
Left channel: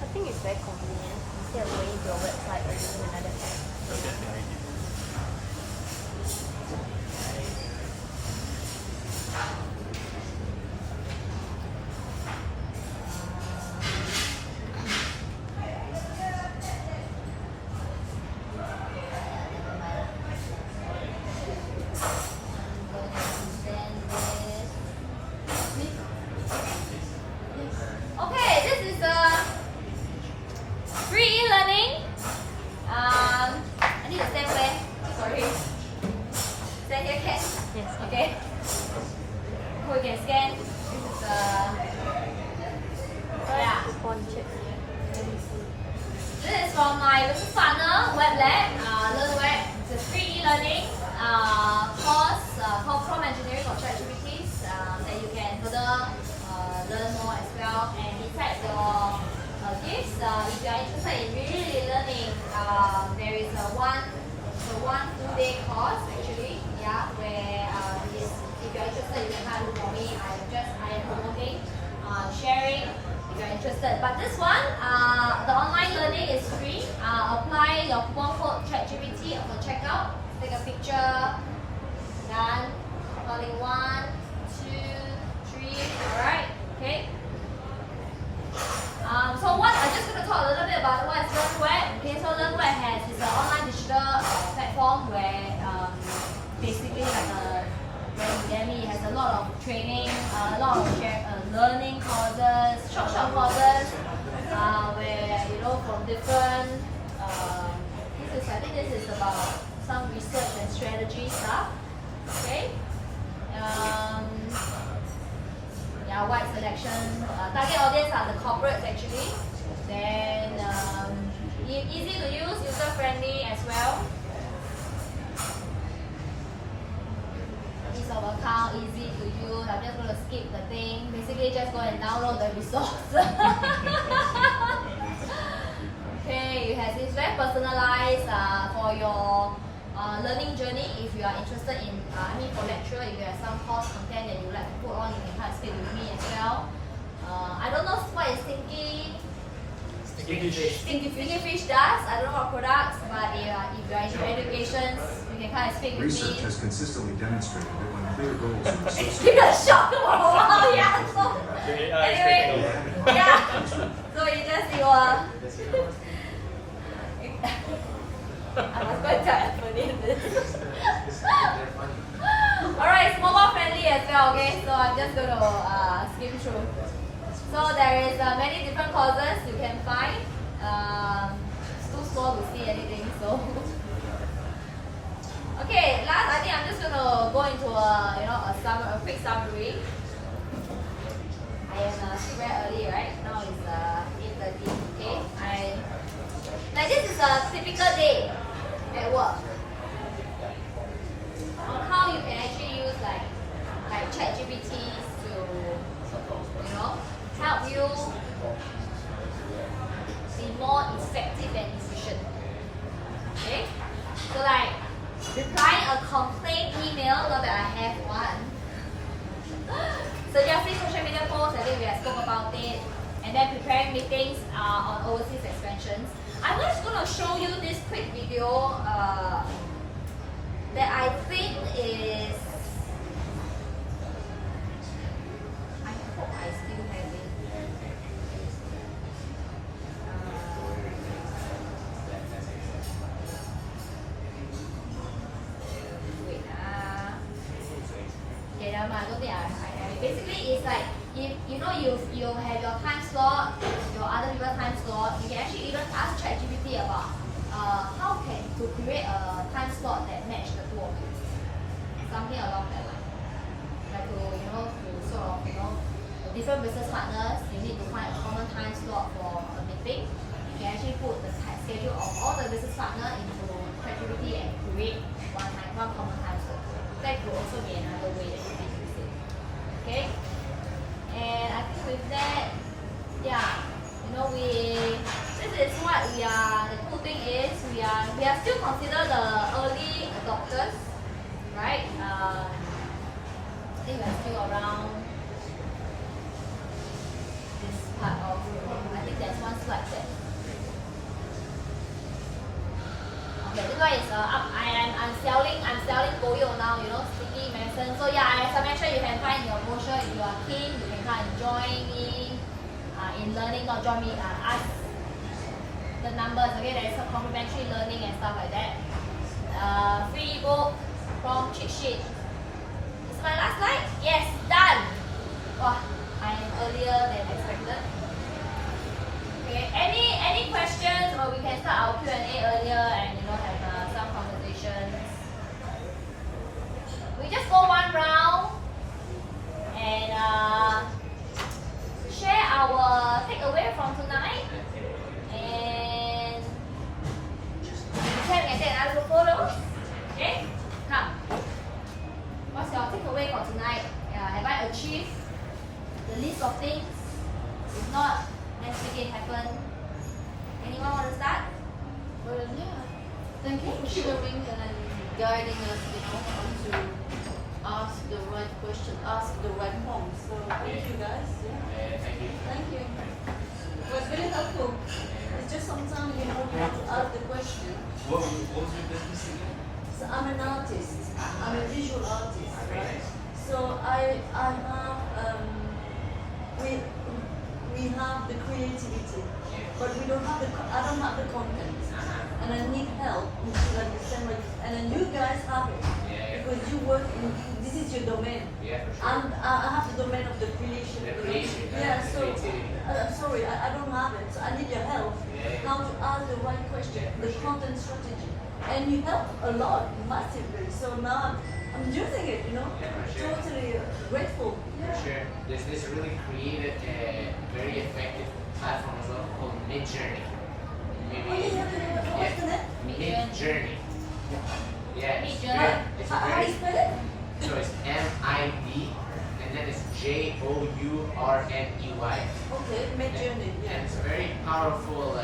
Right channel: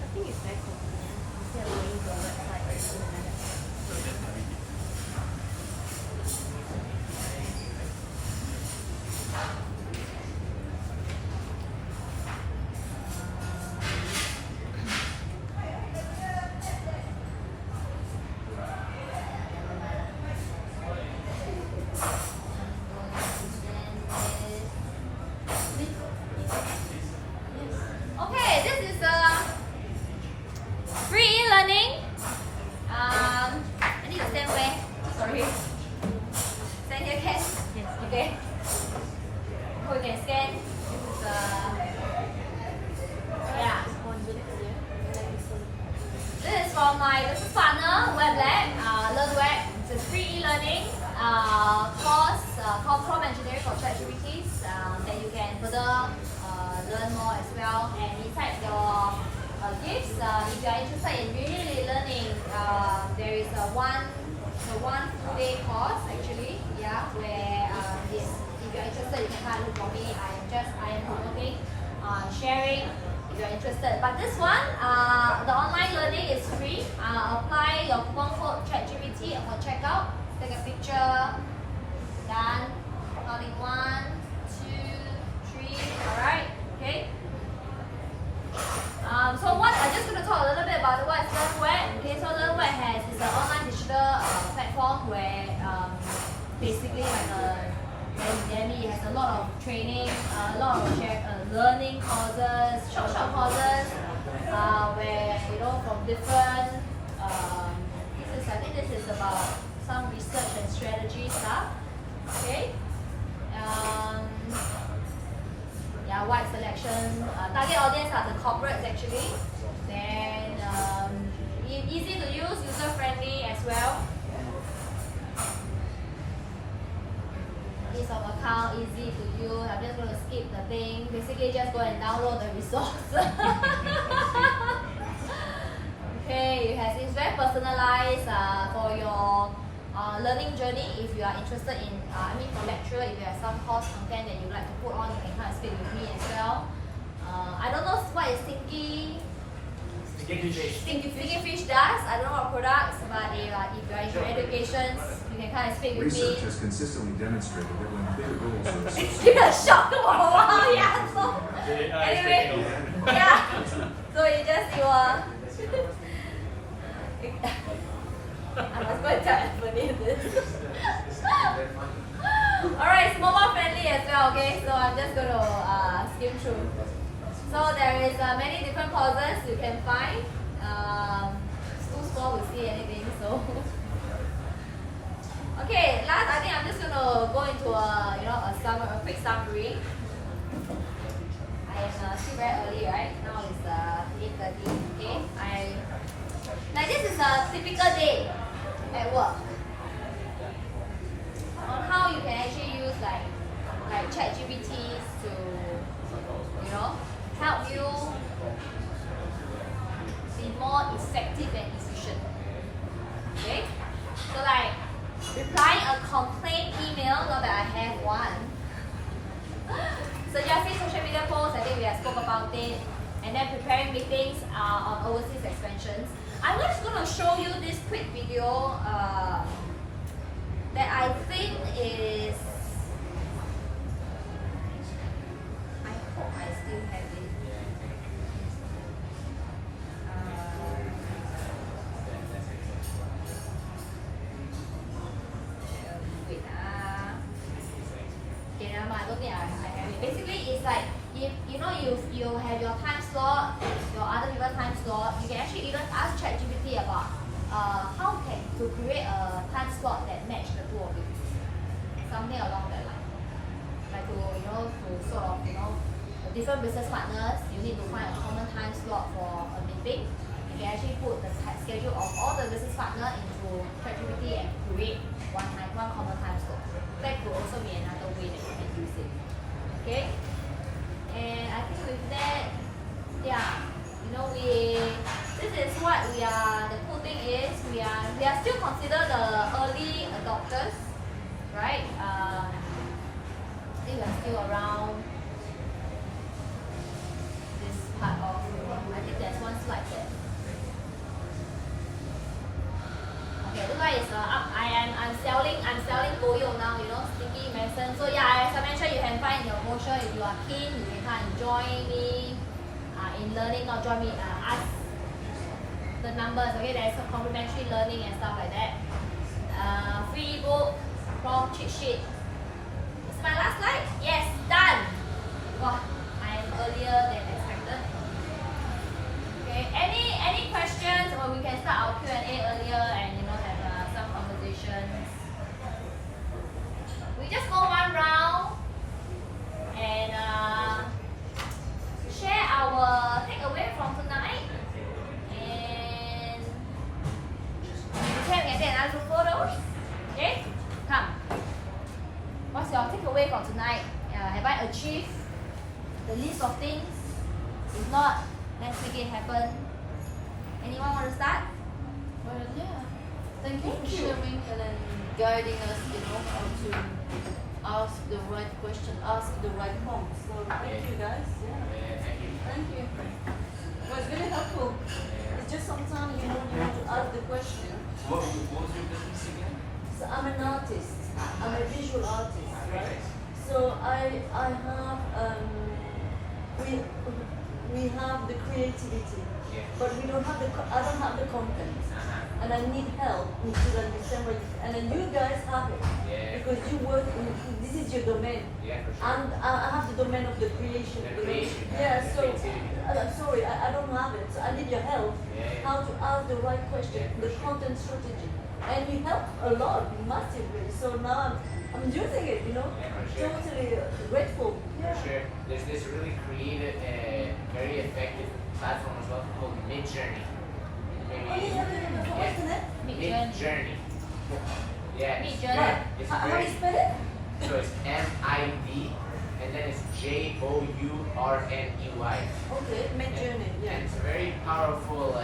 I think it's very convenient. Instead of going to a website or using another tab. Okay, this is free e-learning. I need to stand where? Sorry. Stand here, can? Okay. So we can scan. This is yeah. This is from my business partner, Web Lab, Learn Web. It's a free e-learning course called Prompt Engineering for ChatGPT that you can further learn more as well. And inside your gifts, if you are interested in really learning, there is a one full day course actually, yeah, where yes, if you are interested, you can have a look for me. I am promoting, sharing. If you are interested, but this one, the online learning is free. Apply your coupon code ChatGPT upon checkout. Take a picture. Done. Counting 1, 2, 3. All right. Okay. So what I'm just going to talk a little bit about what is LearnWeb. Okay, so LearnWeb is an online digital platform where basically like it has a lot of training, a lot of learning courses, short courses, where from different. I think this is about some research and strategy stuff. Okay. Yeah, wide selection. Target audience are the corporates actually. Then easy to use, user friendly as well. Ease of account, easy to use. I'm just going to skip the thing. Basically, just go and download the resource. Okay, it's very personalized for your learning journey. If you are interested in, for lecture, if you have some course content that you like to put on, you can come and speak with me as well. I don't know what is Stinky Fish does. I don't know what products, but if you are into education, you can come and speak with Research me. has consistently demonstrated that when clear goals are It's associated been a shock for a while, yeah. So, anyway, yeah. So you I must go and tell Anthony this. Alright, it's mobile friendly as well, okay? So I'm just going to skim through. So there is many different courses you can find. It's too small to see anything, so. Okay, last I think I'm just going to go into a quick summary. I am still very early, right? Now it's 8:30. Okay, like this is a typical day at work. On how you can actually use like ChatGPT to help you be more effective and efficient. Okay, so like replying a complaint email, not that I have one. Suggesting social media posts, I think we have spoke about it. And then preparing meetings on overseas expansions. I'm just going to show you this quick video that I think is, I hope I still have it. Wait. Okay, never mind. I don't think I have it. Basically, it's like if you have your time slot, your other people's time slot, you can actually even ask ChatGPT about how to create a time slot that match the two of you. Something along that line. Like to sort of different business partners, you need to find a common time slot for a meeting. You can actually put the schedule of all the business partners into ChatGPT and create one common time slot. That could also be another way that you can use it. Okay? And I think with that, yeah, this is what we are. The cool thing is we are still considered the early adopters, right? I think we are still around this part of I think there's one slide there. Okay, this one is up. I'm selling Goyo now, sticky medicine. So yeah, as I mentioned, you can find your brochure. If you are keen, you can come and join me in learning. Not join me, ask the numbers. Okay, there's a complimentary learning and stuff like that. Free ebook from cheat sheet. Is my last slide? Yes, done. Wow, I am earlier than expected. Okay, any questions, or we can start our Q&A earlier and have some conversations. We just go one round and share our takeaway from tonight, and we can take another photos. Okay, come. What's your takeaway for tonight? Have I achieved the list of things? If not, let's make it happen. Anyone want to start? Well, yeah. Thank you for sharing and guiding us, how to ask the right question, ask the right prompt. So thank you guys. Yeah. Thank you. It was really helpful. It's just sometimes you know how to ask the question. What was your business again? So I'm an artist. I'm a visual artist, right? So I have we have the creativity, but we don't have I don't have the content, and I need help to understand what. And then you guys have it because you work in this is your domain. Yeah, for sure. And I have the domain of the creation. Yeah, so I'm sorry, I don't have it. So I need your help. How to ask the right question, the content strategy. and you help a lot massively. So now I'm using it, you know, Yeah, for sure. totally grateful. Yeah. For sure. There's this really creative, very effective platform as well called Midjourney. Maybe. What's the name? Midjourney. Yeah, it's Midjourney. very, it's How do very, you spell it? so it's M-I-D and then it's Journey. Okay, Midjourney. And Yeah. it's a very powerful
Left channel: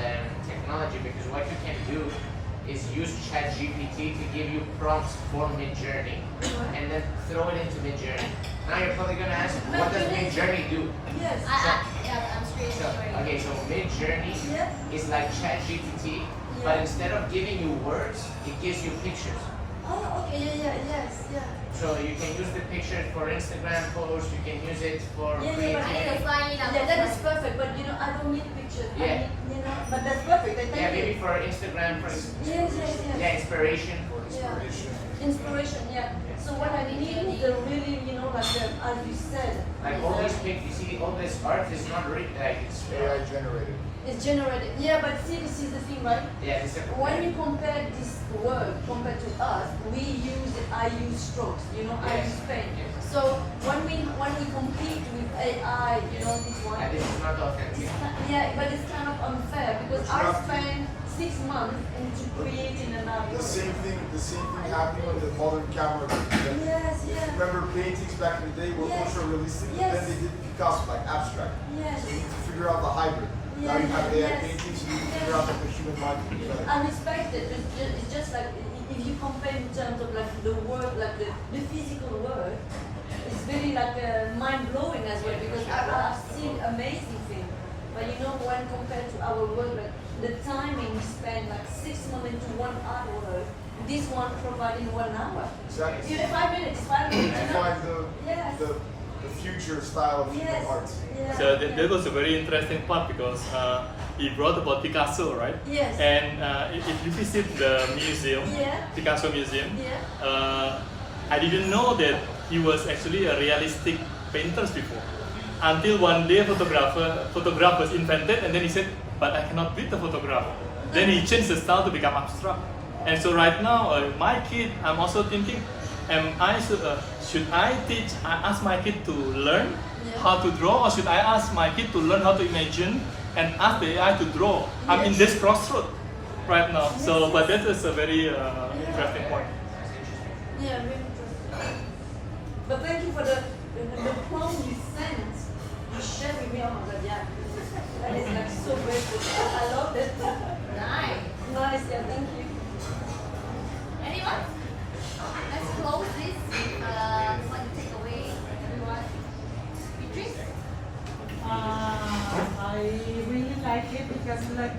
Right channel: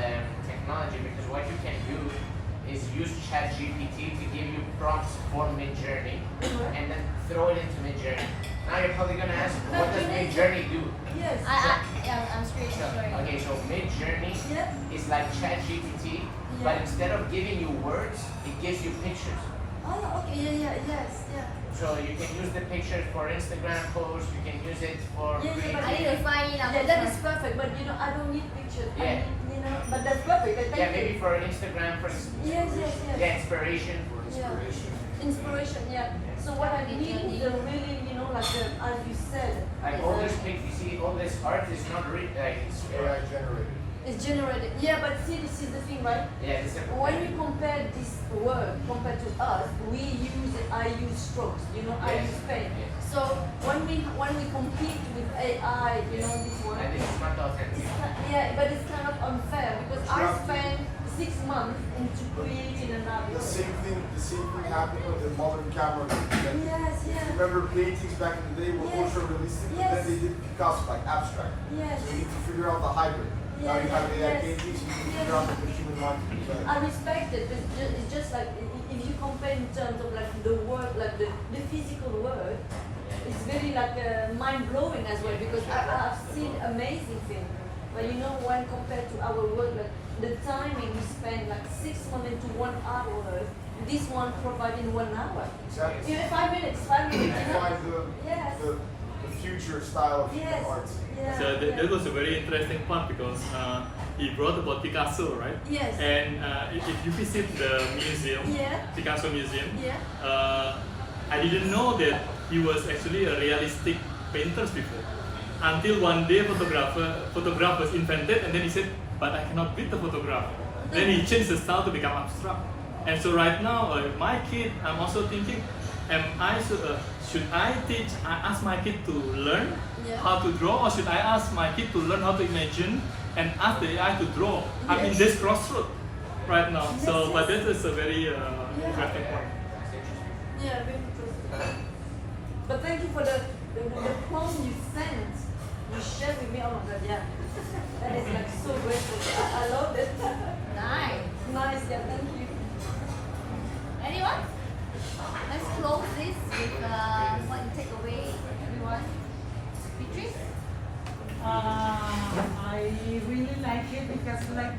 technology because what you can do is use ChatGPT to give you prompts for Midjourney and then throw it into Midjourney. Now you're probably gonna ask, what does Midjourney do? Yes. I'm straight. Okay, so Midjourney Yeah. is like ChatGPT, but instead of giving you words, it gives you pictures. Oh, okay. Yes. So you can use the pictures for Instagram posts, you can use it for Yeah. I need to sign in. Yeah, that is perfect. But you know, I don't need pictures. Yeah. I need, you know, but that's perfect. Thank yeah, you. maybe for Instagram, for Yes. yeah, inspiration. Yeah. Inspiration. Yeah. So what I need is a really, you know, like as you said. Like all these pictures, you see, all this art is not real, like it's AI generated. It's generated. Yeah, but see, this is the thing, right? yeah, it's a When we compare this word compared to us, I use strokes, you know, I use pen. So when we compete with AI, you know, this one, and this is not authentic. yeah, but it's kind of unfair because I spent 6 months into creating an The app. same thing happening with the modern camera. Yes. Remember paintings back in the day were Yes. also realistic, Yes. then they did Picasso, like abstract. Yes. So you need to figure out the hybrid. Now you have AI Yes. paintings, you need to figure out the machine and not I respect it, but it's just like if you compare in terms of like the word, like the physical word, it's very like mind blowing as well because I've seen amazing things. But you know when compared to our word, like, the timing we spend like 6 months into 1 hour, this one providing 1 hour. Exactly. Even 5 minutes, 5 minutes. You find Yes. the future style of Yes. art. Yeah. So that was a very interesting part because he brought about Picasso, right? Yes. And if you visit the museum, Yeah. Picasso Museum, Yeah. I didn't know that he was actually a realistic painter before. Until one day photograph was invented and then he said, but I cannot beat the photographer. Then he changed the style to become abstract. And so right now, my kid, I'm also thinking, should I ask my kid to learn how to draw, or should I ask my kid to learn how to imagine and ask the AI to draw? I'm in this crossroad right now. So, but that is a very interesting point. Yeah, really good. But thank you for the prompt you sent. You shared with me all of that. Yeah. That is like so grateful. I love it. Nice. Nice, yeah, thank you. Anyone? Let's close this with what you take away, everyone. Beatrice? I really like it because like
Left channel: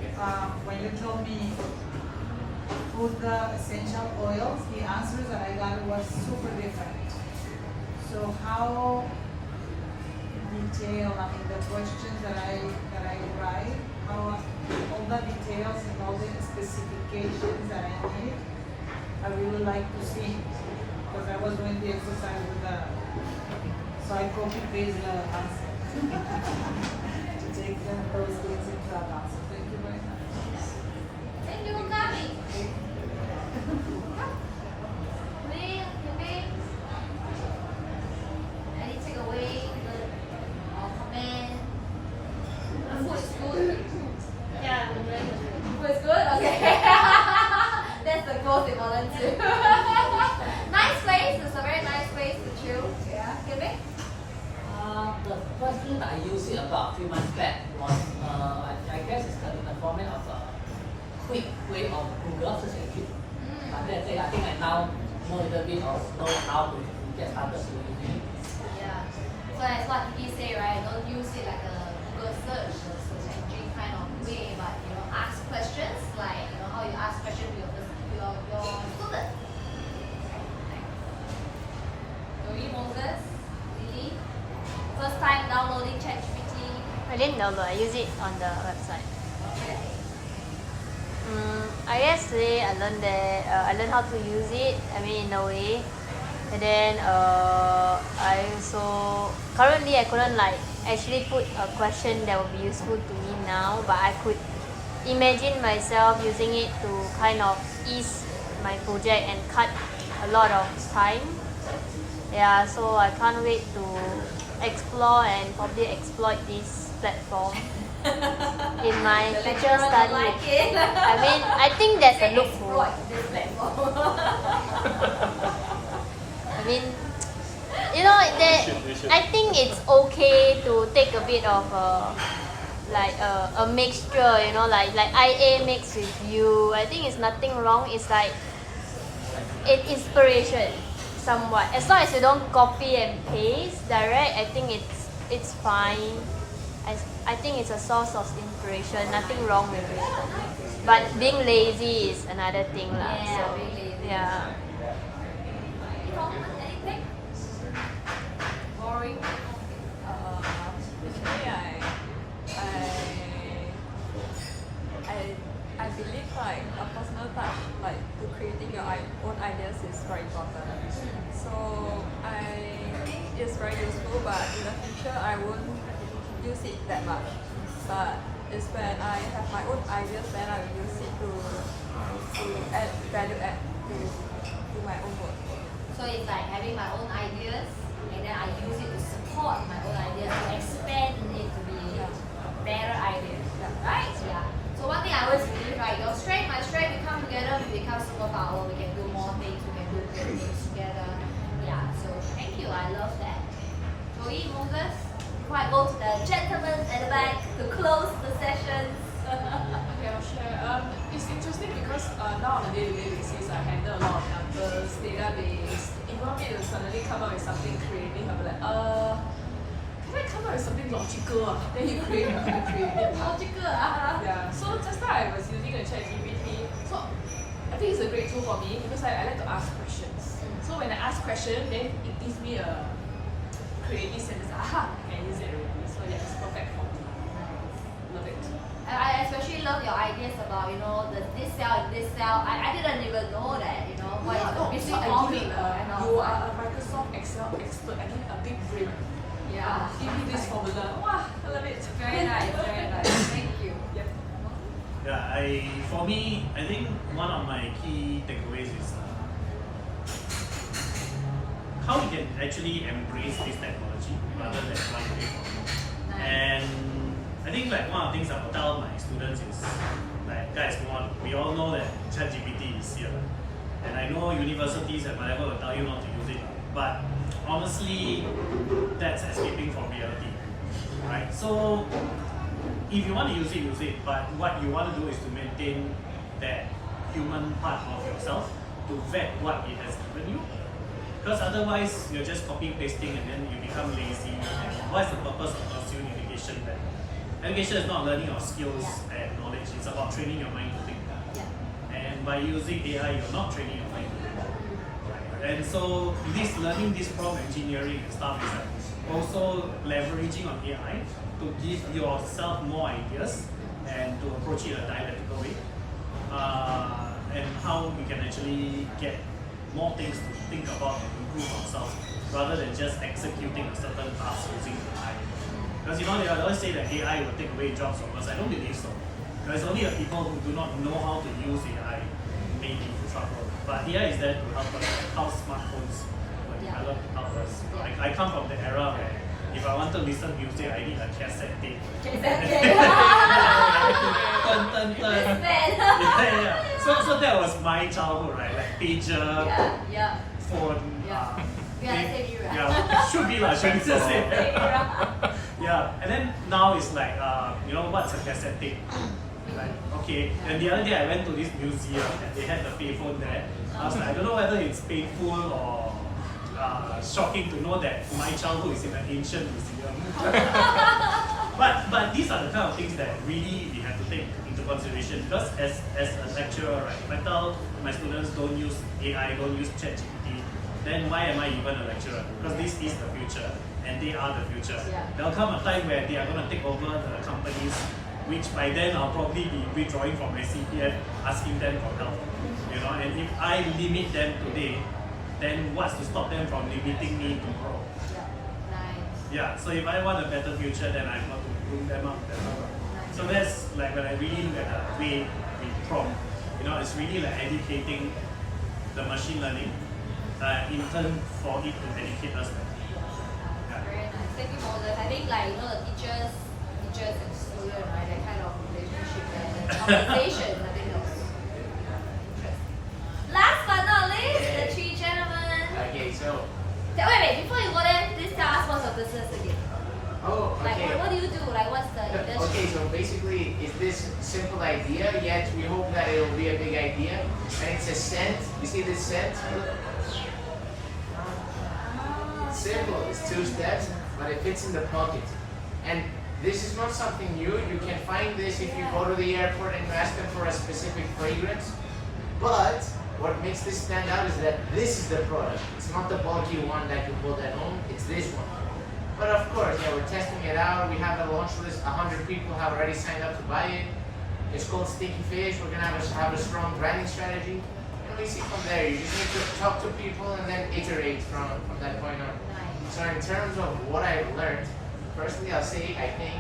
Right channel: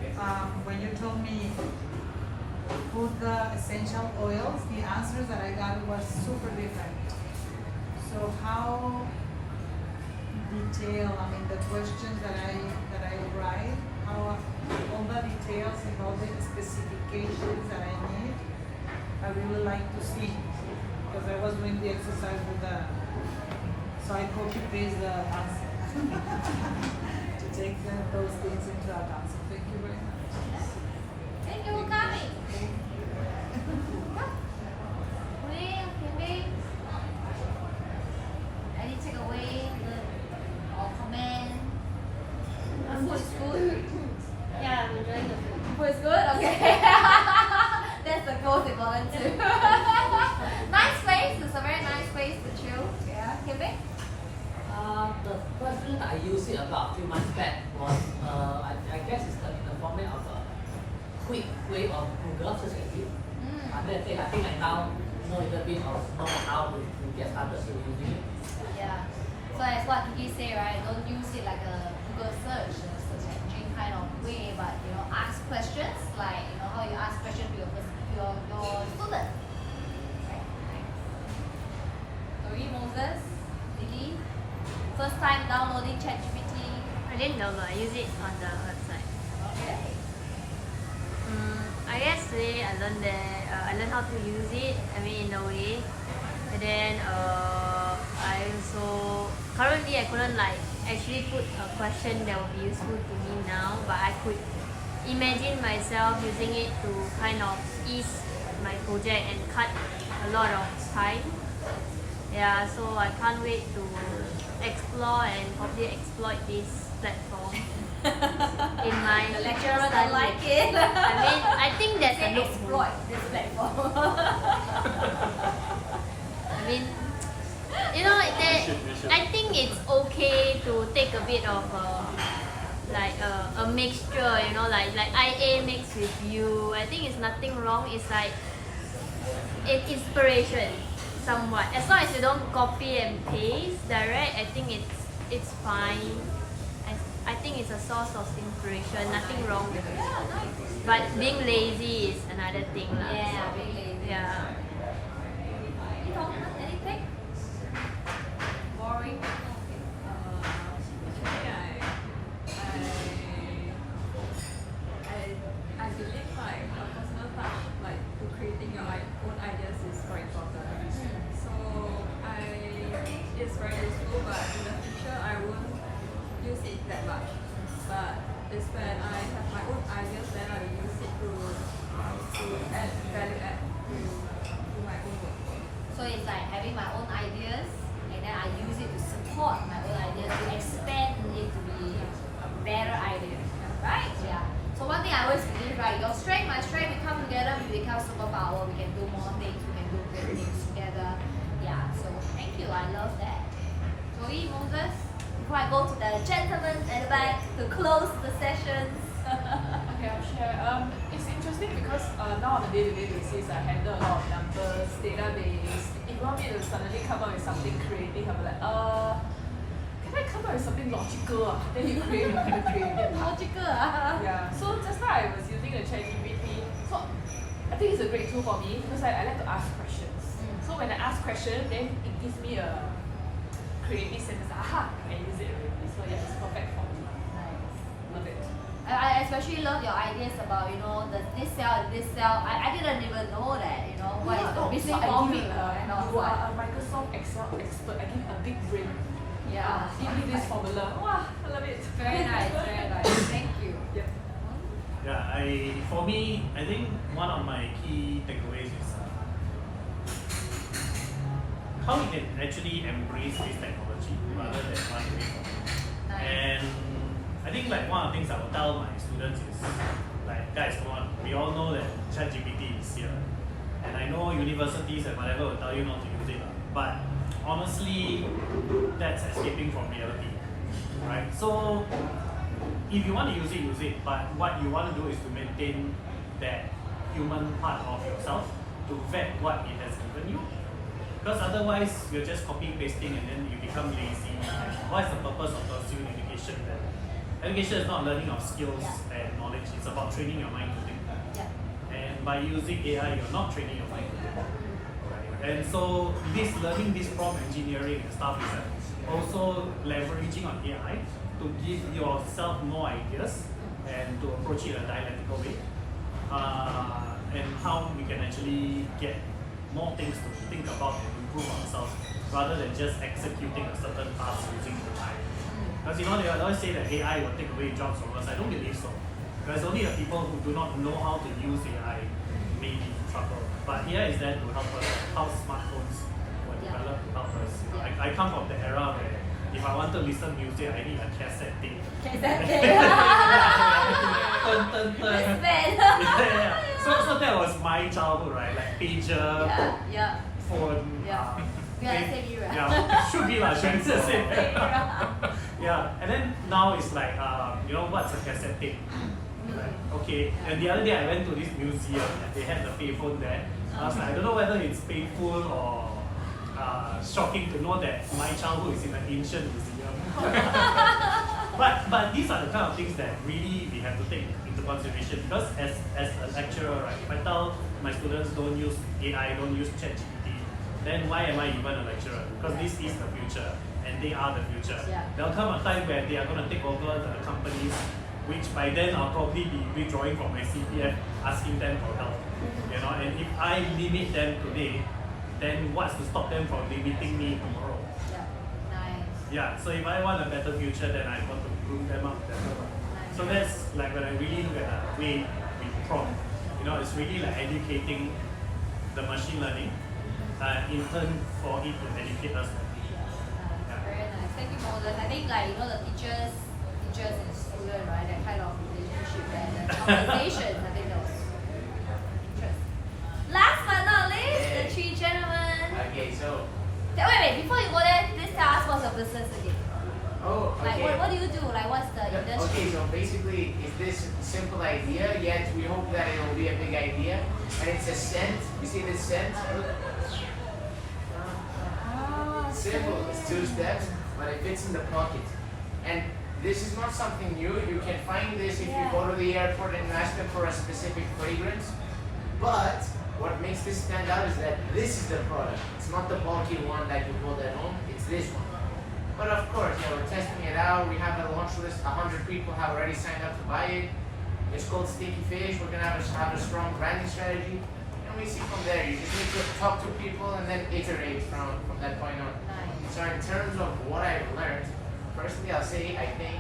when you told me to put the essential oils, the answers that I got was super different. So how detailed, I mean the questions that I write, how all the details and all the specifications that I need, I really like to see. Because I was doing the exercise with the, so I copy paste the answer. To take those things into account. So thank you very much. Thank you for coming. Come. Lee, Kimby. Any takeaway or comment? The food is good. Yeah, I'm enjoying the food. Food is good? Okay. That's the most important too. Nice place. It's a very nice place to chill. Yeah. Kimby? The first thing that I used it about a few months back was, I guess it's in the format of a quick way of Google search engine. And then I think I now know a little bit of know how to get started to using it. Yeah. So that's what Kiki say, right? Don't use it like a Google search, a search engine kind of way, but ask questions like how you ask questions to your student. Right? Dori, Moses, Lily, first time downloading ChatGPT. I didn't know, but I use it on the website. Okay. I guess today I learned that I learned how to use it. I mean, in a way, and then I also currently I couldn't like actually put a question that would be useful to me now, but I could imagine myself using it to kind of ease my project and cut a lot of time. Yeah, so I can't wait to explore and probably exploit this platform in my The future lecturer don't study. like it. I mean, I think that's a Say loophole. exploit this platform. I mean, you know, I think it's okay to take a bit of a mixture, you know, like IA mixed with you. I think it's nothing wrong. It's like inspiration, somewhat. As long as you don't copy and paste direct, I think it's fine. I think it's a source of inspiration. Nothing wrong with it. Yeah, nice. But being lazy is another thing, lah. Yeah, So, being lazy. Yeah. You don't want anything? Boring? I believe like a personal touch, like to creating your own ideas is very important. So I think it's very useful, but in the future I won't use it that much. But it's when I have my own ideas, then I will use it to add value add to my own work. So it's like having my own ideas and then I use it to support my own ideas, to expand it to be a better idea. Right? Yeah. So one thing I always believe, right, your strength, my strength, we come together, we become superpower, we can do more things, we can do great things together. Yeah, so thank you, I love that. Joey, Moses, before I go to the gentlemen at the back to close the sessions. Okay, I'll share. It's interesting because now on a day-to-day basis, I handle a lot of numbers, data days. If you want me to suddenly come up with something creative, I'll be like, can I come up with something logical? Then you create. Logical, Yeah. So just now I was using a ChatGPT. So I think it's a great tool for me because I like to ask questions. So when I ask questions, then it gives me a creative sense. Aha, I can use it already. So yeah, it's perfect for me. Love it. I especially love your ideas about, you know, this cell and this cell. I didn't even know that, you know, what is the missing formula and all You that. are a Microsoft Excel expert. I need a big brain. Yeah. Give me this formula. Wow, I love it. Very nice, very nice. Thank you. Yep. Yeah, for me, I think one of my key takeaways is how we can actually embrace this technology rather than fighting it. Nice. And I think like one of the things I would tell my students is like, guys, we all know that ChatGPT is here, and I know universities and whatever will tell you not to use it, but honestly, that's escaping from reality, right? So if you want to use it, but what you want to do is to maintain that human part of yourself, to vet what it has given you. Because otherwise, you're just copy pasting and then you become lazy. And what's the purpose of pursuing education then? Education is not learning of skills and knowledge, it's about training your mind to think. And by using AI, you're not training your mind to think. And so, learning this prompt engineering and stuff is like also leveraging on AI to give yourself more ideas and to approach it a dialectical way. And how we can actually get more things to think about and improve ourselves rather than just executing a certain task using AI. Because you know, they always say that AI will take away jobs from us. I don't believe so. There's only the people who do not know how to use AI may be in trouble. But AI is there to help us, like how smartphones were developed to help us. I come from the era where if I want to listen music, I need a cassette tape. Cassette tape. So that was my childhood, right? Like pager, phone. We are the same era. Yeah, should be like same era. Yeah, and then now it's like, you know, what's a cassette tape? Like, okay, and the other day I went to this museum and they had the payphone there. I was like, I don't know whether it's painful or shocking to know that my childhood is in an ancient museum. but these are the kind of things that really we have to take into consideration, because as a lecturer, right, if I tell my students don't use AI, don't use ChatGPT, then why am I even a lecturer? Because this is the future and they are the future. There'll come a time where they are going to take over the companies, which by then I'll probably be withdrawing from my CPF, asking them for help. You know, and if I limit them today, then what's to stop them from limiting me tomorrow? Yeah, so if I want a better future, then I've got to groom them up better. So that's like when I really look at the way we prompt, you know, it's really like educating the machine learning, in turn for it to benefit us. Very nice. Thank you, Moses. I think like the teachers and student, right? That kind of relationship, that conversations. I think that was interesting. Last but not least, the three gentlemen. Okay, so. Wait. Before you go there, please tell us what's your business again. Oh, okay. Like what do you do? Like what's the industry? Okay, so basically, it's this simple idea. Yet we hope that it will be a big idea. And it's a scent. You see this scent? Simple. It's 2 steps, but it fits in the pocket. And this is not something new. You can find this if you go to the airport and ask them for a specific fragrance. But what makes this stand out is that this is the product. It's not the bulky one that you hold at home. It's this one. But of course, yeah, we're testing it out. We have the launch list. 100 people have already signed up to buy it. It's called Sticky Fish. We're gonna have a strong branding strategy, and we see from there. You just need to talk to people and then iterate from that point on. So in terms of what I've learned, firstly, I'll say I think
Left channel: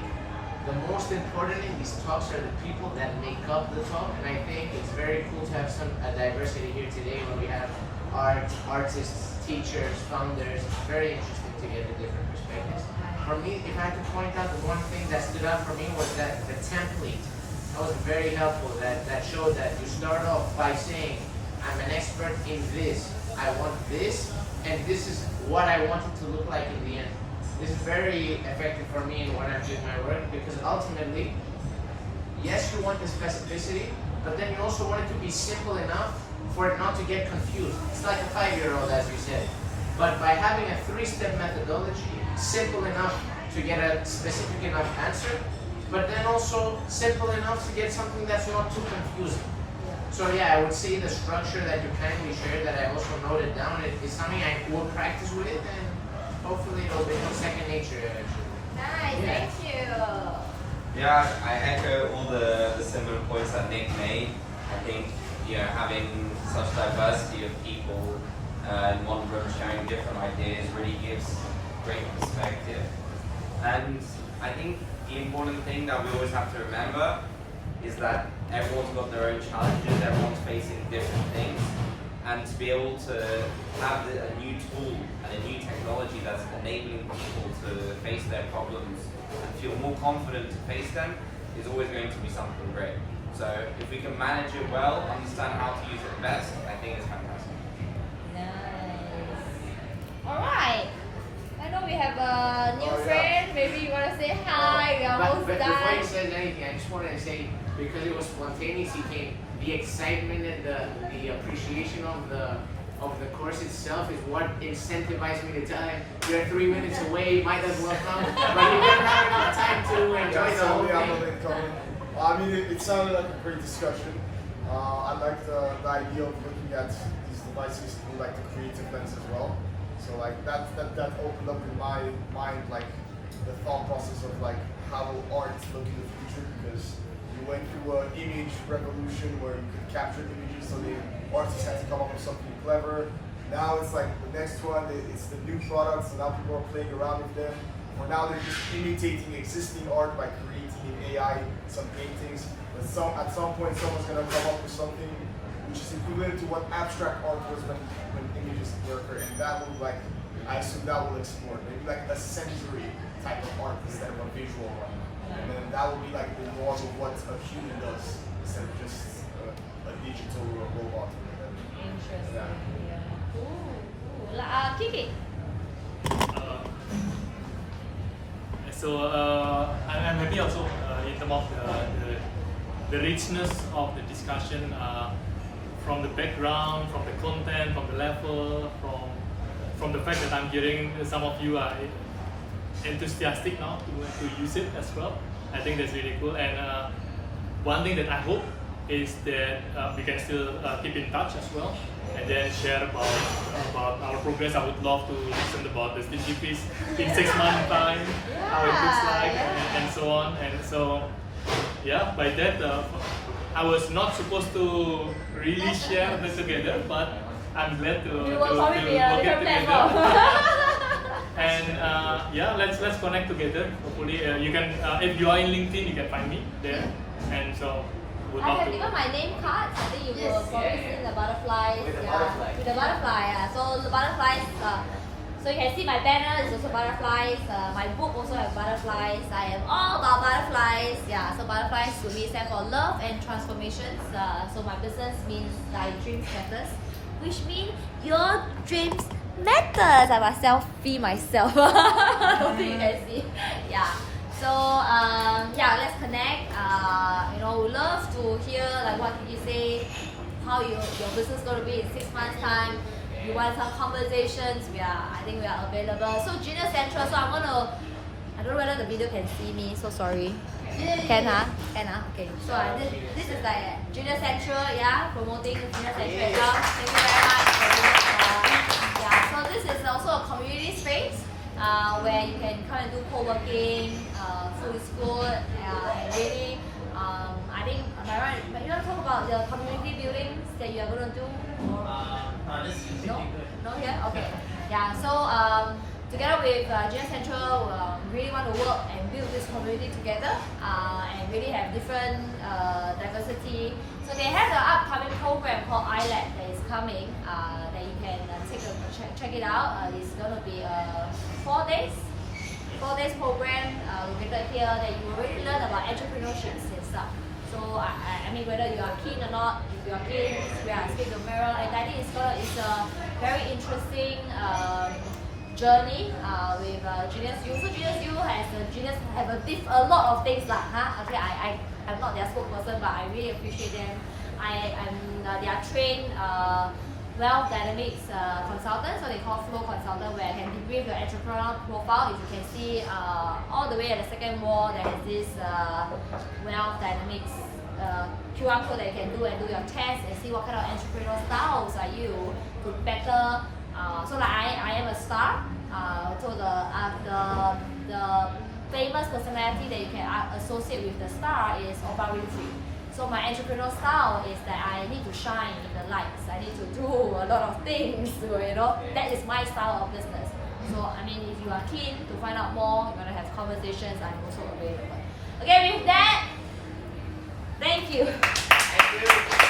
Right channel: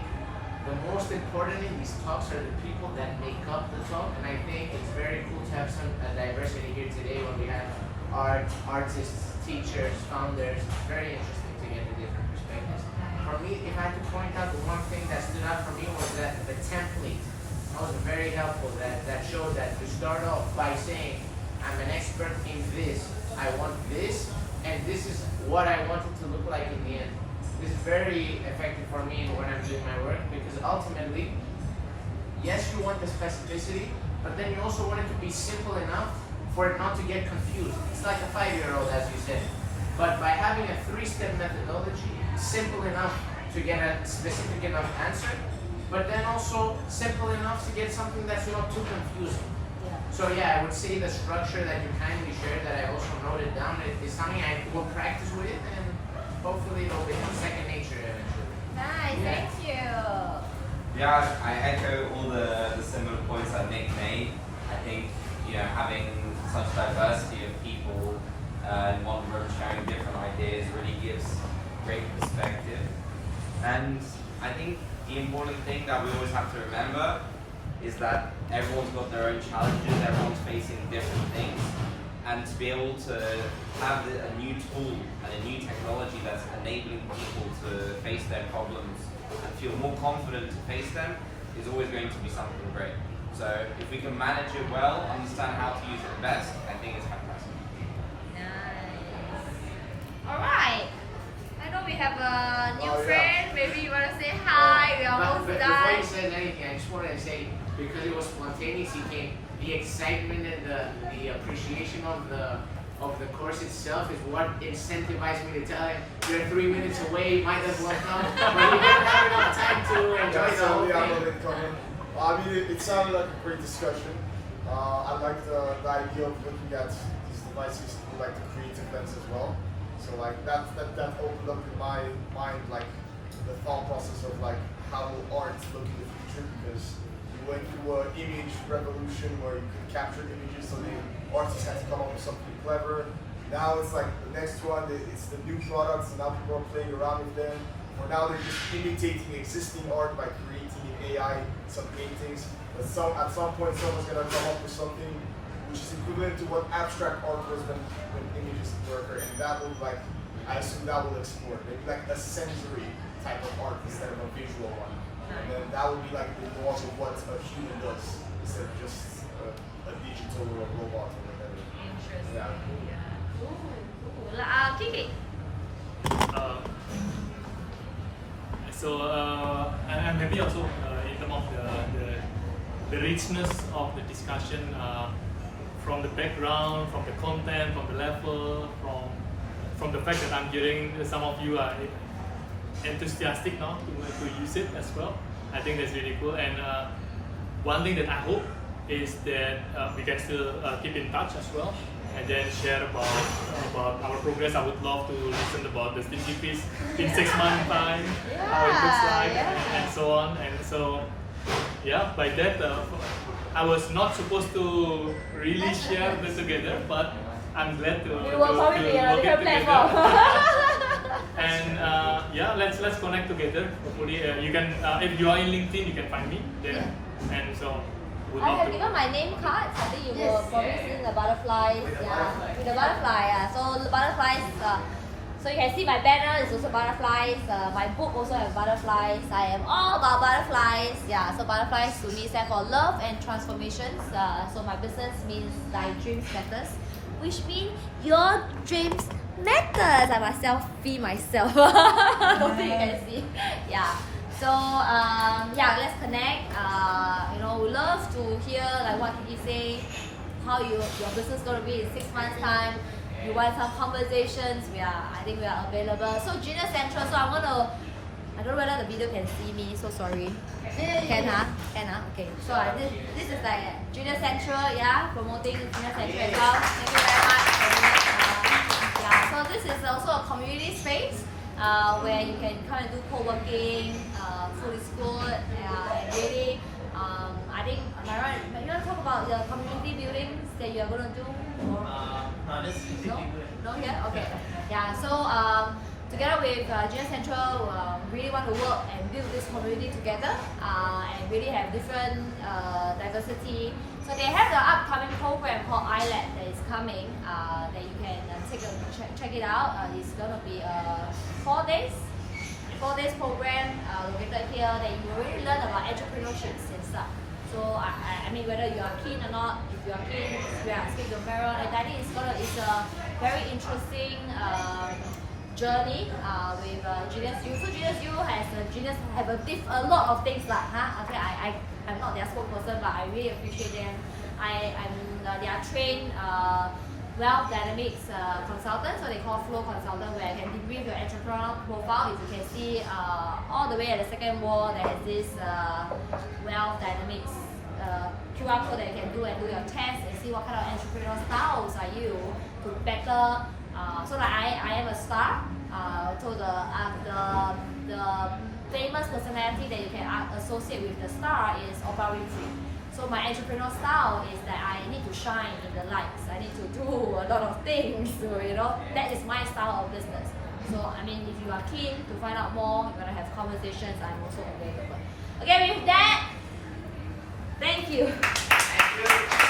the most important in these talks are the people that make up the talk, and I think it's very cool to have some diversity here today when we have artists, teachers, founders. Very interesting to get the different perspectives. For me, if I could point out the one thing that stood out for me was that the template. That was very helpful. That showed that you start off by saying, I'm an expert in this. I want this, and this is what I want it to look like in the end. This is very effective for me when I'm doing my work, because ultimately, yes, you want the specificity, but then you also want it to be simple enough for it not to get confused. It's like a 5-year-old, as you said. But by having a 3-step methodology, simple enough to get a specific enough answer, but then also simple enough to get something that's not too confusing. So yeah, I would say the structure that you kindly shared, that I also noted down, is something I will practice with, and hopefully it'll become second nature eventually. Nice, thank you. Yeah, I echo all the similar points that Nick made. I think having such diversity of people in one room sharing different ideas really gives great perspective. And I think the important thing that we always have to remember is that everyone's got their own challenges, everyone's facing different things, and to be able to have a new tool and a new technology that's enabling people to face their problems and feel more confident to face them is always going to be something great. So if we can manage it well, understand how to use it best, I think it's fantastic. Nice. Alright. I know we have a new friend. Maybe you want to say hi. We are almost But done. before you said anything, I just wanted to say, because it was spontaneous, he came. The excitement and the appreciation of the course itself is what incentivized me to tell him, you're 3 minutes away, might as well come. But he didn't have enough time to enjoy the whole thing. I mean, it sounded like a great discussion. I like the idea of looking at these devices through like the creative lens as well. So like that opened up in my mind like the thought process of like how art look in the future, because we went through an image revolution where you could capture images, so the artists had to come up with something clever. Now it's like the next one, it's the new products, and now people are playing around with them. Or now they're just imitating existing art by creating in AI some paintings. But at some point someone's gonna come up with something which is equivalent to what abstract art was when images were, and that will like, I assume that will explore. Maybe like a sensory type of art instead of a visual one. And then that will be like the norm of what a human does, instead of just a digital or a robot or whatever. Interesting. Yeah. Cool. Kiki. I'm happy also in terms of the richness of the discussion, from the background, from the content, from the level, from the fact that I'm hearing some of you are enthusiastic now to use it as well. I think that's really cool. And one thing that I hope is that we can still keep in touch as well, and then share about our progress. I would love to listen about the Sticky Fish in 6 months time, how it looks like, and so on. And so, yeah, by that, I was not supposed to really share that together, but I'm glad to work it together. And yeah, let's connect together. Hopefully, you can if you are in LinkedIn, you can find me there. And so, would I love have to. given my name cards. I think you will probably see the butterflies. With the Yeah, butterfly. with the butterfly. Yeah. So the butterflies. So you can see my banner is also butterflies. My book also has butterflies. I am all about butterflies. Yeah. So butterflies to me stand for love and transformations. So my business means thy dreams matters, which means your dreams matters. I must selfie myself. Don't think you can see. Yeah. So yeah, let's connect. You know, we love to hear like what Kiki say, how your business gonna be in 6 months time. You want some conversations? I think we are available. So Genius Central. So I'm gonna. I don't know whether the video can see me. So sorry. Can huh? Can huh? Okay. So this is like Genius Central. Yeah, promoting Genius Central as well. Thank you very much for doing that. Yeah. So this is also a community space. Where you can come and do co-working, food is good, and really, I think, am I right? You want to talk about the community buildings that you are going to do? Or? No? No here? Okay. Yeah, so together with Genius Central, really want to work and build this community together and really have different diversity. So they have the upcoming program called iLab that is coming that you can check it out. It's going to be 4 days program located here that you will really learn about entrepreneurship and stuff. So I mean whether you are keen or not, if you are keen, speak to Meryl. And I think it's a very interesting journey with Genius U. So Genius U have a lot of things like okay, I'm not their spokesperson, but I really appreciate them. They are trained wealth dynamics consultant, so they call flow consultant, where I can debrief your entrepreneurial profile. If you can see all the way at the second wall, there is this wealth dynamics QR code that you can do and do your test and see what kind of entrepreneurial styles are you to better. So like I am a star. So the famous personality that you can associate with the star is Oprah Winfrey. So my entrepreneurial style is that I need to shine in the lights. I need to do a lot of things. You know, that is my style of business. So I mean, if you are keen to find out more, you want to have conversations, I'm also available. Okay, with that, thank you. Thank you.